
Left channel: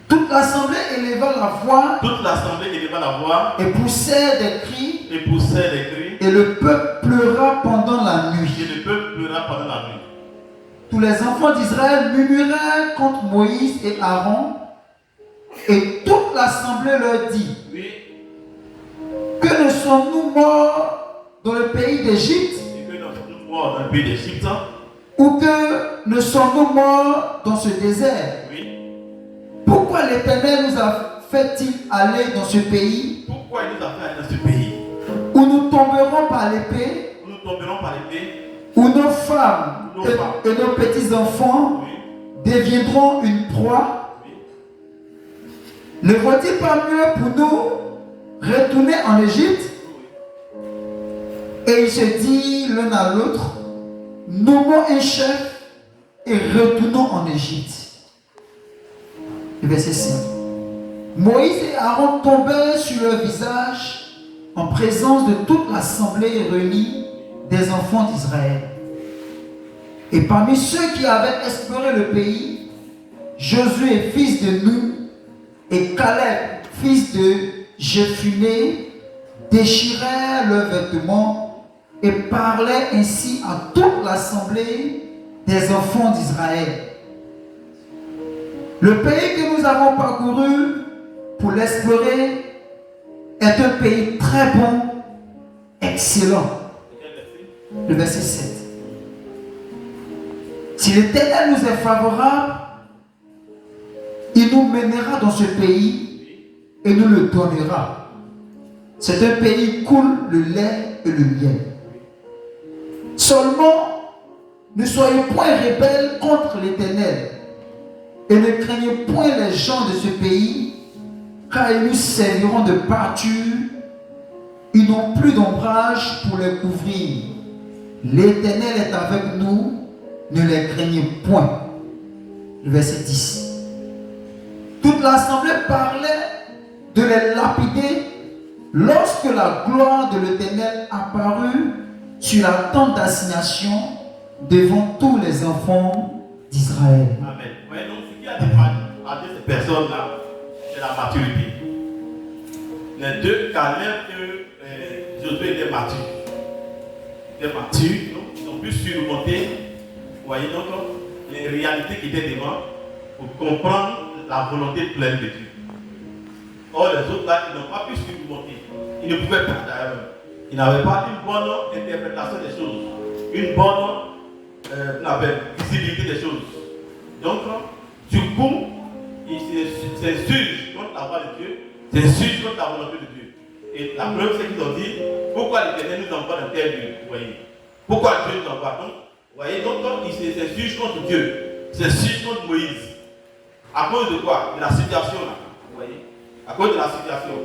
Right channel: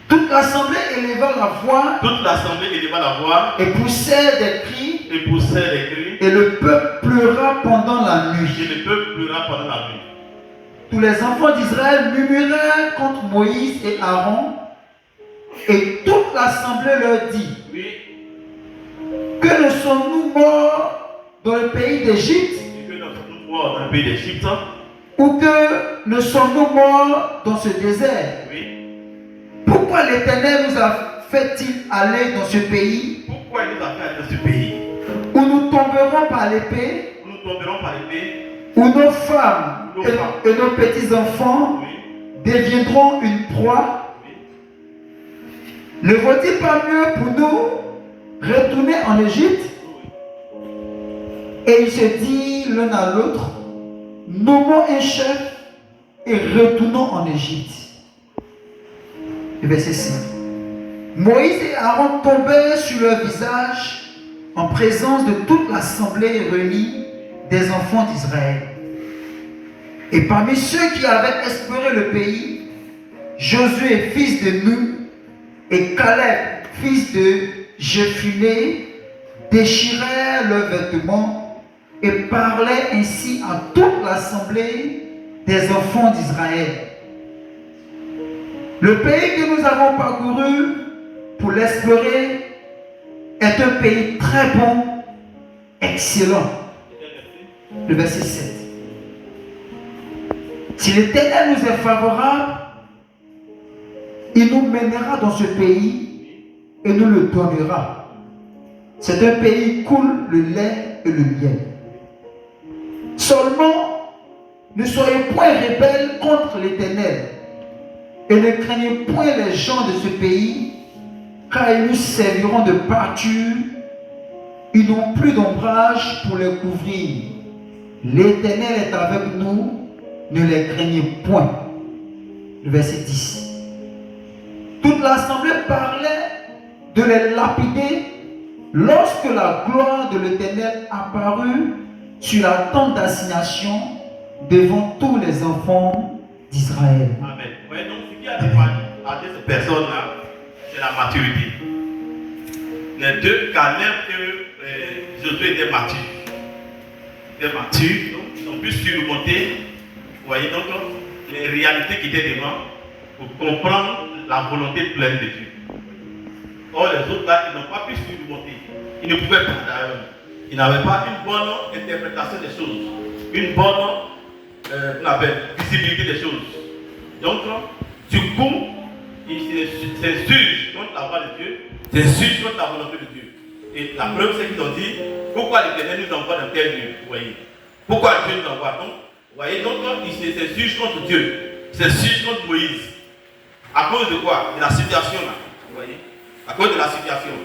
Toute l'assemblée éleva la voix et poussait des cris. Et le peuple pleura pendant la nuit. Tous les enfants d'Israël murmuraient contre Moïse et Aaron. Et toute l'assemblée leur dit, que ne sommes-nous morts dans le pays d'Égypte? Ou que ne sommes-nous morts dans ce désert? Pourquoi l'Éternel nous a fait-il aller dans ce pays? Où nous tomberons par l'épée? Où nos femmes et nos petits-enfants deviendront une proie? Ne vaut-il pas mieux pour nous retourner en Égypte? Et ils se disent l'un à l'autre, nommons un chef et retournons en Égypte. Le verset 5. Moïse et Aaron tombèrent sur leur visage en présence de toute l'assemblée réunie des enfants d'Israël. Et parmi ceux qui avaient exploré le pays, Josué, fils de Nun, et Caleb, fils de Jephuné, déchirèrent leurs vêtements et parlaient ainsi à toute l'assemblée des enfants d'Israël. Le pays que nous avons parcouru pour l'explorer est un pays très bon, excellent. Le verset 7. Si l'Éternel nous est favorable, il nous mènera dans ce pays et nous le donnera. C'est un pays où coule le lait et le miel. Seulement, ne soyez point rebelles contre l'Éternel et ne craignez point les gens de ce pays, car ils nous serviront de pâture. Ils n'ont plus d'ombrage pour les couvrir. L'Éternel est avec nous, ne les craignez point. Le verset 10. Toute l'assemblée parlait de les lapider lorsque la gloire de l'Éternel apparut sur la tente d'assignation devant tous les enfants d'Israël. Amen. Ouais, donc ce qui a départi à cette personne-là, c'est la maturité. Les deux, Caleb et Josué étaient matures. Ils étaient matures, donc ils ont pu surmonter, vous voyez, donc les réalités qui étaient devant pour comprendre la volonté pleine de Dieu. Or, les autres là, ils n'ont pas pu surmonter. Ils ne pouvaient pas d'ailleurs. Ils n'avaient pas une bonne interprétation des choses, une bonne visibilité des choses. Donc, du coup, ils s'insurgent contre la voix de Dieu, s'insurgent contre la volonté de Dieu. Et la preuve, c'est qu'ils ont dit, pourquoi l'Éternel nous envoie dans tel lieu, vous voyez. Pourquoi Dieu nous envoie? Donc, vous voyez, donc ils s'insurgent contre Dieu, ils s'insurgent contre Moïse. À cause de quoi? De la situation là, vous voyez. À cause de la situation.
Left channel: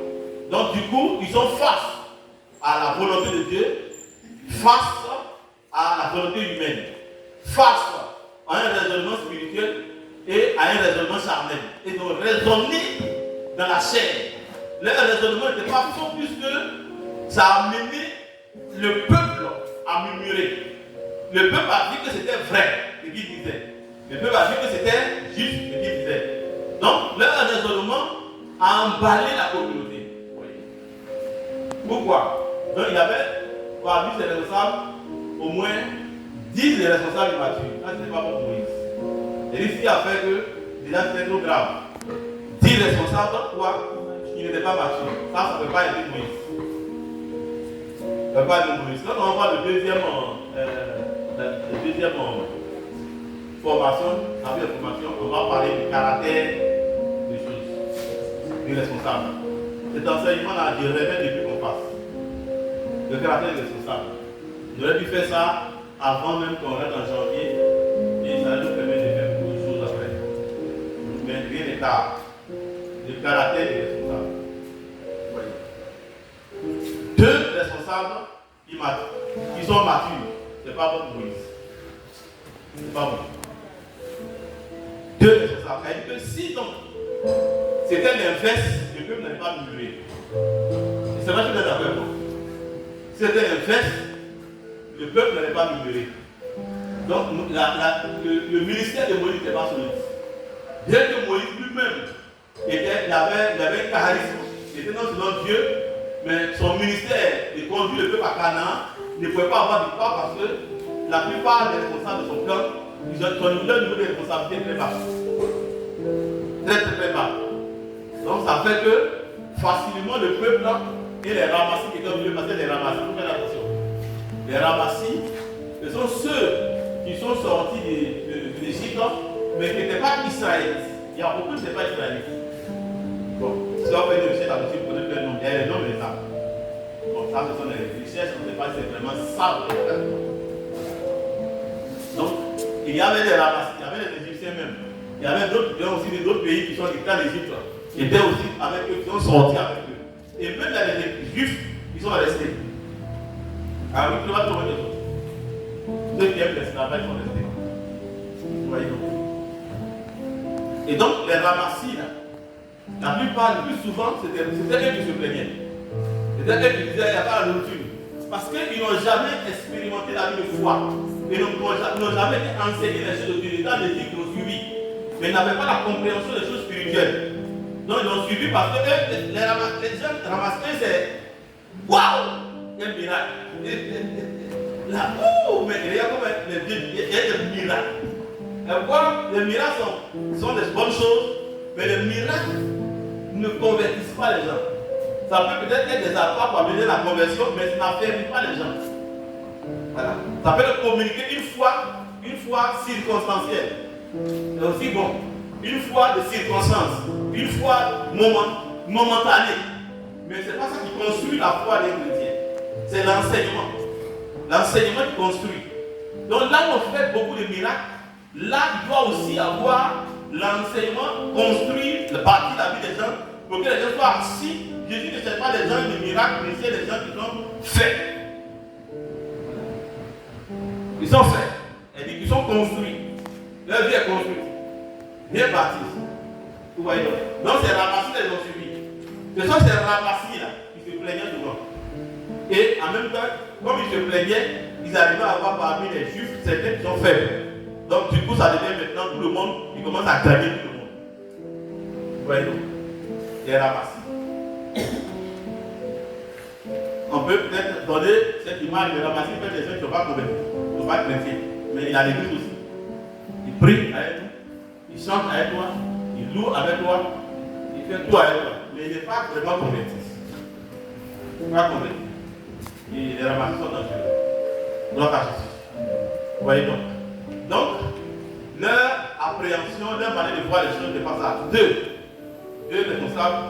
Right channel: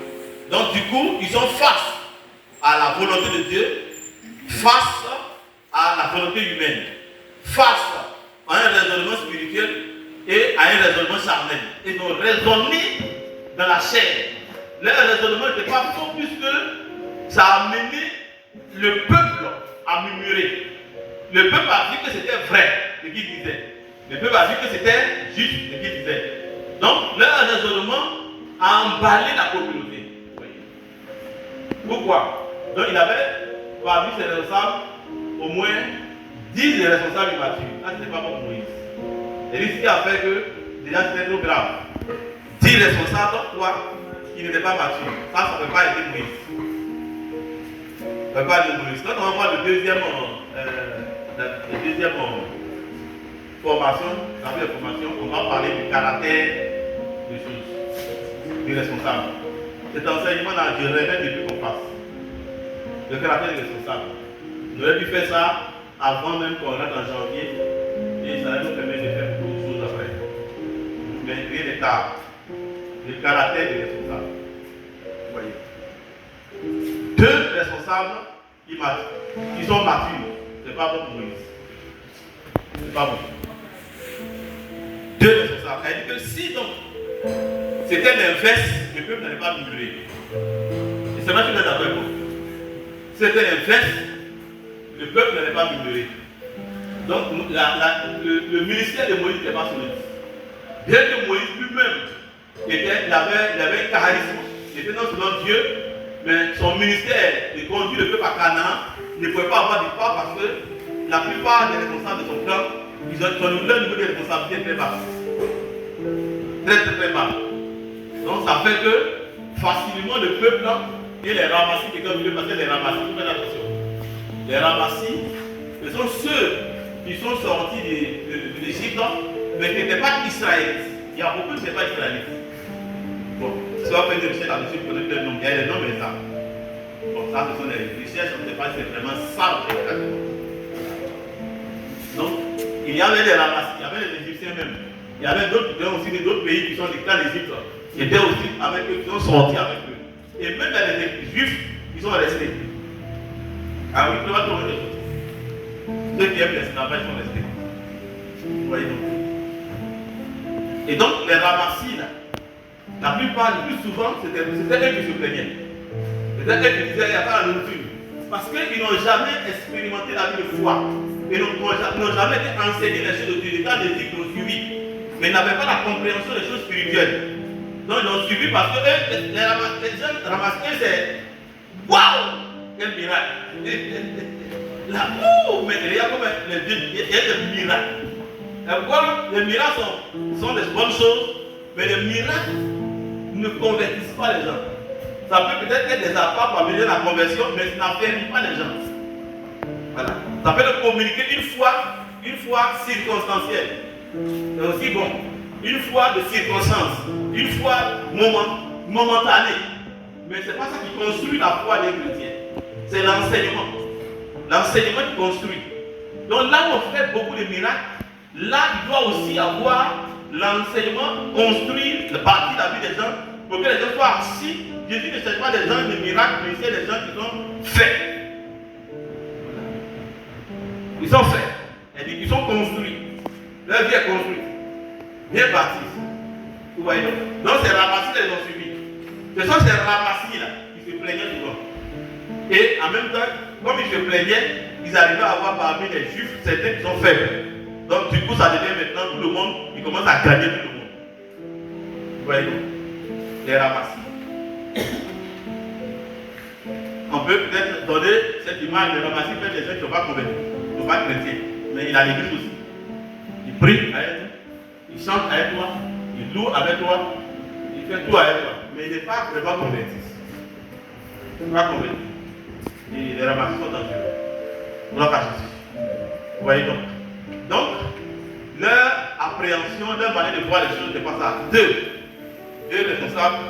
Donc, du coup, ils sont face à la volonté de Dieu, face à la volonté humaine, face à un raisonnement spirituel et à un raisonnement charnel. Ils ont raisonné dans la chair. Leur raisonnement n'était pas faux puisque ça a amené le peuple à murmurer. Le peuple a dit que c'était vrai, ce qu'il disait. Le peuple a dit que c'était juste, ce qu'il disait. Donc, leur raisonnement a emballé la communauté. Pourquoi? Donc, il avait parmi ses responsables au moins 10 responsables immatures. Ça, ce n'est pas bon pour Moïse. C'est ce qui a fait que déjà c'était trop grave. 10 responsables, toi, qui n'étaient pas matures. Ça ne peut pas aider Moïse. Ça ne peut pas aider Moïse. Quand on va voir le deuxième formation, on va parler du caractère des choses, des responsables. Cet enseignement-là, je rêvais depuis qu'on fasse. Le caractère des responsables. On aurait dû faire ça avant même qu'on rentre en janvier et ça nous permet de faire beaucoup de choses après. Mais rien n'est tard. Le caractère des responsables. Vous voyez. Deux responsables qui sont matures. C'est pas bon pour Moïse. C'est pas bon. Deux responsables. C'est-à-dire que si donc c'était l'inverse, le peuple n'allait pas murmurer. Et c'est vrai que vous êtes avec moi. C'était l'inverse, le peuple n'allait pas murmurer. Donc le ministère de Moïse n'était pas solide. Bien que Moïse lui-même il avait un charisme, il était non seulement Dieu, mais son ministère de conduire le peuple à Canaan ne pouvait pas avoir victoire parce que la plupart des responsables de son clan, ils ont leur niveau de responsabilité très bas. Très bas. Donc ça fait que facilement le peuple et les ramassis qui sont venus passer les ramassis, vous faites attention. Les ramassis, ce sont ceux qui sont sortis de l'Égypte, mais qui n'étaient pas israélites. Il y a beaucoup qui ne sont pas israélites. Bon, si on fait des recherches là-dessus, vous connaissez le nom, il y a les noms et ça. Bon, ça ce sont les recherches, on ne sait pas si c'est vraiment ça exactement. Donc, il y avait les ramassis, il y avait les Égyptiens même. Il y avait aussi d'autres pays qui sont dictats d'Égypte, qui étaient aussi avec eux, qui sont sortis avec eux. Et même les Juifs, ils sont restés. Ah oui, tu vas trouver des choses. Ceux qui aiment les esclavages sont restés. Vous voyez donc. Et donc, les ramassis, là, la plupart, le plus souvent, c'était eux qui se plaignaient. C'était eux qui disaient, il n'y a pas la nourriture. Parce qu'ils n'ont jamais expérimenté la vie de foi. Ils n'ont jamais été enseignés les choses de Dieu. Dans les ils l'ont suivi. Mais ils n'avaient pas la compréhension des choses spirituelles. Donc ils l'ont suivi parce que les gens ramassés, c'est waouh! Quel miracle! Là, mais il y a des miracles. Pourquoi les miracles sont des bonnes choses, mais les miracles ne convertissent pas les gens. Ça peut peut-être être des apports pour amener la conversion, mais ça n'affaiblit pas les gens. Voilà. Ça peut le communiquer une fois circonstancielle. C'est aussi bon. Une fois de circonstance, une fois momentanée. Mais ce n'est pas ça qui construit la foi des chrétiens. C'est l'enseignement. L'enseignement qui construit. Donc là où on fait beaucoup de miracles, là il doit aussi avoir l'enseignement construire, partie de la vie des gens Pour que les gens soient assis, Jésus ne cherche pas des gens de miracles, mais c'est des gens qui sont faits. Ils sont faits. Elle dit qu'ils sont construits. Leur vie est construite. Bien bâtie. Vous voyez? Donc c'est Ramassi qu'ils ont suivi. Ce sont ces Ramassi là qui se plaignaient devant. Et en même temps, comme ils se plaignaient, ils arrivaient à avoir parmi les juifs certains qui sont faibles. Donc du coup ça devient maintenant tout le monde, ils commencent à gagner tout le monde. Vous voyez? Les Ramassi. On peut peut-être donner cette image de Ramassi, peut-être des gens qui ne sont pas convaincus, qui ne sont pas chrétiens. Mais il a l'église aussi. Il prie avec toi, il chante avec toi, il loue avec toi, il fait tout avec toi. Mais il n'est pas vraiment converti. Il n'est pas converti. Et les Ramassis sont dangereux. Gloire à Jésus. Vous voyez donc. Donc, leur appréhension, leur manière de voir les choses n'est pas ça. Deux responsables,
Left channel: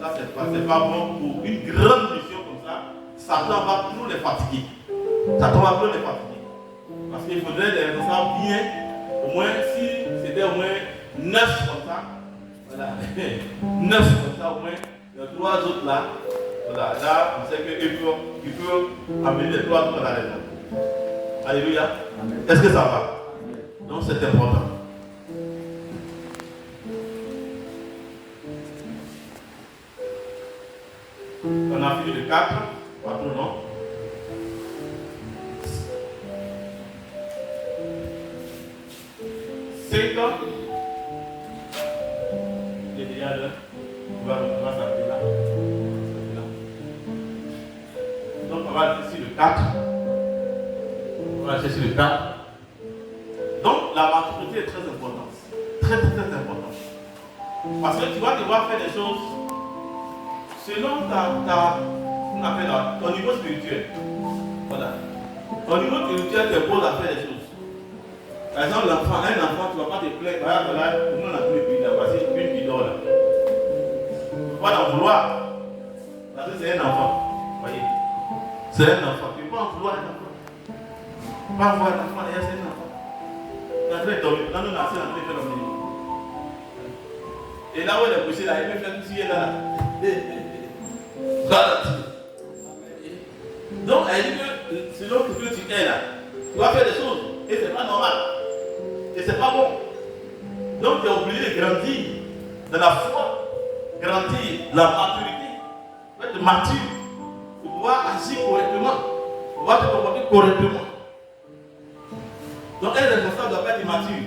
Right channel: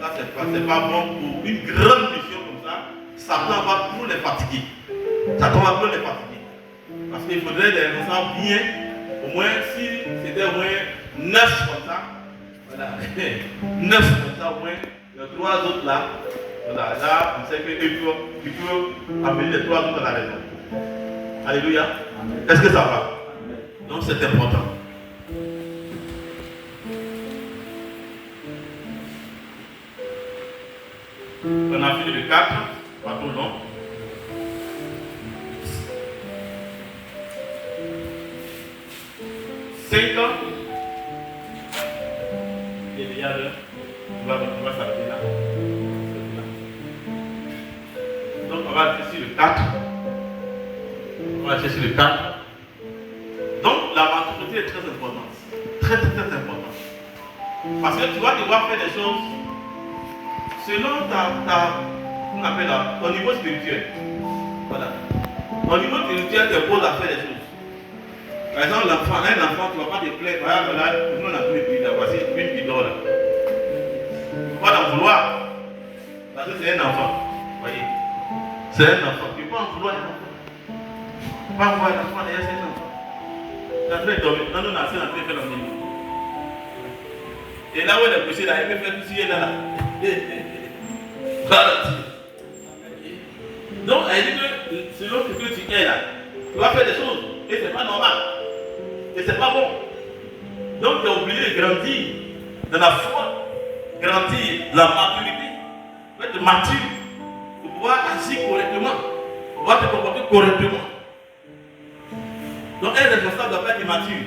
ça c'est pas bon pour une grande mission comme ça. Satan va toujours les fatiguer. Satan va toujours les fatiguer. Parce qu'il faudrait des responsables bien, au moins si c'était au moins 9 comme ça. Voilà. 9 comme ça au moins. Les 3 autres là. Voilà. Là, on sait qu'il peut amener les 3 autres à la raison. Alléluia. Est-ce que ça va? Donc c'est important. On a fini le 4, pas trop long. Il est déjà l'heure. On va s'arrêter là. Donc on va rester sur le 4. On va rester sur le 4. Donc la maturité est très importante. Très importante. Parce que tu vas devoir faire des choses selon on appelle ton niveau spirituel. Voilà. Ton niveau spirituel te pose à faire des choses. Par exemple, un enfant, tu ne vas pas te plaindre. Voilà, tout le monde a pris le d'avoir une qui dort là. Tu vas en vouloir. Parce que c'est un enfant. Vous voyez? C'est un enfant. Tu peux en vouloir un enfant. Tu peux en vouloir un enfant derrière c'est un enfant. L'entrée est tombée. Quand on a fait l'entrée, fait l'entrée. Et là où elle est poussée, là, il peut faire tout ce qui est là. Donc, elle dit que selon ce que tu es là, tu vas faire des choses. Et c'est pas normal. Et c'est pas bon. Donc tu es obligé de grandir dans la foi, grandir la maturité, être mature pour pouvoir agir correctement, pour pouvoir te comporter correctement. Donc un responsable doit pas être immature.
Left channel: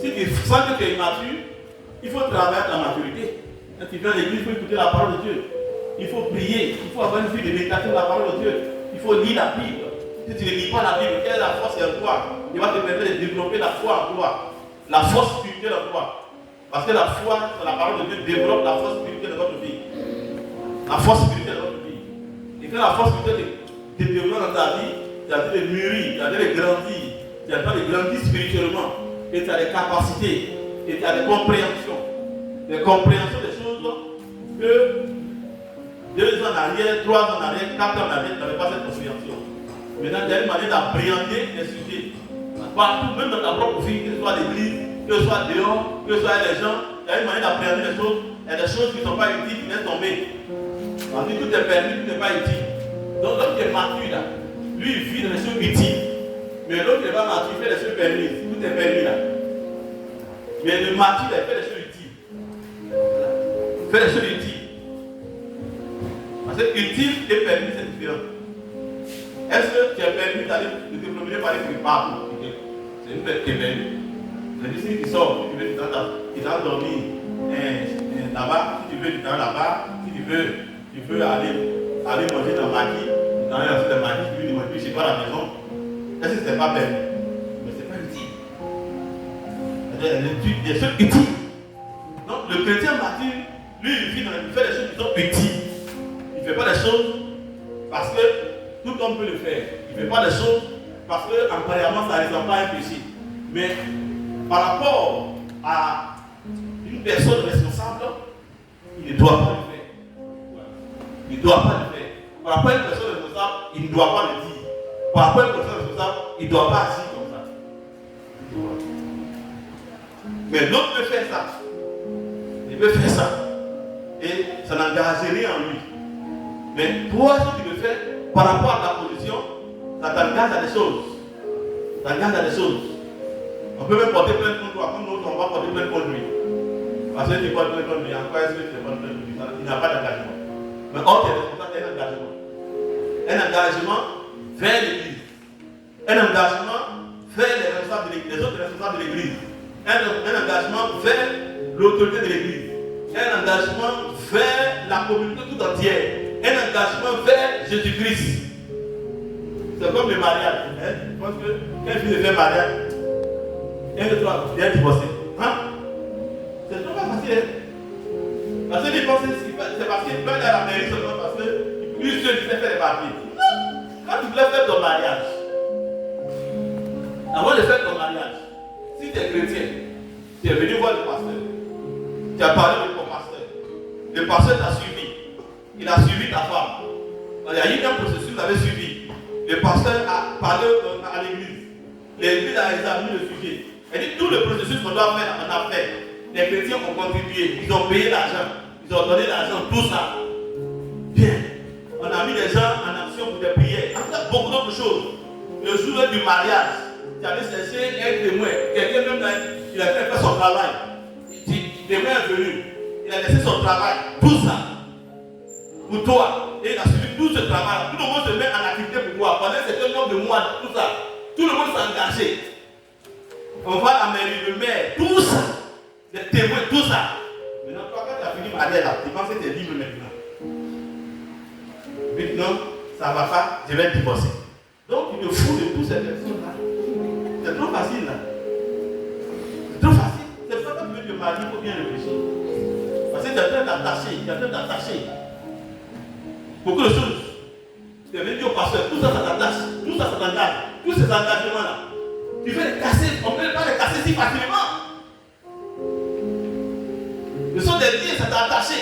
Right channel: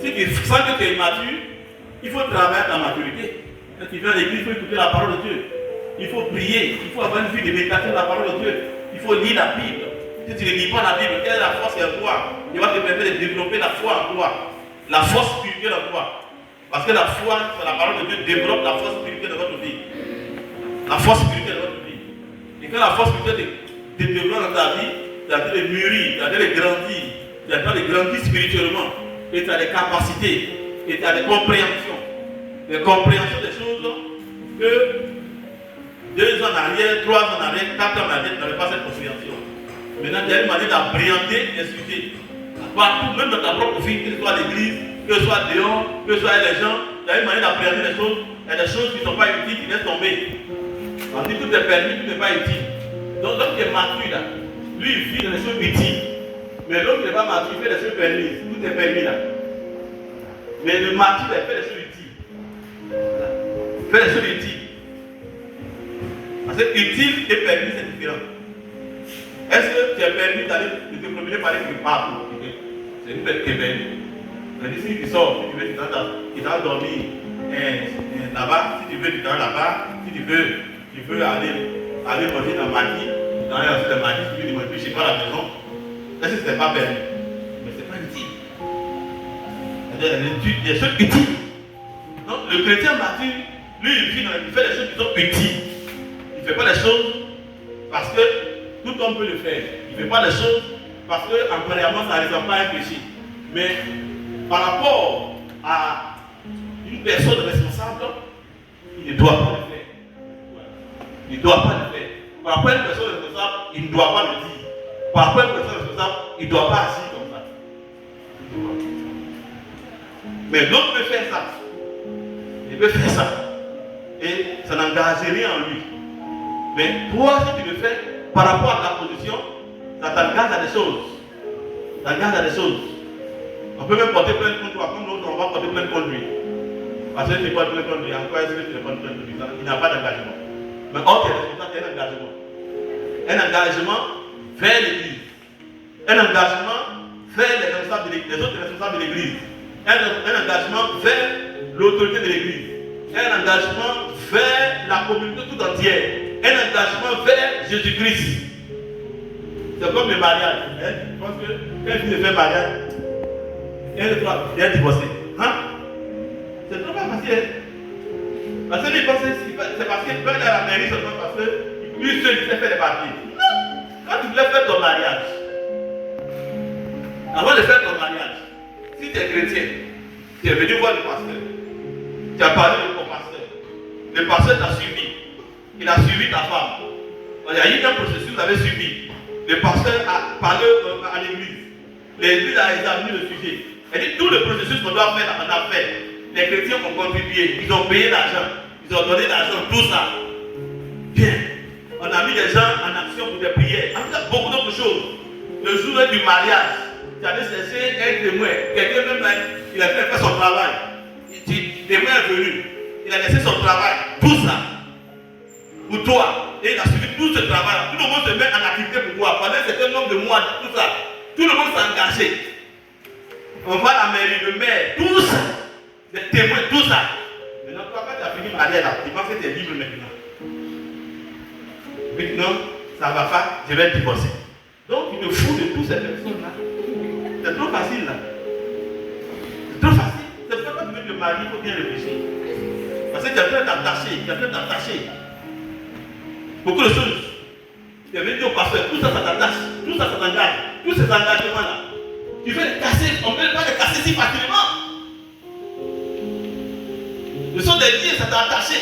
Si tu sens que tu es immature, il faut travailler ta maturité. Quand tu viens à l'église, il faut écouter la parole de Dieu. Il faut prier, il faut avoir une vie de méditation de la parole de Dieu. Il faut lire la Bible. Si tu ne lis pas la Bible, quelle est la force en toi? Il va te permettre de développer la foi en toi. La force spirituelle en toi. Parce que la foi, c'est la parole de Dieu, développe la force spirituelle de votre vie. La force spirituelle de votre vie. Et quand la force spirituelle te développe dans ta vie, tu as de mûrir, tu as de grandir. Tu as de grandir spirituellement. Et tu as des capacités. Et tu as des compréhensions. Des compréhensions des choses que 2 ans en arrière, 3 ans en arrière, 4 ans en arrière, tu n'avais pas cette compréhension. Maintenant, tu as une manière d'appréhender les sujets. Partout, même dans ta propre vie, que ce soit à l'église, que ce soit dehors, que ce soit les gens, tu as une manière d'appréhender les choses. Il y a des choses qui ne sont pas utiles, qui laissent tomber. On dit tout est permis, tout n'est pas utile. Donc l'homme qui est mature là, lui il vit dans les choses utiles. Mais l'homme qui n'est pas mature, il fait des choses permises. Tout est permis là. Mais le mature, il fait des choses utiles. Il fait des choses utiles. Parce que utile et permis, c'est différent. Est-ce que tu es permis d'aller de te promener par les partout? C'est une personne qui est permis. Mais si tu sors, si tu veux, tu vas dormir là-bas, si tu veux, tu vas là-bas, si tu veux aller manger dans maquis, tu vas aller dans le maquis, tu veux manger chez toi à la maison. Est-ce que ce n'est pas permis? Mais ce n'est pas utile. C'est des choses utiles. Donc le chrétien mature, lui, il fait des choses qui sont utiles. Il ne fait pas des choses parce que tout homme peut le faire. Il ne fait pas des choses parce que, apparemment, ça ne ressemble pas à un péché. Mais par rapport à une personne responsable, il ne doit pas le faire. Il ne doit pas le faire. Par rapport à une personne responsable, il ne doit pas le dire. Par rapport à une personne responsable, il ne doit pas agir comme ça. Mais l'autre peut faire ça. Il peut faire ça. et ça n'engage rien en lui. Mais toi, si tu le fais par rapport à ta position, ça t'engage à des choses. Ça t'engage à des choses. On peut même porter plainte contre toi, comme l'autre, on va porter plainte contre lui. Parce que tu portes plainte contre lui, en quoi est-ce que tu ne portes plainte contre lui? Il n'a pas d'engagement. Mais or, tu es responsable d'un engagement. Un engagement vers l'Église. Un engagement vers les autres responsables de l'Église. Un engagement vers l'autorité de l'Église. Un engagement vers la communauté tout entière. Un engagement vers Jésus-Christ. C'est comme le mariage. Hein? Je pense que quand je fais mariage, un de trois, il est divorcé. Hein? C'est trop pas facile. Parce que les pensées, c'est parce qu'il peut aller à la mairie seulement parce que lui seul il sait faire les papiers. Non! Quand tu voulais faire ton mariage, avant de faire ton mariage, si tu es chrétien, tu es venu voir le pasteur, tu as parlé avec ton pasteur, le pasteur t'a suivi, il a suivi ta femme. Il y a eu un processus, vous avez suivi. Le pasteur a parlé à l'église. L'église a examiné le sujet. Elle dit tout le processus qu'on doit faire, on a fait. Les chrétiens ont contribué, ils ont payé l'argent, ils ont donné l'argent, tout ça. Bien. On a mis des gens en action pour des prières. On a fait beaucoup d'autres choses. Le jour du mariage, tu allais chercher un témoin. Quelqu'un même là, il a fait son travail. Le témoin est venu. Il a laissé son travail. Tout ça. Pour toi. Et il a suivi tout ce travail. Tout le monde se met en activité pour toi. Pendant un certain nombre de mois, tout ça. Tout le monde s'est engagé. On va à la mairie, le maire, tout ça. Les témoins, tout ça. Maintenant, toi, quand tu as fini mariage là, tu penses que tu es libre maintenant. Maintenant, ça ne va pas, je vais être divorcé. Donc, il te fout de toutes ces personnes-là. C'est trop facile là. C'est trop facile. C'est pour ça que tu veux te marier, il faut bien réfléchir. Parce que tu es en train d'attacher. Beaucoup de choses. Tu es venu au pasteur, tout ça, ça t'attache. Tout ça, ça t'engage. Tous ces engagements-là. Tu veux les casser, on ne peut pas les casser si facilement. Ce sont des liens, ça t'a attaché.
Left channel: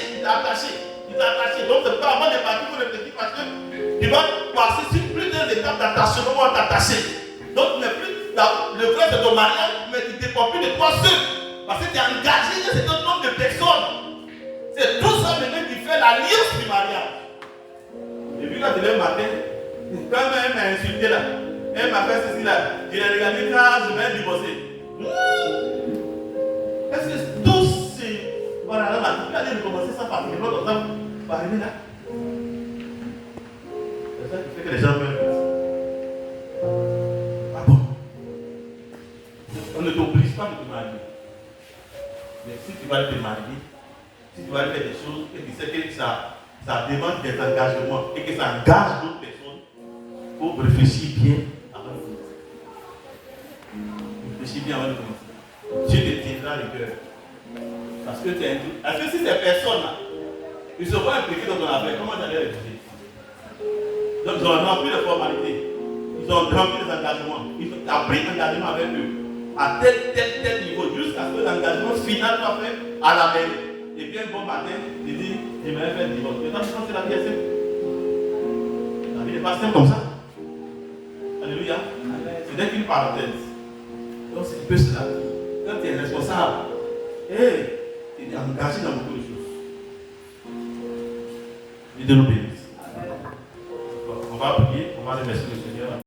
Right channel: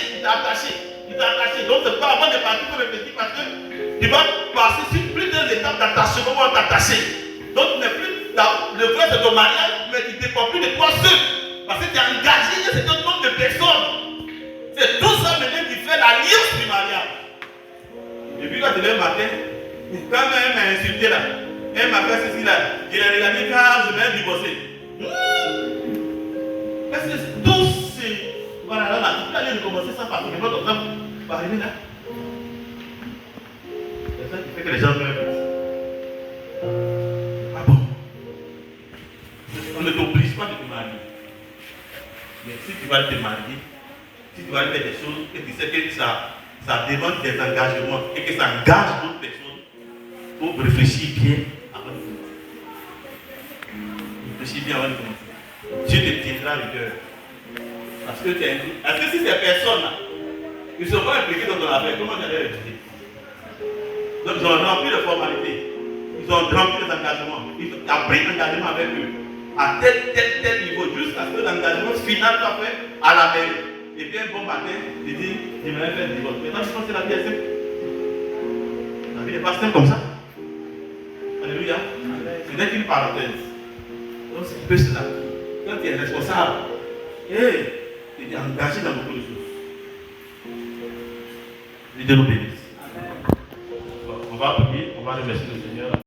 Donc, c'est pas avant de partir pour réfléchir parce que tu vas passer sur plusieurs étapes d'attachement pour t'attacher. Donc, tu n'es plus le vrai de ton mariage, mais tu ne dépends plus de toi seul. Parce que tu as engagé un certain nombre de personnes. C'est tout ça maintenant qui fait l'alliance du mariage. Et puis, quand tu lèves le matin, quand même m'a insulté là, elle m'a fait ceci là, je l'ai regardé car je vais divorcer. Est-ce que tous ces. Voilà, là, vous allez recommencer ça par notre exemple, par là. C'est ça qui fait que les gens meurent. Ah bon? On ne t'oblige pas de te marier. Mais si tu vas te marier, si tu vas faire des choses et tu sais que ça demande des engagements et que ça engage d'autres personnes, il faut réfléchir bien avant de commencer. Réfléchis bien avant de commencer. Dieu te tiendra le cœur. Parce que si ces personnes-là, ils ne sont pas impliqués dans ton affaire, comment tu allais réfléchir? Donc ils ont rempli les formalités, ils ont rempli les engagements, ils ont pris l'engagement avec eux, à tel niveau, jusqu'à ce que l'engagement final soit fait à la mairie. Et puis un bon matin, il dit, j'aimerais faire le divorce. Mais toi, je pense que la vie est simple. La vie n'est pas simple comme ça. Alléluia. Ce n'est qu'une parenthèse. Donc c'est plus cela. Quand tu es responsable, tu es engagé dans beaucoup de choses. Dieu nous bénisse.